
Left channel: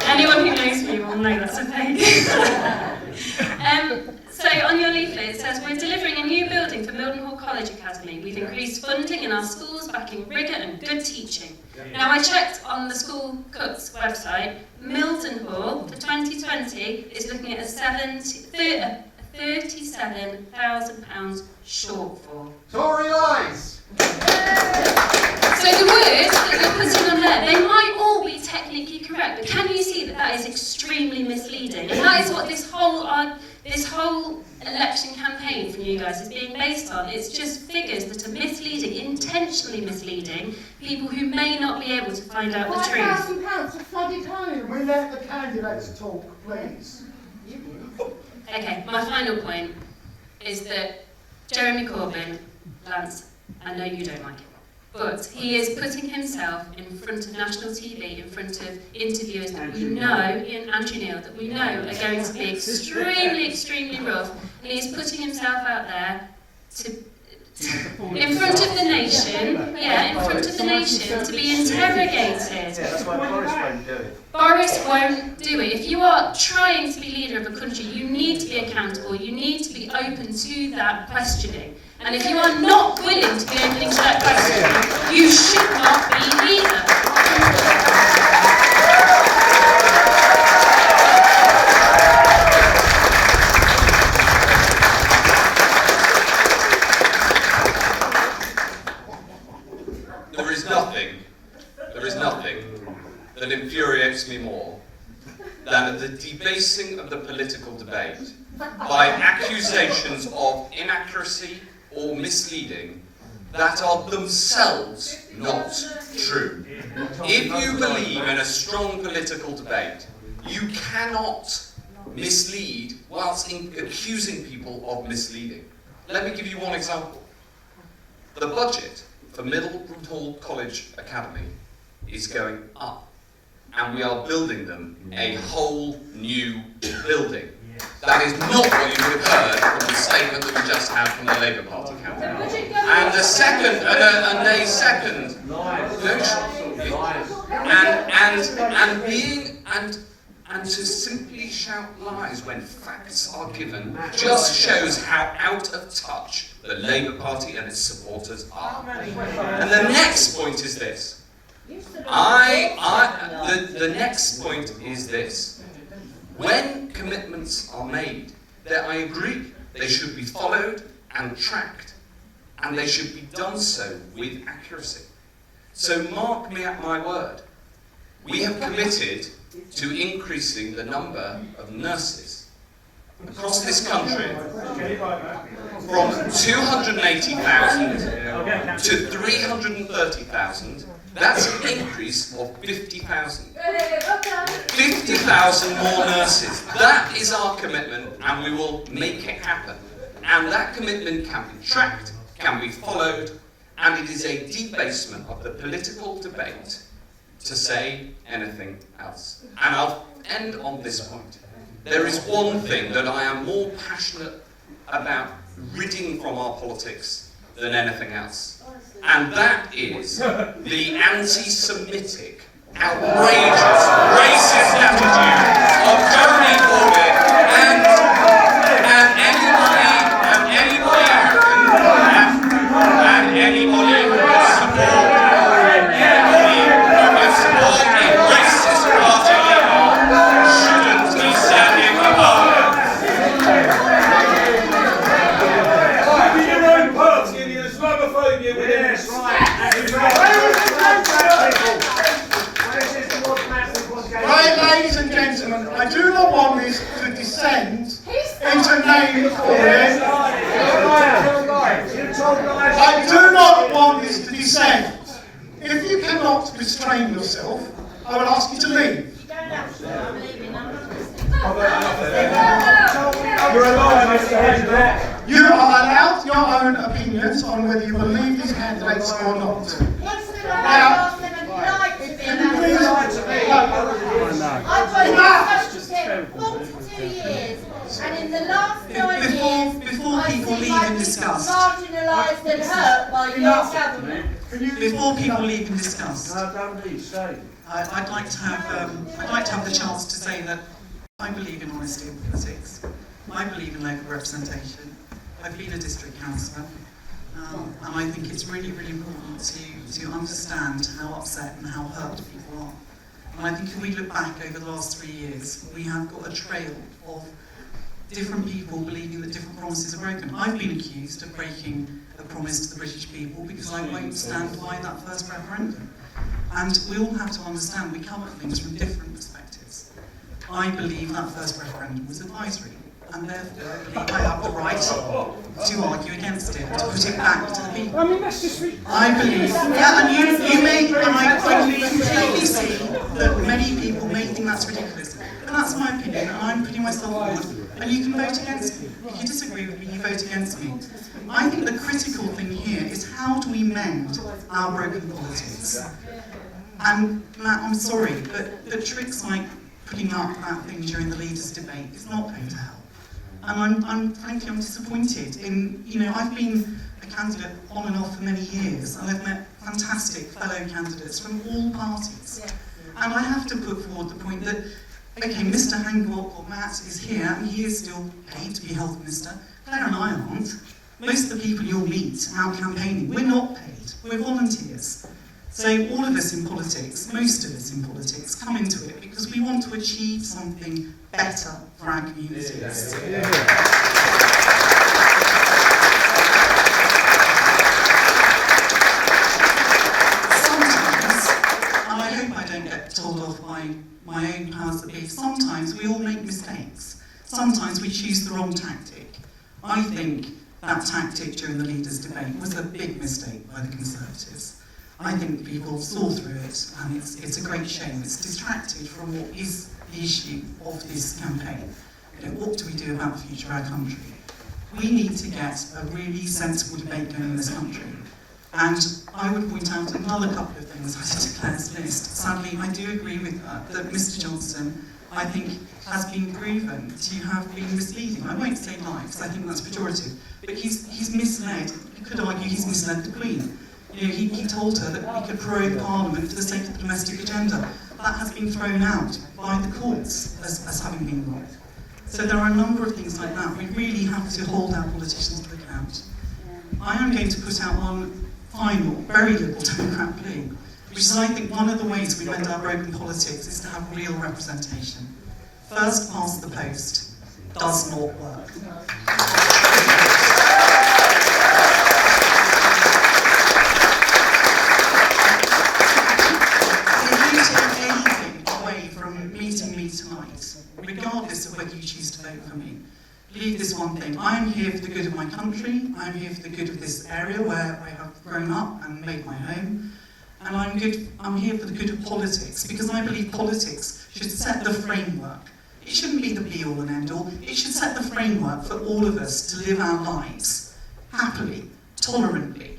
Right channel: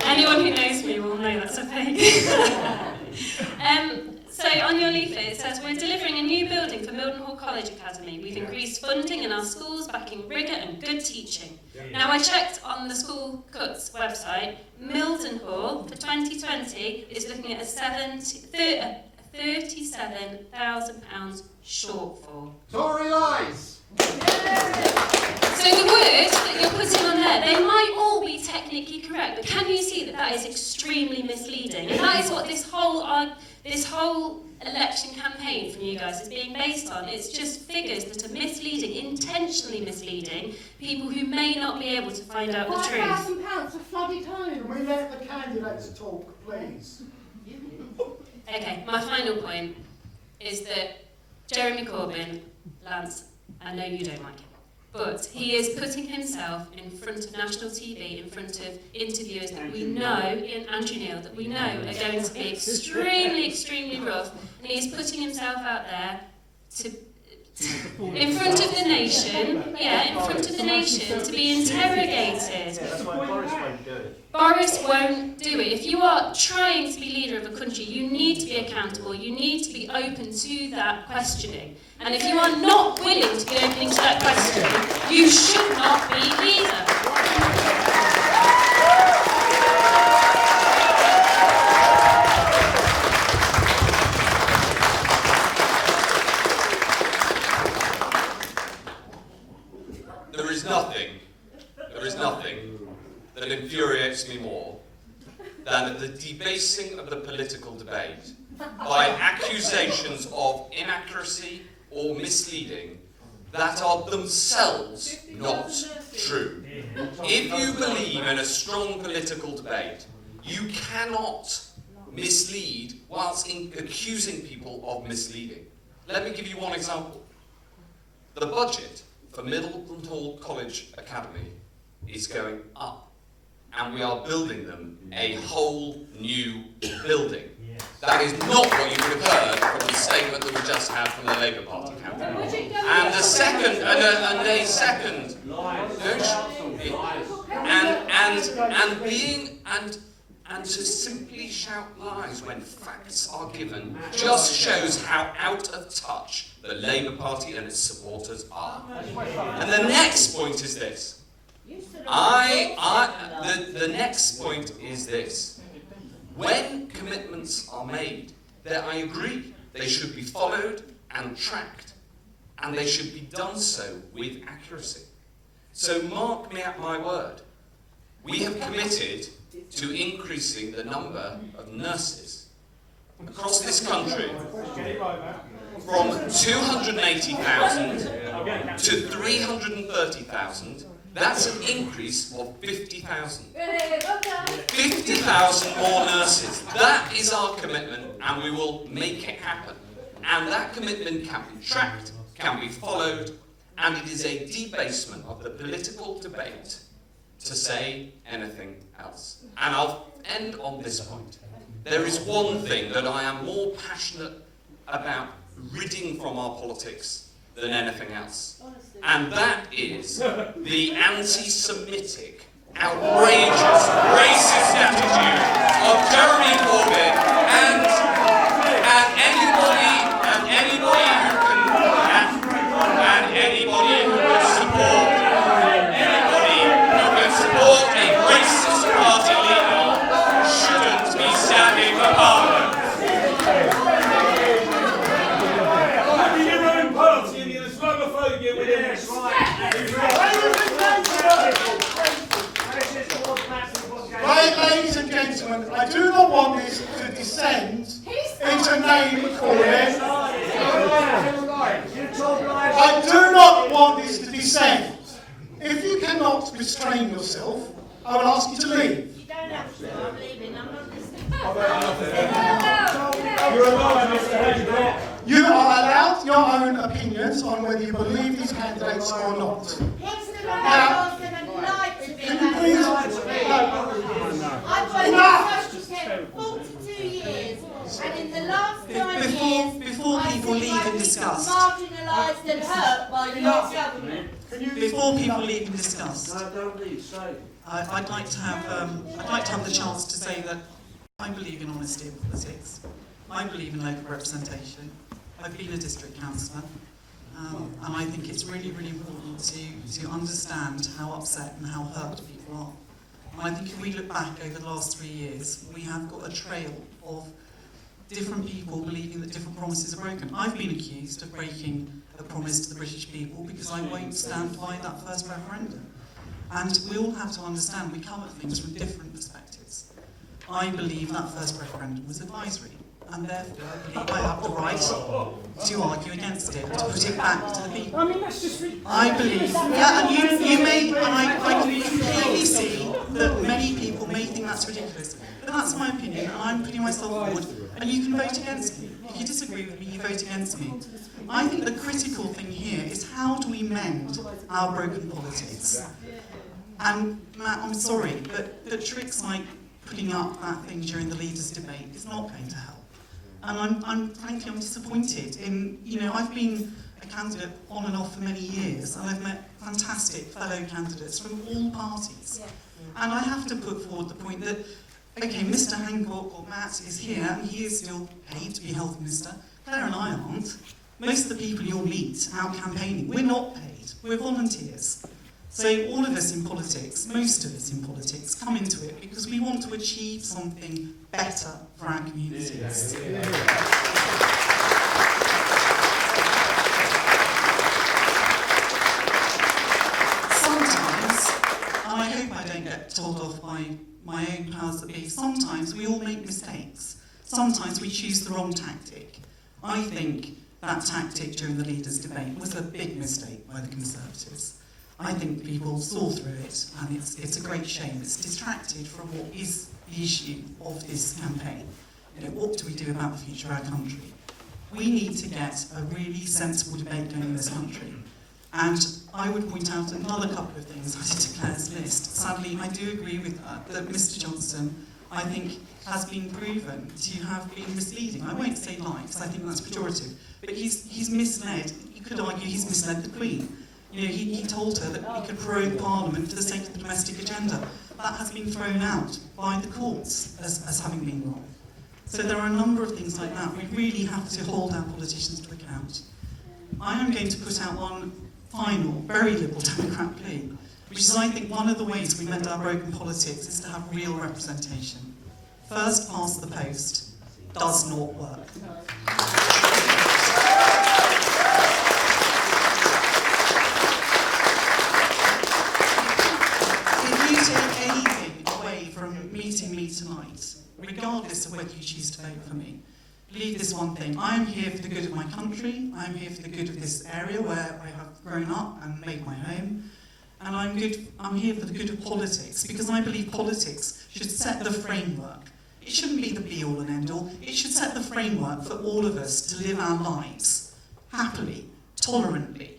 Anyone who knows me will know that's a fake. So on your leaflet it says, we're delivering a new building for Mildenhall College Academy. We've increased funding in our schools, backing rigour and good teaching. Now I checked on the School Cuts website, Mildenhall for 2020 is looking at a £37,000 shortfall. Tory lies! So the words that you're putting on there, they might all be technically correct, but can you see that that is extremely misleading? And that is what this whole election campaign from you guys is being based on. It's just figures that are misleading, intentionally misleading people who may not be able to find out the truth. £5,000 for flooded homes. Can we let the candidates talk, please? Okay, my final point is that Jeremy Corbyn, Lance, I know you don't like it, but he is putting himself in front of national TV, in front of interviewers that we know, in Andrew Neil, that we know are going to be extremely, extremely rough, and he is putting himself out there in front of the nation, in front of the nation, to be interrogated. That's why Boris won't do it. Boris won't do it. If you are trying to be leader of a country, you need to be accountable, you need to be open to that questioning. And if you are not willing to be open to that questioning, you should not be leader. There is nothing that infuriates me more than the debasing of the political debate by accusations of inaccuracy or misleading that are themselves not true. If you believe in a strong political debate, you cannot mislead whilst accusing people of misleading. Let me give you one example. The budget for Mildenhall College Academy is going up, and we are building them a whole new building. That is not what you would have heard from the statement that we just had from the Labour Party campaign. And a second, and to simply shout lies when facts are given just shows how out of touch the Labour Party and its supporters are. And the next point is this. The next point is this. When commitments are made, I agree, they should be followed and tracked, and they should be done so with accuracy. So mark me at my word. We have committed to increasing the number of nurses across this country from 280,000 to 330,000. That's an increase of 50,000. 50,000 more nurses. That is our commitment, and we will make it happen. And that commitment can be tracked, can be followed, and it is a debasement of the political debate to say anything else. And I'll end on this point. There is one thing that I am more passionate about ridding from our politics than anything else. And that is the anti-Semitic, outrageous, racist attitude of Jeremy Corbyn and anybody who can support a racist party leader shouldn't be standing for Parliament. Right, ladies and gentlemen, I do not want this to descend into name calling. I do not want this to descend. If you cannot restrain yourself, I will ask you to leave. different opinions on whether you believe these candidates or not. Yes, there are. Now, them and lied to me. I've worked in social care for 42 years, and in the last 9 years, before I've people seen leave my and people discuss. marginalised and hurt by your government. Before people leave and discuss, don't leave, stay. I'd like to have the chance to say that I believe in honesty in politics. I believe in local representation. I've been a district councillor, and I think it's really, really important to understand how upset and how hurt people are. And I think if we look back over the last 3 years, we have got a trail of different people believing that different promises are broken. I've been accused of breaking a promise to the British people because I won't stand by that first referendum. And we all have to understand we come at things from different perspectives. I believe that first referendum was advisory, and therefore I have the right to argue against it, to put it back to the people. I mean, that's just... I believe, yeah, and you may, and I completely see that many people may think that's ridiculous, but that's my opinion, and I'm putting myself forward, and you can vote against me. If you disagree with me, you vote against me. I think the critical thing here is how do we mend our broken politics? And Matt, I'm sorry, but tricks like putting up that thing during the leaders' debate is not going to help. And I'm frankly, I'm disappointed in, I've been a candidate on and off for many years, and I've met fantastic fellow candidates from all parties. And I have to put forward the point that, okay, Mr. Hancock or Matt is here, he is still paid to be health minister. Claire and I aren't. Most of the people you'll meet out campaigning, we're not paid, we're volunteers. So all of us in politics, most of us in politics, come into it because we want to achieve something better for our communities. Sometimes, and I hope I don't get told off by my own powers that be, sometimes we all make mistakes. Sometimes we choose the wrong tactic. I think that tactic during the leaders' debate was a big mistake by the Conservatives. I think people saw through it, and it's a great shame. It's distracted from what is the issue of this campaign. What do we do about the future of our country? We need to get a really sensible debate going in this country. And I would point out another couple of things added to Claire's list. Sadly, I do agree with her that Mr. Johnson, I think, has been proven to have been misleading. I won't say lies, because I think that's pejorative, but he's misled. You could argue he's misled the Queen. He told her that we could prorogue Parliament for the sake of the domestic agenda. That has been thrown out by the courts as having been wrong. So there are a number of things like that. We really have to hold our politicians to account. I am going to put out one final, very Liberal Democrat plea, which is, I think, one of the ways we mend our broken politics is to have real representation. First past the post does not work. Meeting me tonight, regardless of whether you choose to vote for me, believe this one thing: I am here for the good of my country, I am here for the good of this area where I have grown up and made my home, and I'm here for the good of politics, because I believe politics should set the framework. It shouldn't be the be-all and end-all, it should set the framework for all of us to live our lives happily, tolerantly,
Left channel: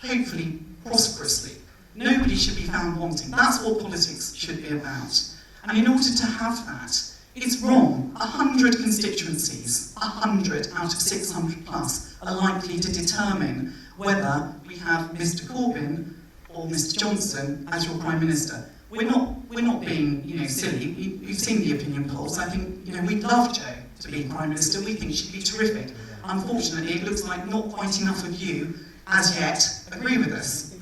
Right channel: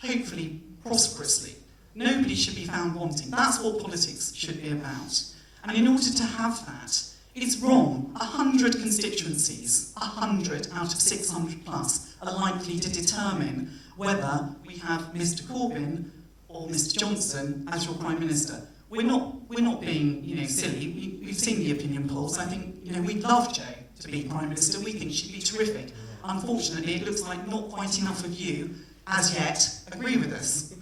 hopefully prosperously. Nobody should be found wanting. That's what politics should be about. And in order to have that, it's wrong. 100 constituencies, 100 out of 600 plus, are likely to determine whether we have Mr. Corbyn or Mr. Johnson as your Prime Minister. We're not being silly. We've seen the opinion polls. I think we'd love Jo to be Prime Minister. We think she'd be terrific. Unfortunately, it looks like not quite enough of you, as yet, agree with us.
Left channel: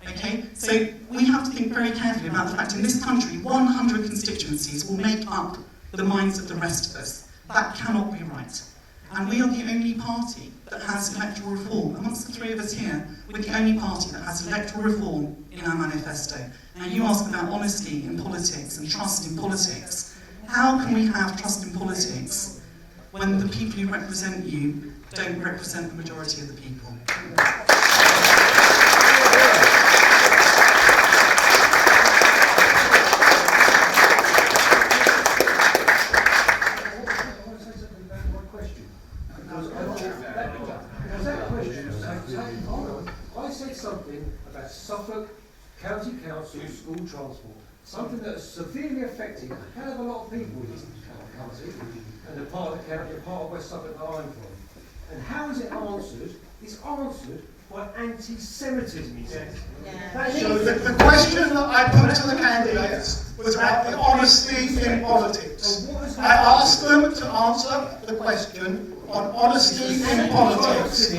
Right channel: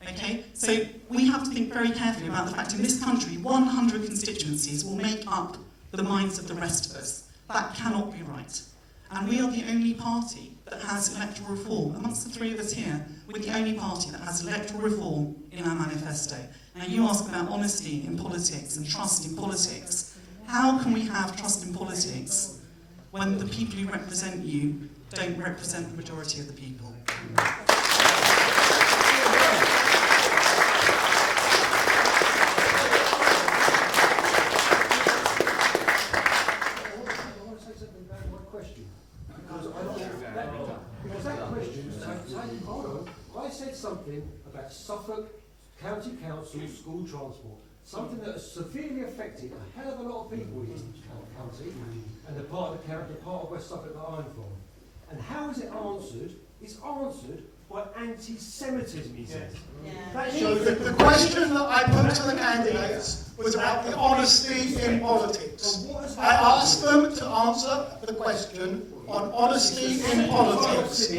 Okay, so we have to think very carefully about the fact in this country 100 constituencies will make up the minds of the rest of us. That cannot be right. And we are the only party that has electoral reform. Amongst the three of us here, we're the only party that has electoral reform in our manifesto. Now you ask about honesty in politics and trust in politics. How can we have trust in politics when the people who represent you don't represent the majority of the people? affecting a hell of a lot of people in this county and the part of the county, the part of West Suffolk that I'm from. And how is it answered? It's answered by anti-Semitism, he says. So the question that I put to the candidates was about the honesty in politics. I asked them to answer the question on honesty in politics.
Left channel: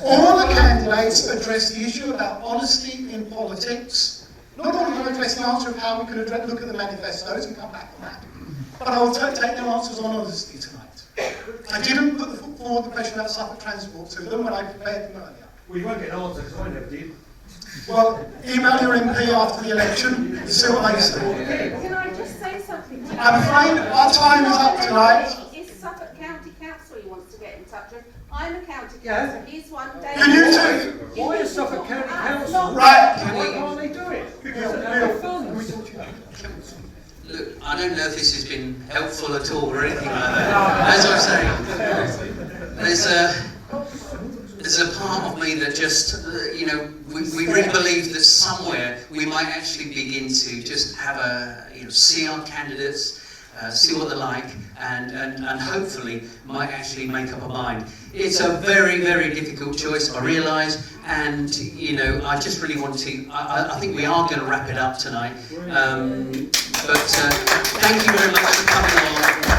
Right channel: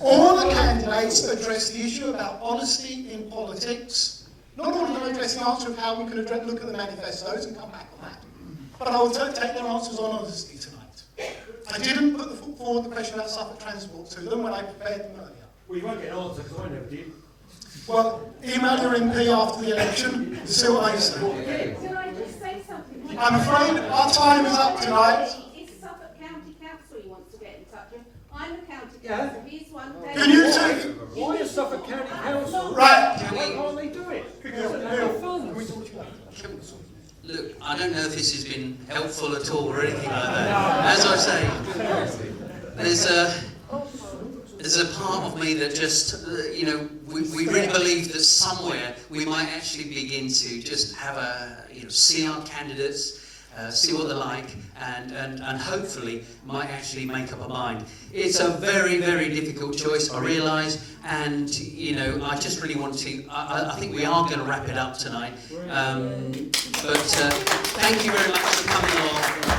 All the candidates addressed the issue about honesty in politics. Not all of them addressed the answer of how we could look at the manifestos and come back on that. But I will take their answers on honesty tonight. I didn't put forward the question about Suffolk Transport to them when I prepared them earlier. Well, you won't get an answer because I never did. Well, email your MP after the election, see what they say. Can I just say something? I'm afraid our time is up tonight. Is Suffolk County Council he wants to get in touch with? I'm a county councillor, he's one. Can you two? Why is Suffolk County Council? Right. Why can't they do it? Because they're funds. Look, I don't know if this has been helpful at all or anything like that. As I was saying, there's a part of me that just, we really believe that somewhere we might actually begin to just have see our candidates, see what they're like, and hopefully might actually make up a mind. It's a very, very difficult choice, I realise, and I just really want to. I think we are going to wrap it up tonight. But thank you very much for coming along.